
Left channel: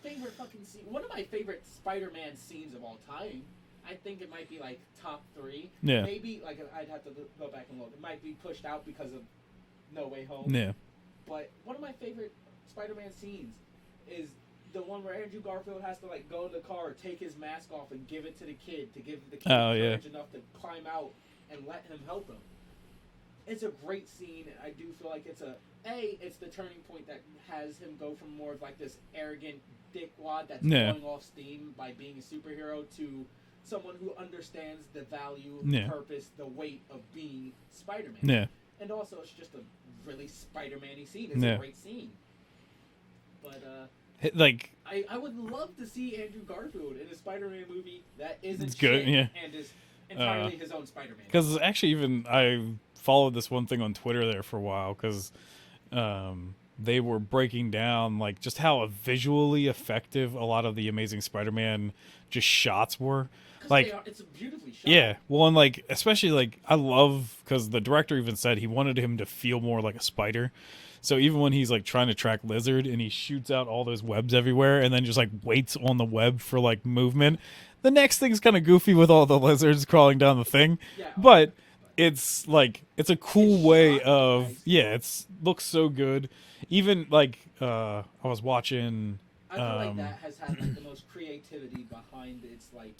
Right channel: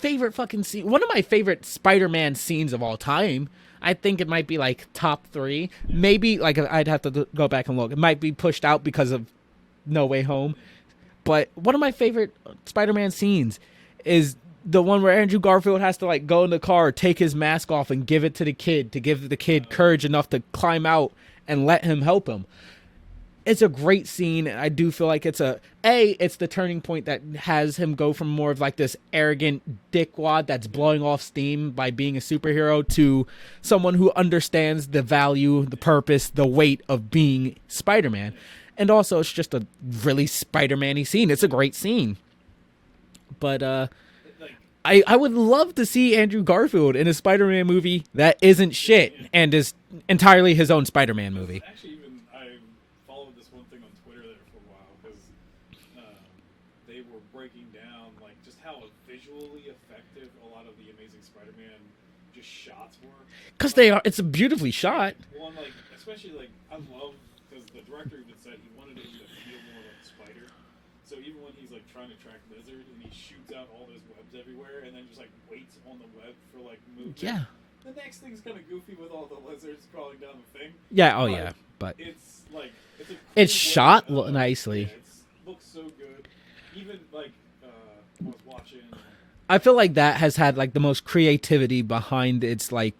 Favorite fucking scene. One of my favorite Spider-Man scenes of all time. I think it might be like top 3. Yeah. Maybe like I'd have to go back and look. It might be pushed out because of No Way Home. Yeah. But one of my favorite Spider-Man scenes is the one where Andrew Garfield has to like go in the car, take his mask off, and give it to the kid to give the kid courage enough to climb out and let him help him. It's a great scene. I do feel like it's it's the turning point that has him go from more of like this arrogant dickwad that's blowing off steam by being a superhero to someone who understands the value, the purpose, the weight of being Spider-Man. Yeah. And also, it's just a really Spider-Man-y scene. It's a great scene. But Like, I would love to see Andrew Garfield in a Spider-Man movie that isn't shit yeah. and is entirely his own Spider-Man movie. Because actually, even I followed this one thing on Twitter there for a while because they were breaking down like just how visually effective a lot of the Amazing Spider-Man just shots were. Because like, it's beautifully shot. Yeah. Well, and like especially like I love because the director even said he wanted him to feel more like a spider. So even when he's like trying to track Lizard and he shoots out all those webs everywhere and then just like waits on the web for like movement, the next thing's kind of goofy with all the lizards crawling down the thing. Yeah, but it's like it's a cool it's way shot of nicely. Yeah, looks so good. Even like I was watching. I feel like that has had like the most creativity behind its like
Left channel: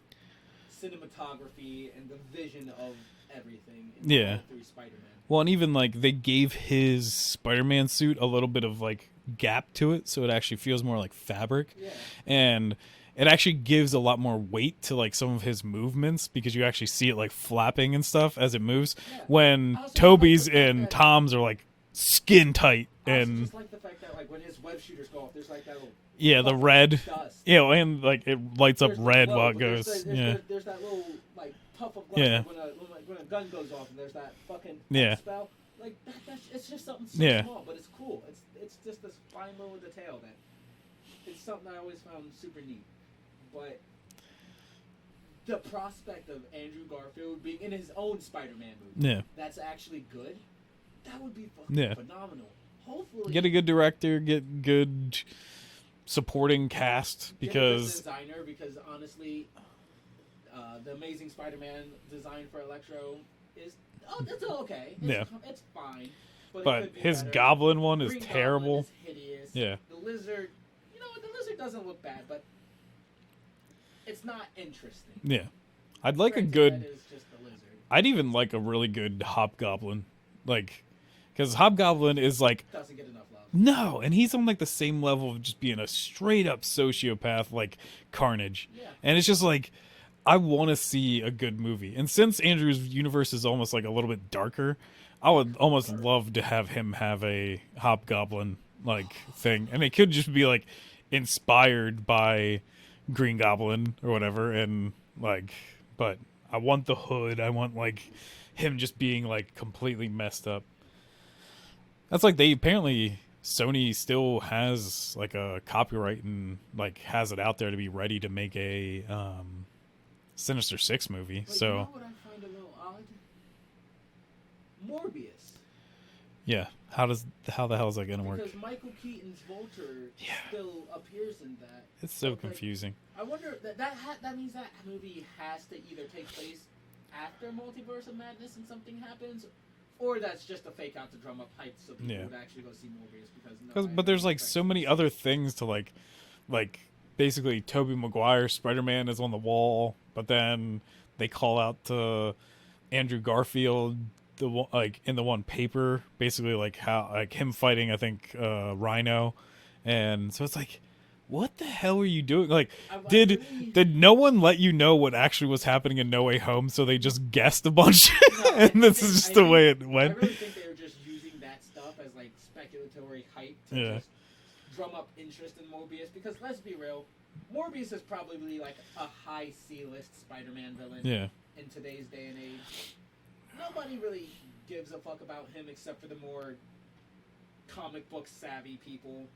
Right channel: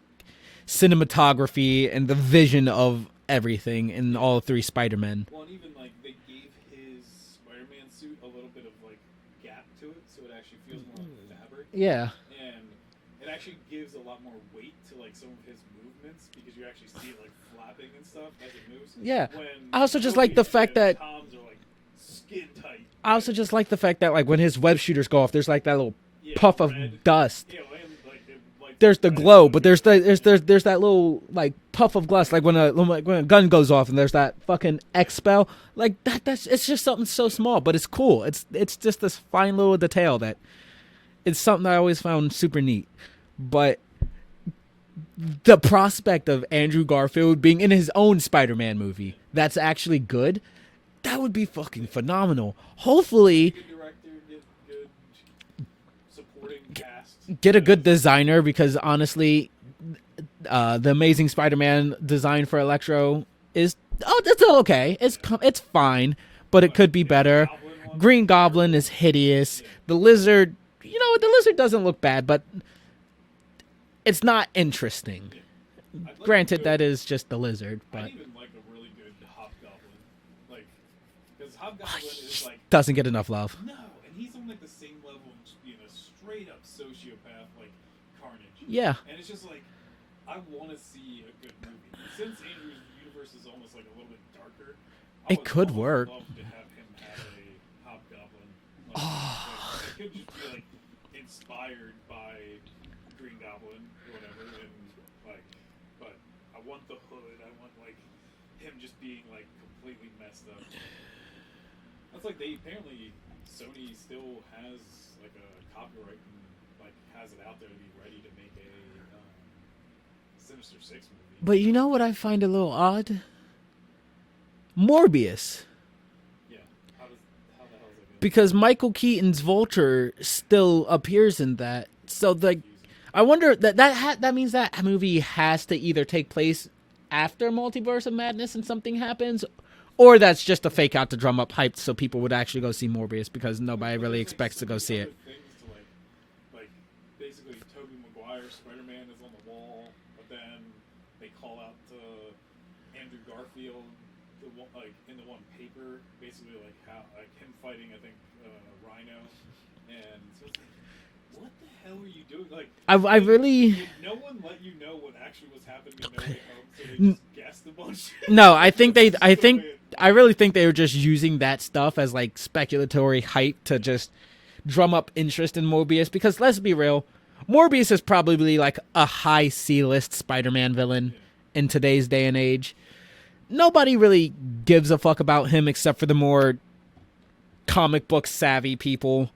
cinematography and the vision of everything in all three Spider-Men. Well, and even like they gave his Spider-Man suit a little bit of like gap to it, so it actually feels more like fabric. Yeah, and it actually gives a lot more weight to like some of his movements because you actually see it like flapping and stuff as it moves. Yeah, when I also Toby's just like the fact and that Tom's are like skin tight. I also just like the fact that like when his web shooters go off, there's like that little puff the red of dust. Yeah, and like it lights there's up. There's the glow, but there's that little like puff of glass, like when a gun goes off and there's that fucking X spell. Like that's it's just something so small, but it's cool. It's just this fine little detail that it's something I always found super neat. But the prospect of Andrew Garfield being in his own Spider-Man movie that's actually good, that would be fucking phenomenal. Hopefully, get a good director, get good supporting cast, get a good designer, because honestly, the Amazing Spider-Man design for Electro is it's okay. It's fine, but it could be better. Green Goblin is hideous. Yeah. The Lizard, the Lizard doesn't look bad, but it's not interesting. Yeah. I'd like Granted, that is just the Lizard. I'd even like a really good Hobgoblin, like, because Hobgoblin is like doesn't get enough love. No, and he's on like the same level of just being a straight up sociopath, like Carnage. Yeah, and it's just like I want to see a good movie. And since Andrew's universe is almost like a little bit darker, I would almost love to have him have a Hobgoblin like thing, and it could just be like inspired by Green Goblin or whatever, and like, but I want the hood. I want like him just being like completely messed up. That's like Sony still has like a copyright and like has it out there to be ready to make a Sinister Six movie. But you know what I find a little odd? Morbius. Yeah. How the hell is that gonna because work? Michael Keaton's Vulture still appears in that. It's so confusing. I wonder that means that movie has to either take place after Multiverse of Madness and something happens, or that's just a fake out to drum up hype so people would actually go see Morbius because nobody really expects to go see it. But there's like so many other things to like basically Tobey Maguire's Spider-Man is on the wall, but then they call out to Andrew Garfield in the one paper, basically like how like him fighting I think Rhino, and so it's like, what the hell are you doing? Like, did no one let you know what actually was happening in No Way Home? So they just guessed a bunch. No, I really think they were just using that stuff as like speculatory hype to just drum up interest in Morbius. Because let's be real, Morbius is probably like a high C-list Spider-Man villain in today's day and age. Nobody really gives a fuck about him except for the more comic book savvy people.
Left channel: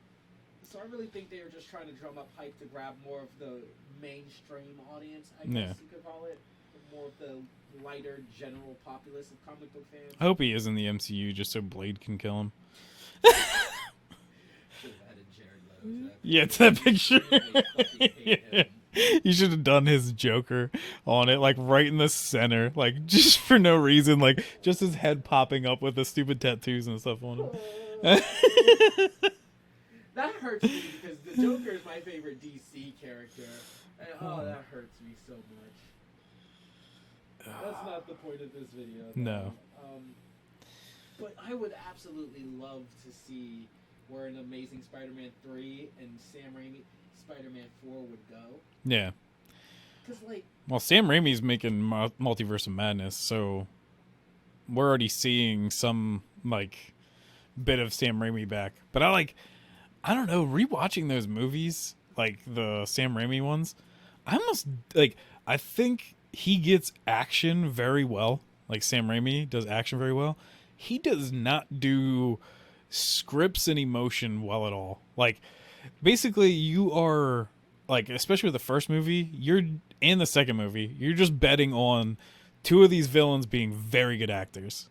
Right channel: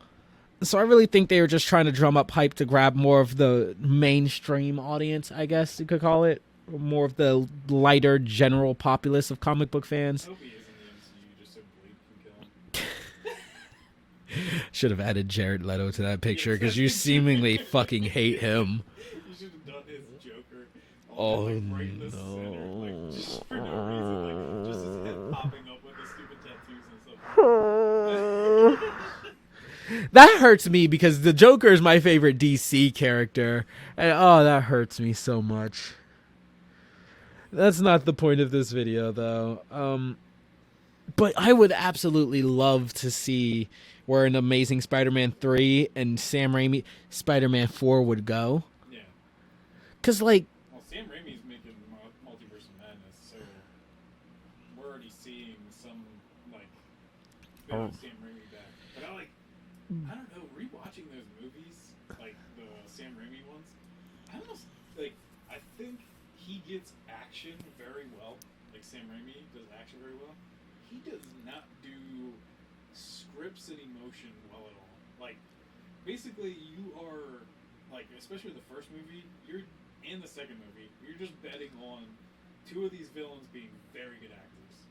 So I really think they were just trying to drum up hype to grab more of the mainstream audience, I guess you could call it. More of the lighter general populace of comic book fans. I hope he is in the MCU just so Blade can kill him. Should have added Jared Leto to that picture because you seemingly fucking hate him. You should have done his Joker on it, like right in the center, like just for no reason, like just his head popping up with the stupid tattoos and stuff on it. That hurts me because the Joker is my favorite DC character, and that hurts me so much. That's not the point of this video, though. No. But I would absolutely love to see where an Amazing Spider-Man 3 and Sam Raimi Spider-Man 4 would go. Yeah. Because, like... Well, Sam Raimi's making Multiverse of Madness, so we're already seeing some, like, bit of Sam Raimi back. But I don't know, rewatching those movies, like the Sam Raimi ones, I almost like, I think he gets action very well. Like Sam Raimi does action very well. He does not do scripts and emotion well at all. Like, basically, you are like, especially with the first movie, and the second movie, you're just betting on two of these villains being very good actors,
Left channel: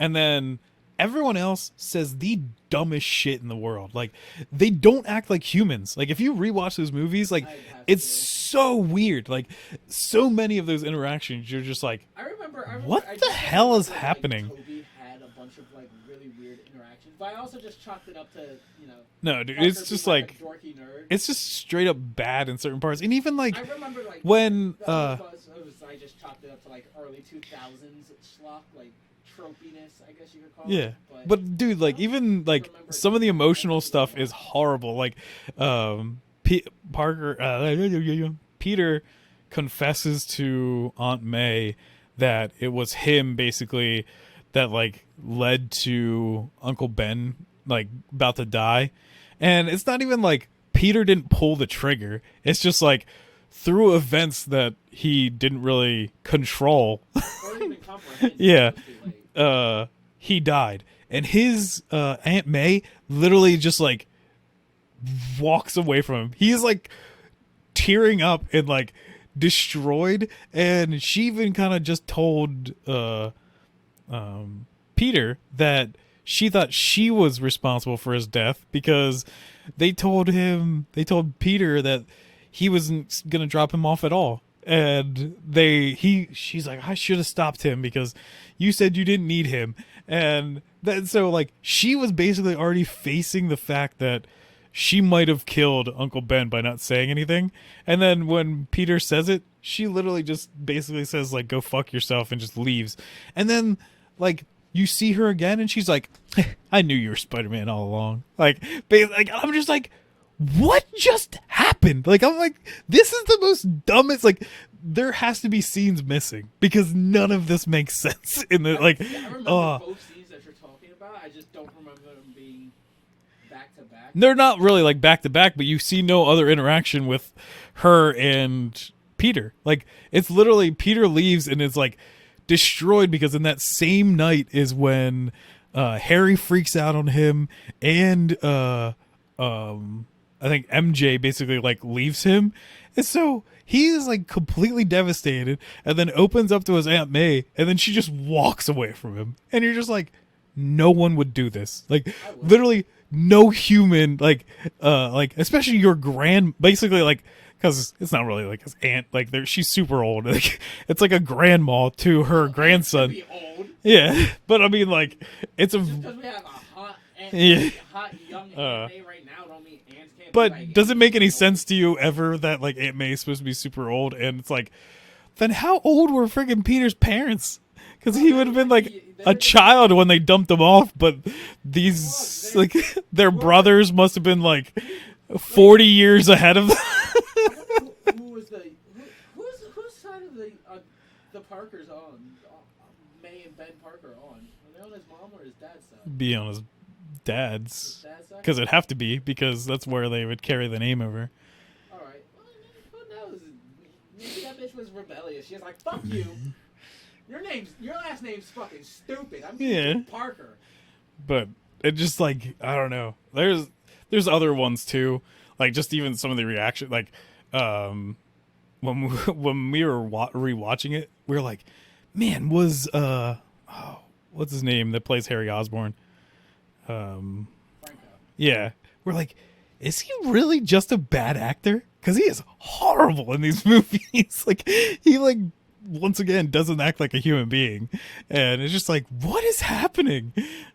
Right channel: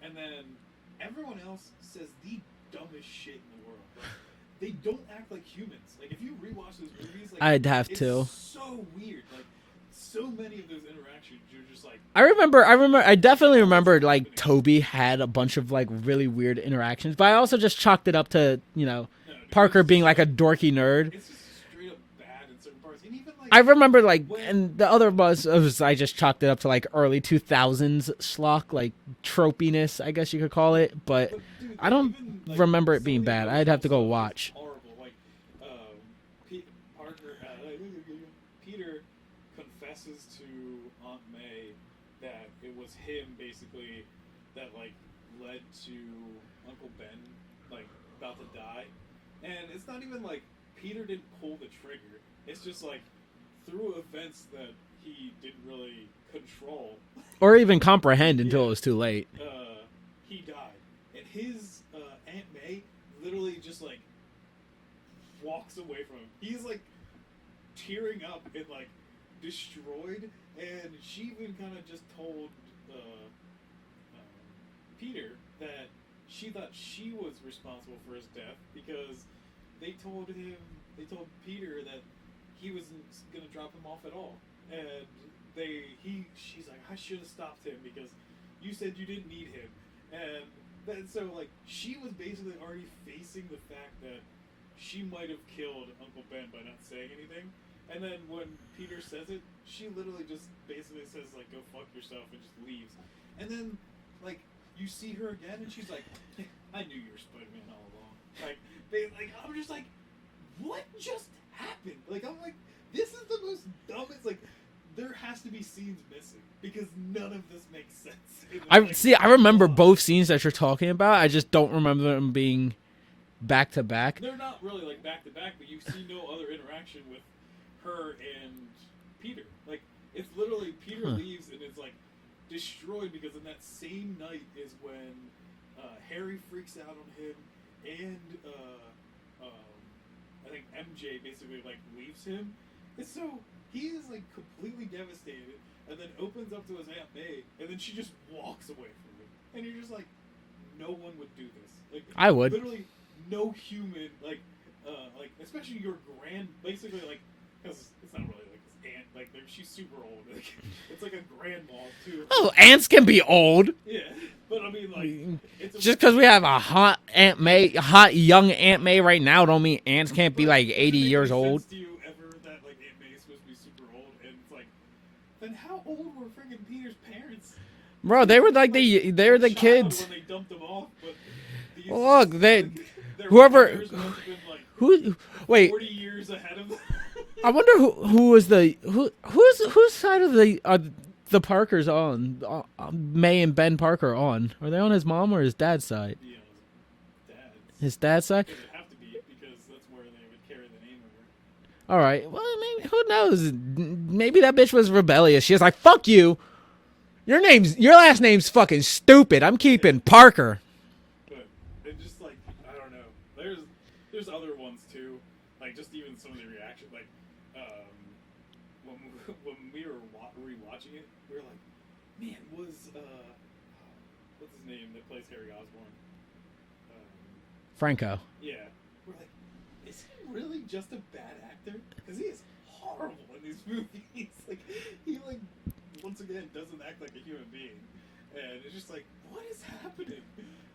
and then everyone else says the dumbest shit in the world. Like, they don't act like humans. Like, if you rewatch those movies, like, I'd have it's to. so weird. Like, so many of those interactions, you're just like, I definitely remember like happening? Toby had a bunch of like really weird interactions, but I also just chalked it up to, no, dude, Parker it's being just like a dorky nerd. It's just straight up bad in certain parts. And even like, I remember like when the other was I just chalked it up to like early 2000s schlock, like tropiness, I guess you could call it. But dude, I like, don't even like remember it some of the being bad. I'd emotional have to go stuff is watch. horrible. Like, Peter confesses to Aunt May that it was him basically that like led to Uncle Ben like about to die, and it's not even like Peter didn't pull the trigger. It's just like through events that he didn't really control or even comprehend until it was too late. He died, and his Aunt May literally just like walks away from him. He's like tearing up and like destroyed, and she even kind of just told Peter that she thought she was responsible for his death because they told Peter that he wasn't gonna drop him off at all, and she's like, I should have stopped him because you said you didn't need him. And then so like she was basically already facing the fact that she might have killed Uncle Ben by not saying anything. And then when Peter says it, she literally just basically says like, go fuck yourself, and just leaves. And then like you see her again and she's like, I knew you were Spider-Man all along. Like I'm just like, what just happened? Like, I'm like, this is the most dumbest, like, there has to be scenes missing because none of this makes sense. I remember both scenes that you're talking about. I just don't remember them being back to back. They're not really like back to back, but you see no other interaction with her and Peter. Like, it's literally Peter leaves and is like destroyed because in that same night is when Harry freaks out on him, and I think MJ basically like leaves him, and so he is like completely devastated, and then opens up to his Aunt May, and then she just walks away from him, and you're just like, no one would do this. Like, I would. Literally no human, like especially your basically like, because it's not really like his aunt, like she's super old. Like, it's like a grandma to her grandson. Aunts can be old. Yeah, but I mean, like, it's just because we have a hot Aunt May, hot young Aunt May right now, don't mean aunts can't be like 80 does it make any years sense old. to you ever that like Aunt May is supposed to be super old, and it's like, then how old were freaking Peter's parents? Bro, they were like a child kids when they dumped him off, but these their brothers must have been like 40 years ahead of them. I wonder who was whose side of the Parkers on? May and Ben Parker on? Are they on his mom or his dad's side? Be on his dad's. His dad's side? Because it'd have to be, because that's where they would carry the name over. All right. Well, maybe, who knows? Maybe that bitch was rebellious. She was like, "Fuck you. Your last name's fucking stupid. I'm keeping Parker." But it just like, I don't know. There's other ones too. Like, just even some of the reaction, like when we were rewatching it, we were like, man, was what's his name that plays Harry Osborn? Franco. Yeah, we're like, is he really just a bad actor? Because he is horrible in these movies. Like, he like once again doesn't act like a human being, and it's just like, what is happening?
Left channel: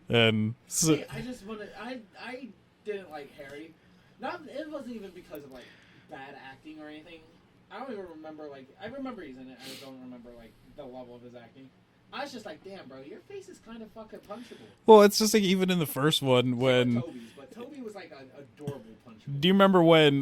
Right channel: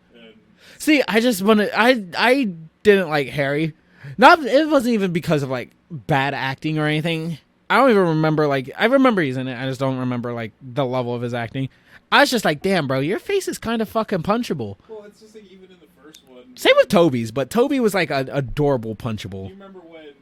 And see, I just wanted, I didn't like Harry. It wasn't even because of like bad acting or anything. I don't even remember, like, I remember he's in it. I just don't remember like the level of his acting. I was just like, damn, bro, your face is kind of fucking punchable. Well, it's just like even in the first one. Same with Toby's, but Toby was like an adorable punchable. Do you remember when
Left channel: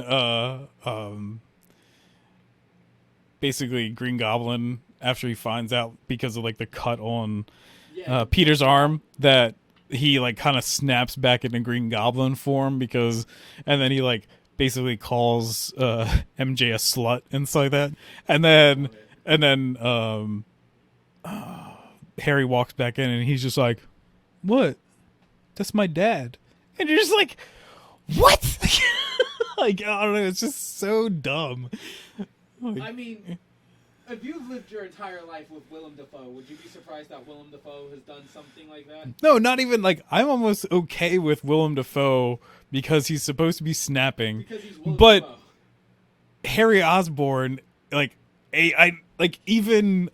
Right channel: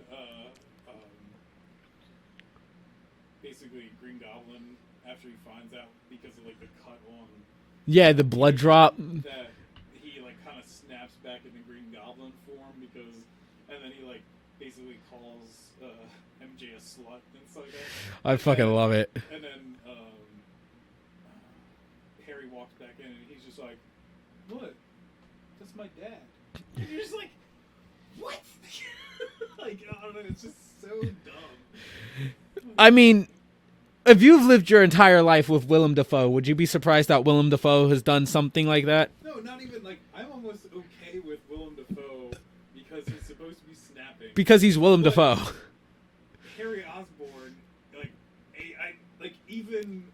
basically Green Goblin, after he finds out because of like the cut on the Peter's arm, that he like kind of snaps back into Green Goblin form and then he like basically calls MJ a slut and stuff like that. I fucking love it. And then Harry walks back in and he's just like, "What? That's my dad." And you're just like, "What?" Like, I don't know. It's just so dumb. I mean, if you've lived your entire life with Willem Dafoe, would you be surprised that Willem Dafoe has done something like that? No, not even like, I'm almost okay with Willem Dafoe because he's supposed to be snapping. Because he's Willem Dafoe. Harry Osborn, like, I like even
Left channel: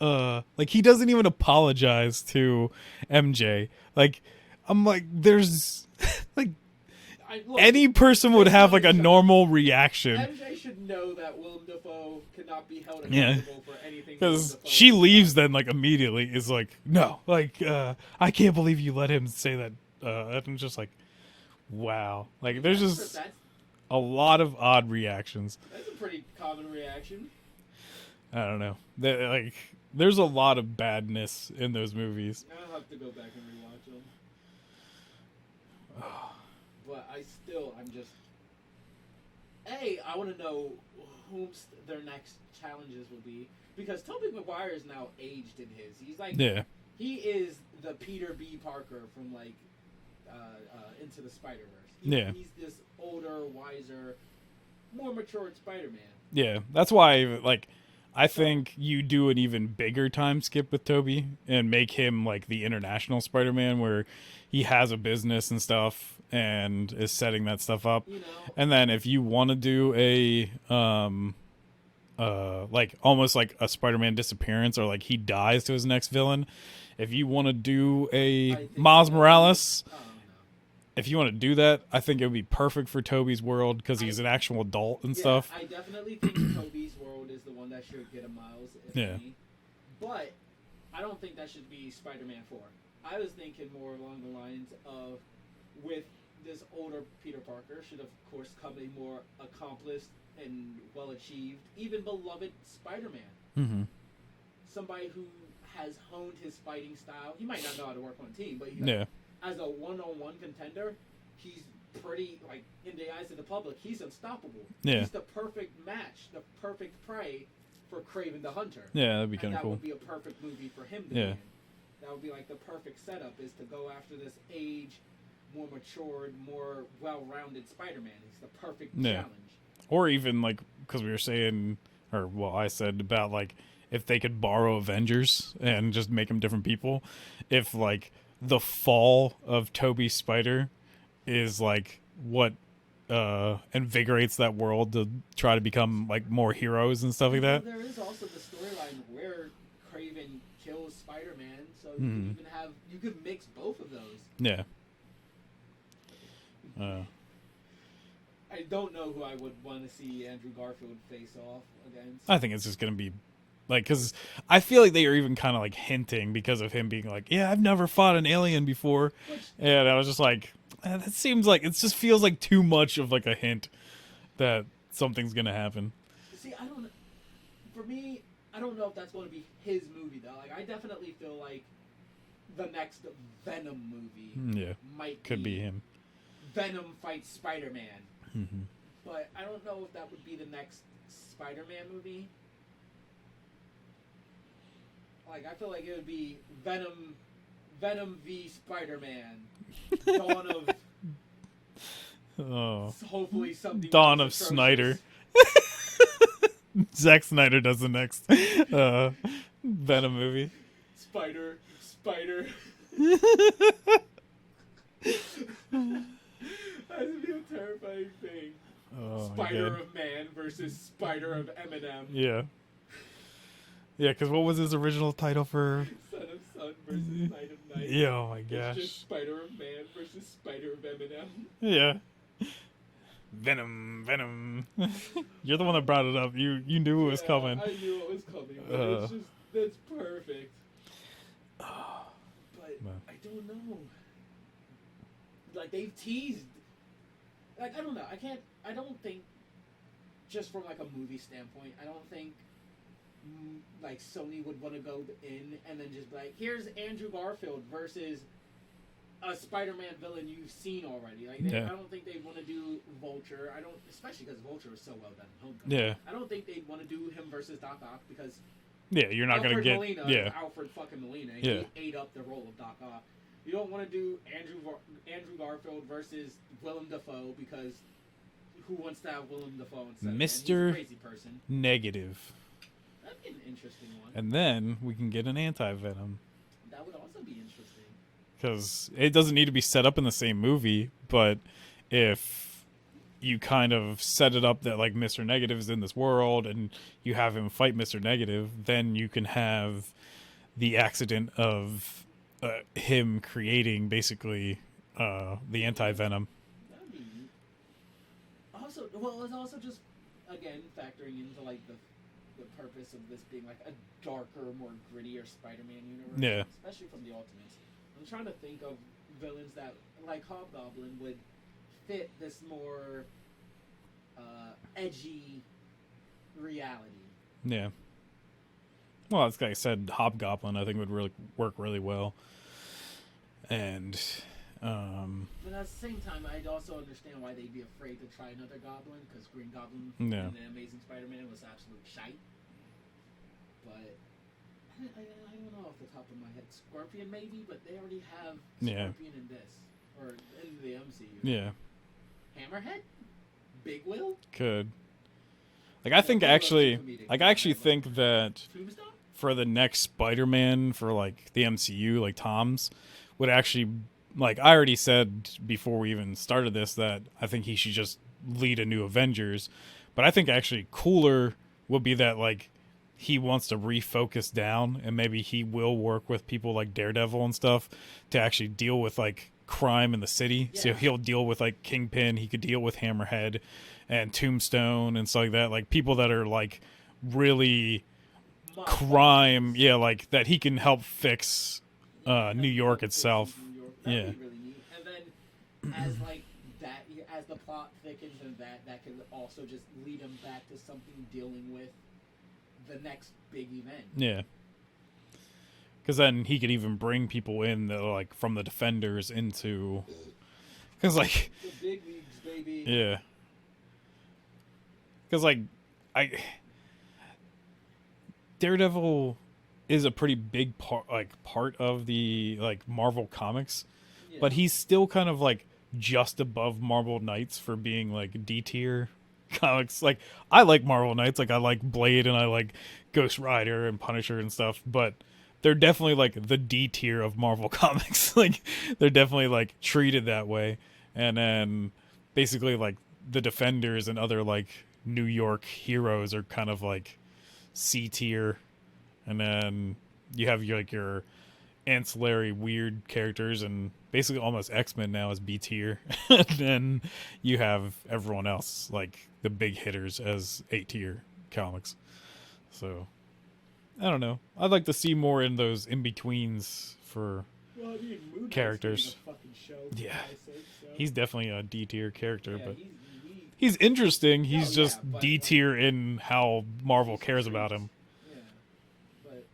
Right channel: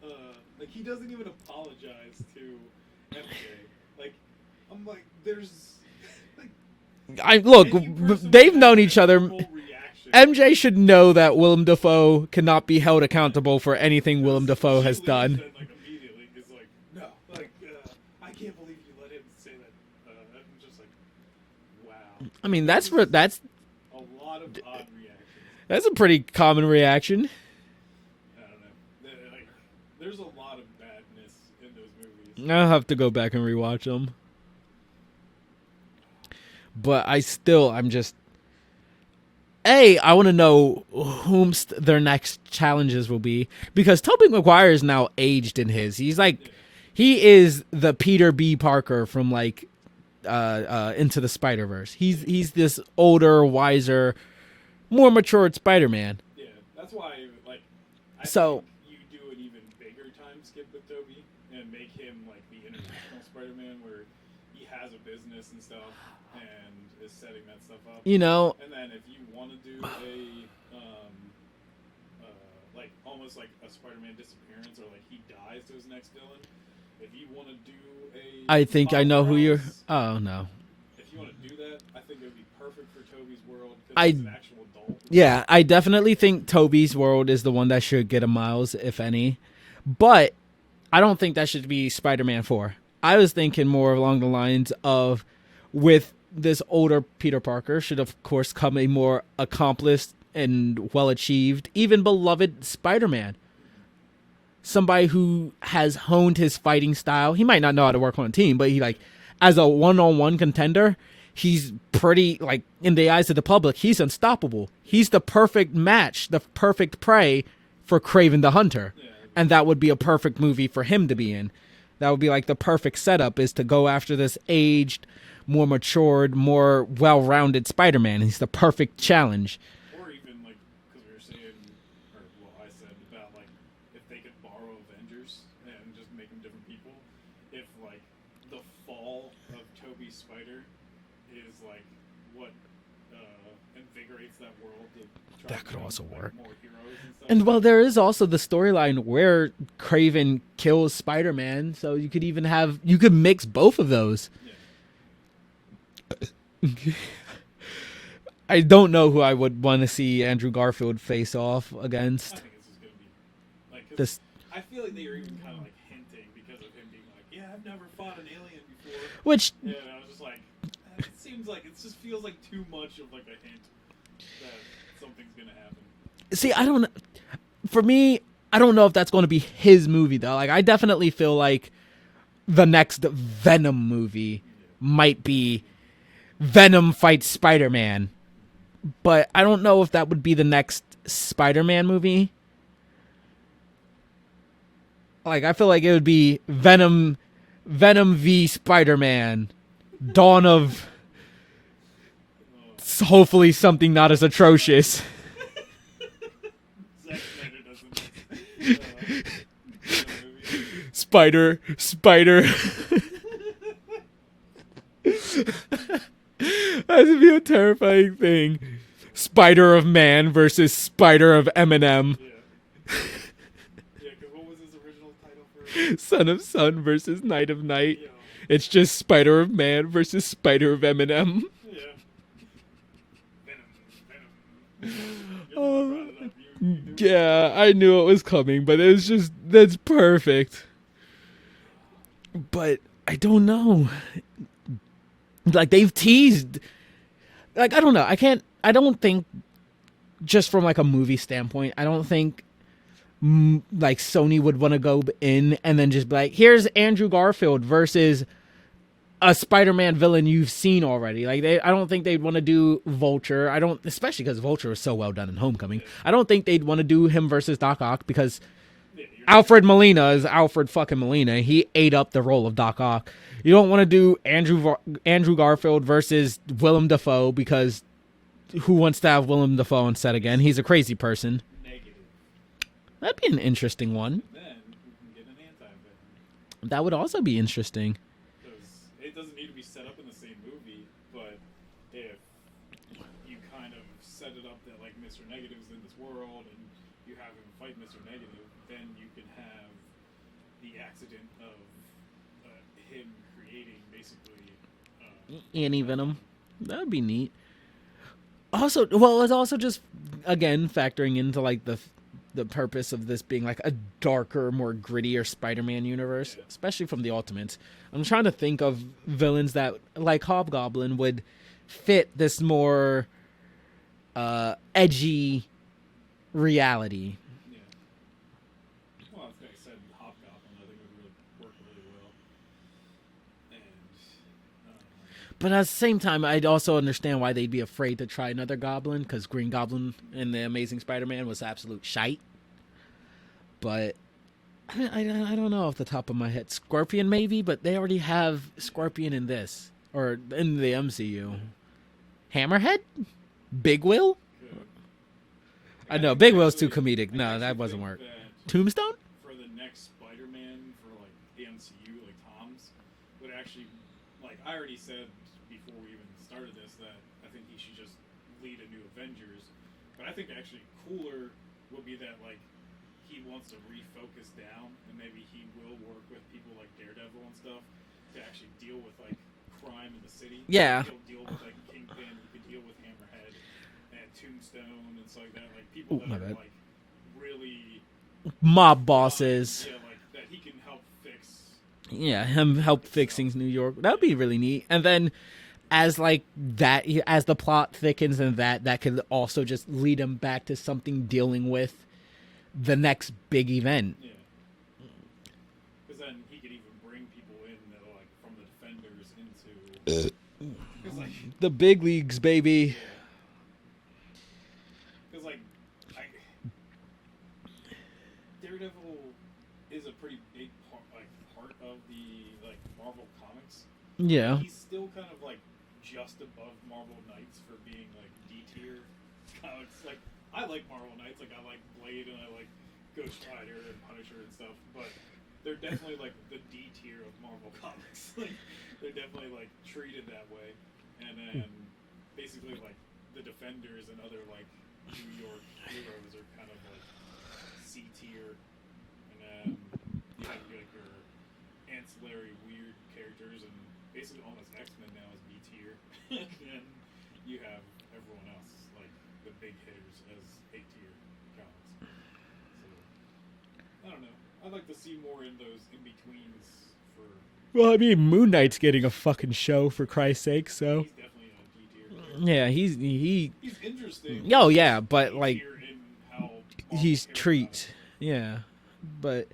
like he doesn't even apologize to MJ. Like, I'm like, there's like, look, any person would have like a normal reaction. MJ should know that Willem Dafoe cannot be held accountable for anything Willem Dafoe has done. She leaves then like immediately is like, no, like I can't believe you let him say that. And I'm just like, wow. Like, I mean, that's a lot of odd reactions. That's a pretty common reaction. I don't know. There's a lot of badness in those movies. I'll have to go back and rewatch them. But I'm just... I want to know whom their next challenges will be. Because Tobey Maguire is now aged in his. He's like... Yeah. He is the Peter B. Parker from, like, Into the Spider-Verse. He's this older, wiser, more matured Spider-Man. Yeah, that's why, like... I think you do an even bigger time skip with Tobey and make him, like, the international Spider-Man where he has a business and stuff and is setting that stuff up, you know. And then if you want to do a like almost like a Spider-Man disappearance or like he dies to his next villain, if you want to do Miles Morales, if you want to do that, I think it would be perfect for Tobey's world because he's an actual adult and stuff. I definitely think Tobey's world is the one that should get a Miles, if any, but I don't think that should be Spider-Man 4. I was thinking more along the lines of, with this older Peter Parker should of course come a more accomplished and well-achieved, even beloved Spider-Man. Mm-hmm. Somebody who has honed his fighting style. He might not know how to work on a team, but as a one-on-one contender, he's pretty, like, in the eyes of the public, he's unstoppable. Yeah. He's the perfect match, the perfect prey for Kraven the Hunter. Yeah, and that would be a perfect movie for him to be in. That would be like the perfect setup, is to go after this aged, more matured, more well-rounded Spider-Man. He's the perfect challenge. Or even, like, because we were saying, or I said about, like, if they could borrow Avengers and just make them different people, if, like, the fall of Tobey Spider is, like, what invigorates that world to try to become, like, more heroes and stuff like that. Well, there is also the storyline where Kraven kills Spider-Man, so you could even you could mix both of those. Yeah. I don't know who I would want to see Andrew Garfield face off against. I think it's just going to be, like, because I feel like they are even kind of, like, hinting because of him being like, yeah, I've never fought an alien before. And I was just like, it seems like, it just feels like too much of, like, a hint that something's going to happen. See, for me, I don't know if that's going to be his movie, though. Like, I definitely feel like the next Venom movie might be him. Venom fights Spider-Man. Mm-hmm. But I don't know if that would be the next Spider-Man movie. Like, I feel like it would be Venom v Spider-Man, Dawn of hopefully something Dawn not as atrocious. Zack Snyder does the next Venom movie. Spider. That would be a terrifying thing. Spider of Man versus Spider of Eminem. Yeah. Yeah, because what was his original title for? Son of Sun versus Night of Night. Yeah, oh my God. It's just Spider of Man versus Spider of Eminem. Yeah. Venom. You're the one that brought it up. You knew it was coming. Yeah, I knew it was coming, but it was just, that's perfect. But I don't know. Like, they've teased. Like, I don't know. I don't think, just from, like, a movie standpoint, I don't think, like, Sony would want to go in and then just be like, here's Andrew Garfield versus a Spider-Man villain you've seen already. Like I don't think they'd want to do Vulture. I don't, especially because Vulture was so well done in Homecoming. Yeah. I don't think they'd want to do him versus Doc Ock because you're not Alfred gonna Molina is Alfred fucking Molina. He ate up the role of Doc Ock. You don't want to do Andrew Garfield versus Willem Dafoe because who wants to have Willem Dafoe on set again? He's a crazy person. Negative. That'd be an interesting one. And then we can get an anti-Venom. That would also be interesting. Because it doesn't need to be set up in the same movie, but if you kind of set it up that like Mr. Negative is in this world and you have him fight Mr. Negative, then you can have the accident of him creating basically the anti-Venom. That would be neat. Also, well, it's also just, again, factoring into like the purpose of this being like a darker, more grittier Spider-Man universe, especially from the Ultimates. I'm trying to think of villains that, like Hobgoblin, would fit this more edgy reality. Yeah. Well, like I said, Hobgoblin I think would really work really well. And but at the same time, I'd also understand why they'd be afraid to try another Goblin, because Green Goblin in the Amazing Spider-Man was absolute shite. But I don't know off the top of my head. Scorpion maybe, but they already have Scorpion in this, or in the MCU. Yeah. Hammerhead? Big Will? Could. Like, I think Big Will's too comedic. Like, I actually think that Tombstone? For the next Spider-Man for like the MCU, like Tom's, would actually, like I already said before we even started this, that I think he should just lead a new Avengers. But I think actually cooler would be that like he wants to refocus down, and maybe he will work with people like Daredevil and stuff to actually deal with like crime in the city. Yeah. So he'll deal with like Kingpin, he could deal with Hammerhead and Tombstone and stuff like that. Like people that are like really mob crime, bosses. yeah, like that he can help fix. Yeah, New him York help itself. fixing New York. That'd be really neat. And then as like that, as the plot thickens and that could also just lead him back to something dealing with the next big event. Yeah. Because then he could even bring people in that are like from the Defenders into, because like the big leagues, baby. Yeah. Because like Daredevil is a pretty big part of the like Marvel comics. Yeah. But he's still kind of like just above Marvel Knights for being like D tier comics. Like I like Marvel Knights, like I like Blade and I like Ghost Rider and Punisher and stuff, but they're definitely like the D tier of Marvel comics. Like they're definitely like treated that way. And then basically like the Defenders and other like New York heroes are kind of like C tier. And then you have your ancillary weird characters, and basically almost X-Men now is B tier. And then you have everyone else, like the big hitters, as A tier comics. So I don't know. I'd like to see more in those in-betweens for. Well, I mean, Moon Knight's characters. getting a fucking show for Christ's sake. So he's definitely a D tier character. Yeah, he's interesting. He's but D tier like, in how Marvel cares about him. Yeah, but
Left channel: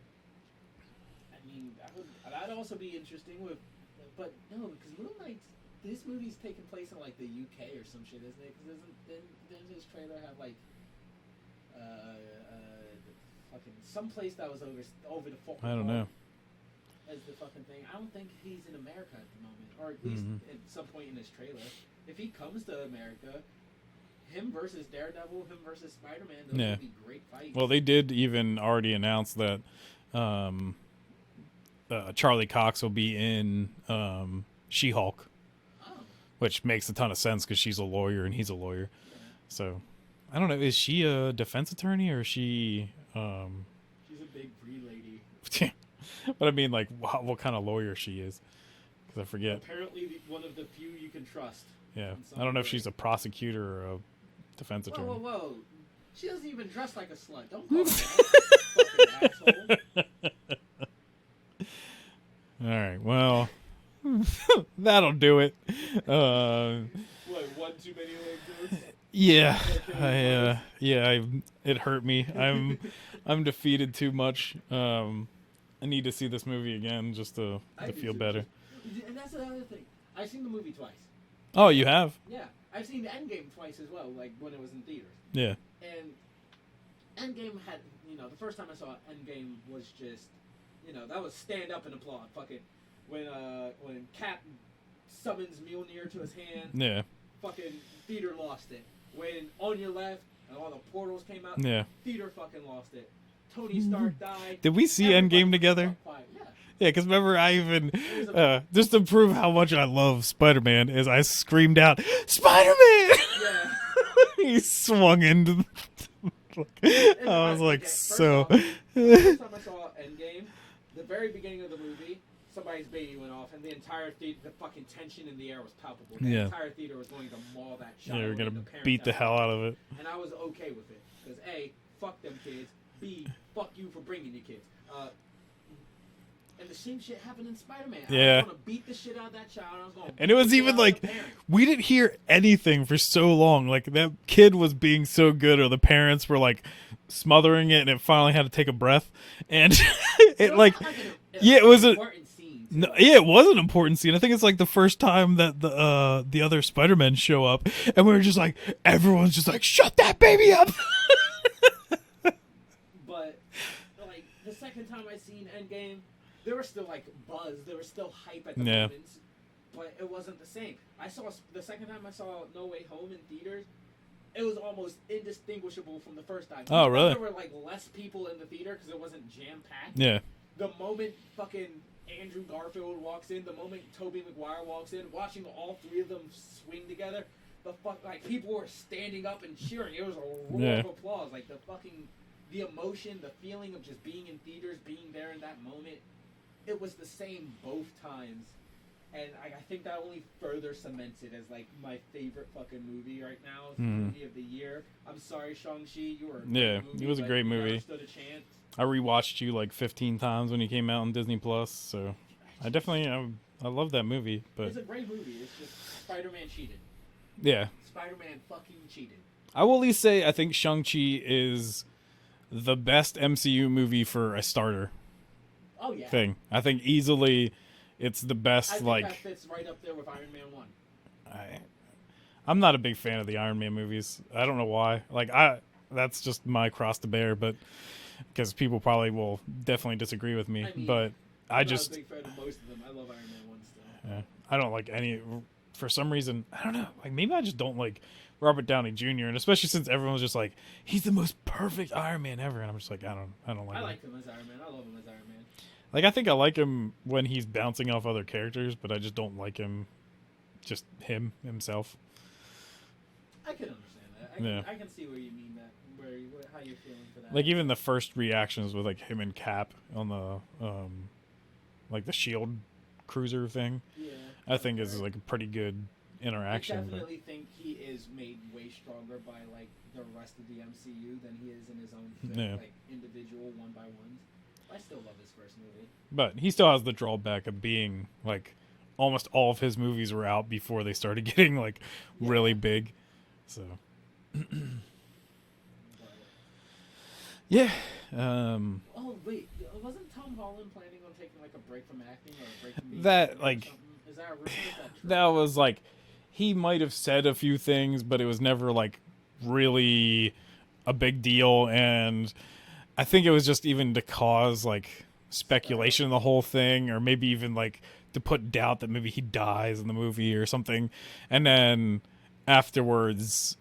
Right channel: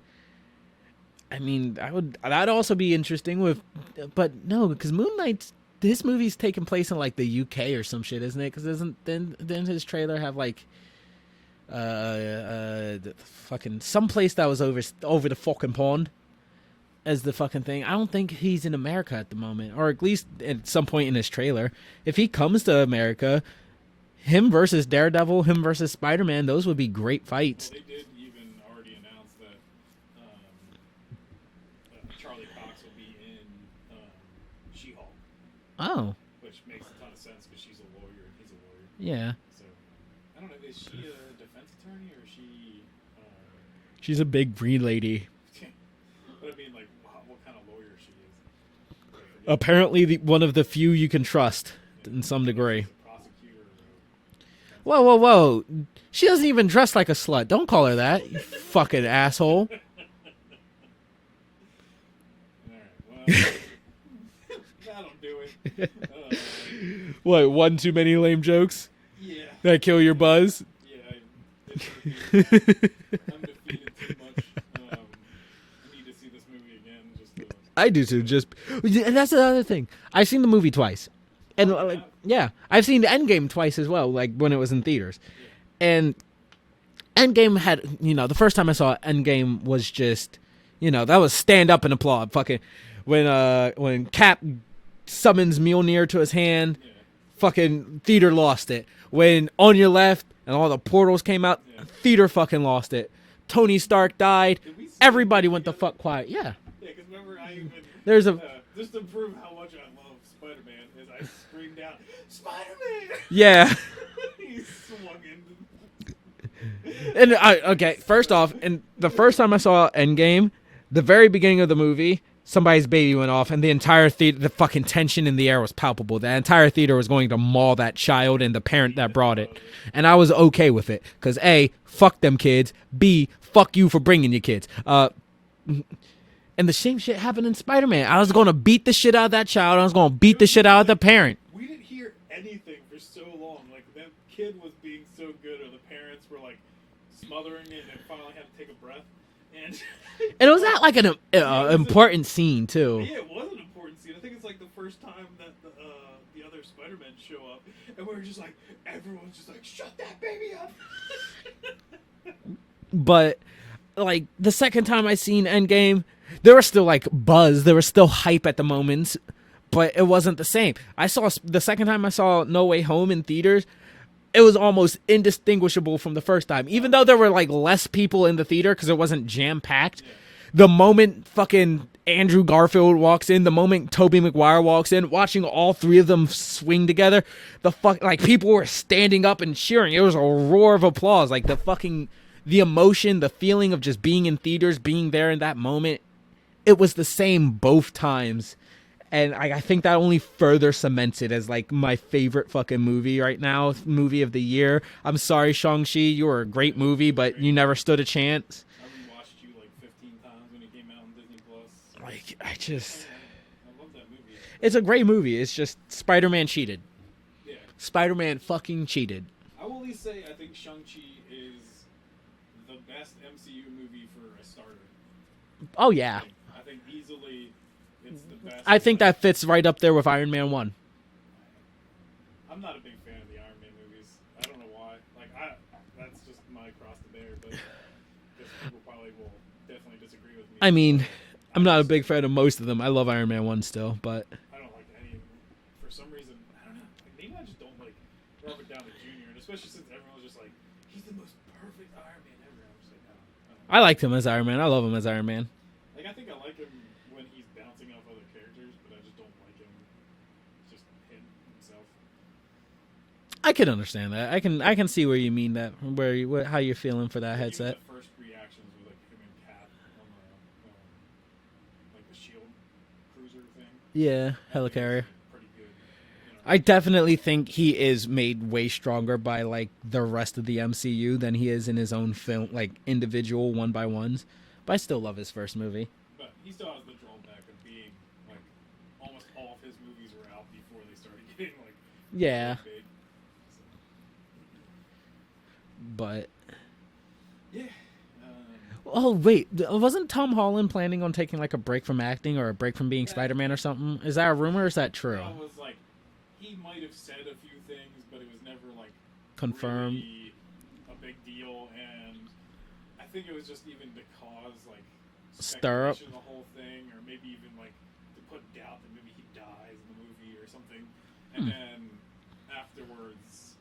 I mean, that'd also be interesting with, but no, because Moon Knight, this movie's taking place in like the UK or some shit, isn't it? Because didn't his trailer have like fucking some place that was over the fucking pond as the fucking thing. I don't think he's in America at the moment, or at least at some point in his trailer. If he comes to America, him versus Daredevil, him versus Spider-Man, those would be great fights. Well, they did even already announce that Charlie Cox will be in She-Hulk. Oh. Which makes a ton of sense because she's a lawyer and he's a lawyer. Yeah. So, I don't know. Is she a defense attorney or is she... She's a big green lady. But I mean, like, what kind of lawyer she is. I forget. Apparently one of the few you can trust in some I don't degree. know if she's a prosecutor or a defense attorney. Whoa. Whoa. She doesn't even dress like a slut. Don't call her that. Fucking asshole. All right, well, that'll do it. What, one too many lame jokes? Yeah. Did I kill your buzz? Yeah, it hurt me. I'm defeated too much. I need to see this movie again just to. I do too. And that's the other thing. I've seen the movie twice. Oh, you have? Yeah, I've seen Endgame twice as well. Like when it was in theaters. Yeah. And Endgame had, the first time I saw Endgame was just, that was stand up and applaud. Fucking when Cap summons Mjolnir to his hand. Yeah. Fucking theater lost it. When On Your Left and all the portals came out. Yeah. Theater fucking lost it. Tony Stark died. Did we see everybody Endgame went together? the fuck quiet? Yeah. Yeah, because remember, I even There's just to prove how much I love Spider-Man, is I screamed out, "Spider-Man!" Yeah. He swung into. First off, and the first time I saw Endgame, the very beginning of the movie, somebody's baby went off, and the entire theater, the fucking tension in the air was palpable. The entire theater was going to maul that child and the parent that brought it. And I was okay with it, because A, fuck them kids, B, fuck you for bringing your kids. And the same shit happened in Spider-Man. I was going to beat the shit out of that child. I was going to beat the shit out of the parent. We didn't hear anything for so long. Like, that kid was being so good, or the parents were, like, smothering it, and it finally had to take a breath. And it was not like an important scene, too. Yeah, it was an important scene. I think it's, like, the first time that the other Spider-Men show up, and we were just like, everyone's just like, shut that baby up! But, like, the second time I seen Endgame, there was still, like, buzz. There was still hype at the moments, but it wasn't the same. The second time I saw No Way Home in theaters, it was almost indistinguishable from the first time. Even though there were, like, less people in the theater because it wasn't jam-packed. Yeah. The moment fucking Andrew Garfield walks in, the moment Tobey Maguire walks in, watching all three of them swing together, people were standing up and cheering. It was a roar of applause. Like, the emotion, the feeling of just being in theaters, being there in that moment, it was the same both times. And I think that only further cements it as, like, my favorite fucking movie right now, movie of the year. I'm sorry, Shang-Chi, you were a great movie, but you never stood a chance. I rewatched you, like, 15 times when you came out on Disney+. So I love that movie. But it's a great movie. It's just Spider-Man cheated. Yeah. Spider-Man fucking cheated. I will at least say I think Shang-Chi is the best MCU movie for a starter. Oh, yeah. Thing. I think easily it's the best. I think that fits right up there with Iron Man 1. I'm not a big fan of the Iron Man movies. I don't know why. That's just my cross to bear, but because people probably will definitely disagree with me. I mean, I'm not a big fan of most of them. I love Iron Man 1 still, but I don't like any. For some reason, I don't know. Like, maybe I just don't like Robert Downey Jr. and especially since everyone's just like, he's the most perfect Iron Man ever, and I'm just like, I don't like I liked him as Iron Man. I love him as Iron Man. Like, I think I like him when he's bouncing off other characters, but I just don't like him, just himself. I can understand that. I can see where you mean that, how you're feeling for that. Like, even the first reactions with, like, him and Cap on the like the Shield cruiser thing. Yeah, I think it's like a pretty good interaction. I definitely think he is made way stronger by, like, the rest of the MCU than he is in his own film, like individual one by ones. But I still love his first movie. But he still has the drawback of being, like, almost all of his movies were out before they started getting, like, really big. So, but yeah. Oh wait, wasn't Tom Holland planning on taking, like, a break from acting or a break from being Spider-Man, like, or something? Is that a rumor or is that true? That was, like, he might have said a few things, but it was never, like, confirmed. Really a big deal. And I think it was just even to cause, like, speculation in the whole thing, or maybe even, like, to put doubt that maybe he dies in the movie or something. And then afterwards,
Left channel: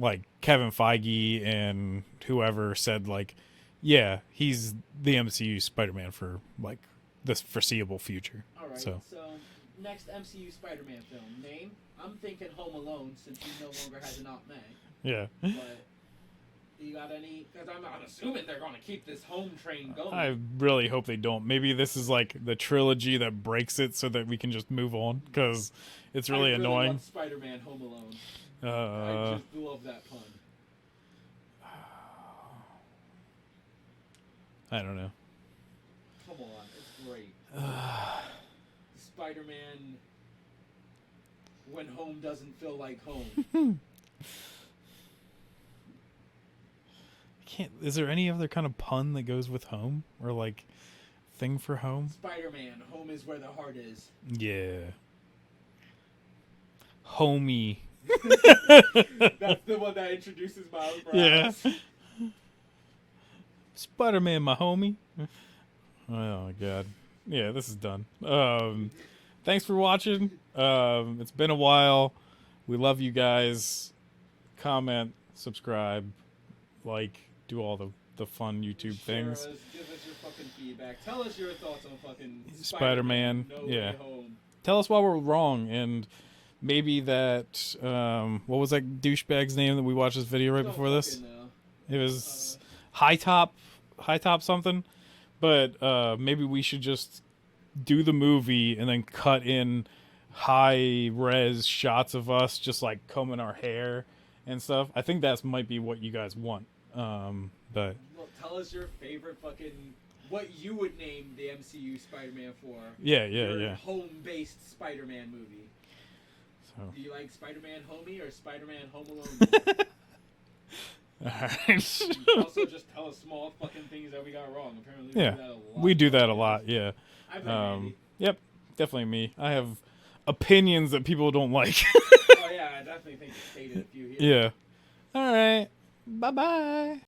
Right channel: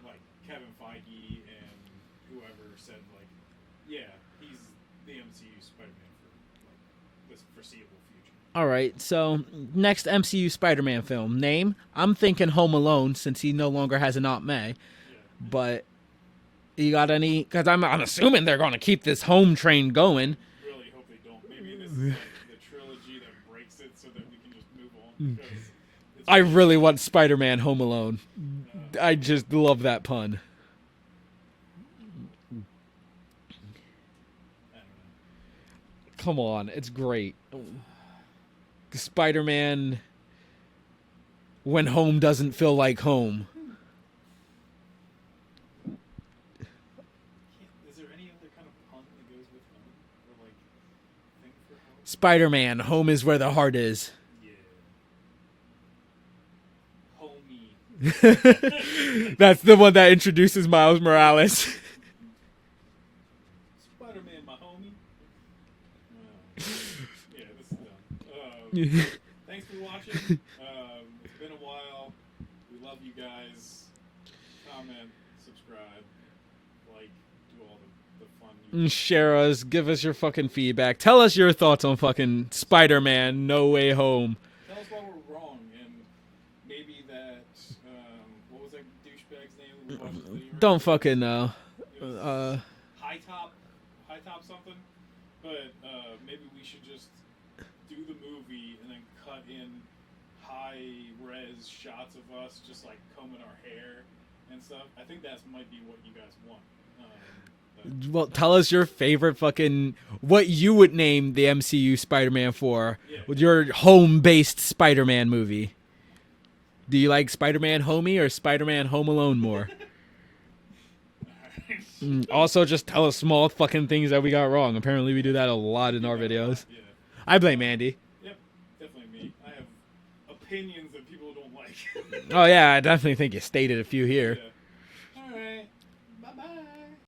like, Kevin Feige and whoever said, like, yeah, he's the MCU Spider-Man for, like, this foreseeable future. All right, so next MCU Spider-Man film. Name? I'm thinking Home Alone, since he no longer has an Aunt May. Yeah. But you got any? Because I'm assuming they're going to keep this home train going. I really hope they don't. Maybe this is, like, the trilogy that breaks it so that we can just move on, because it's really I really annoying. want Spider-Man Home Alone. I just love that pun. I don't know. Come on, it's great. Spider-Man when home doesn't feel like home. Is there any other kind of pun that goes with home? Or, like, thing for home. Spider-Man, home is where the heart is. Yeah. Homie. That's the one that introduces Miles Morales. Yeah. Spider-Man, my homie. Oh my god. Yeah, this is done. Thanks for watching. It's been a while. We love you guys. Comment, subscribe, like, do all the fun YouTube Share things. us, give us your fucking feedback. Tell us your thoughts on fucking Spider-Man No Way Home. Tell us why we're wrong, and maybe that what was that douchebag's name that we watched this video right Don't before fucking this? know. It was high top something, but maybe we should just do the movie and then cut in high res shots of us just like combing our hair and stuff. I think that might be what you guys want. But Well, tell us your favorite fucking what you would name the MCU Spider-Man for. Your home-based Spider-Man movie. So. Do you like Spider-Man Homie or Spider-Man Home Alone more? All right. Also, just tell us small fucking things that we got wrong. Apparently, we do that a lot. We do that a lot. Yeah. I blame Andy. Yep, definitely me. I have opinions that people don't like. Oh yeah, I definitely think you stated a few here. Yeah. All right. Bye-bye.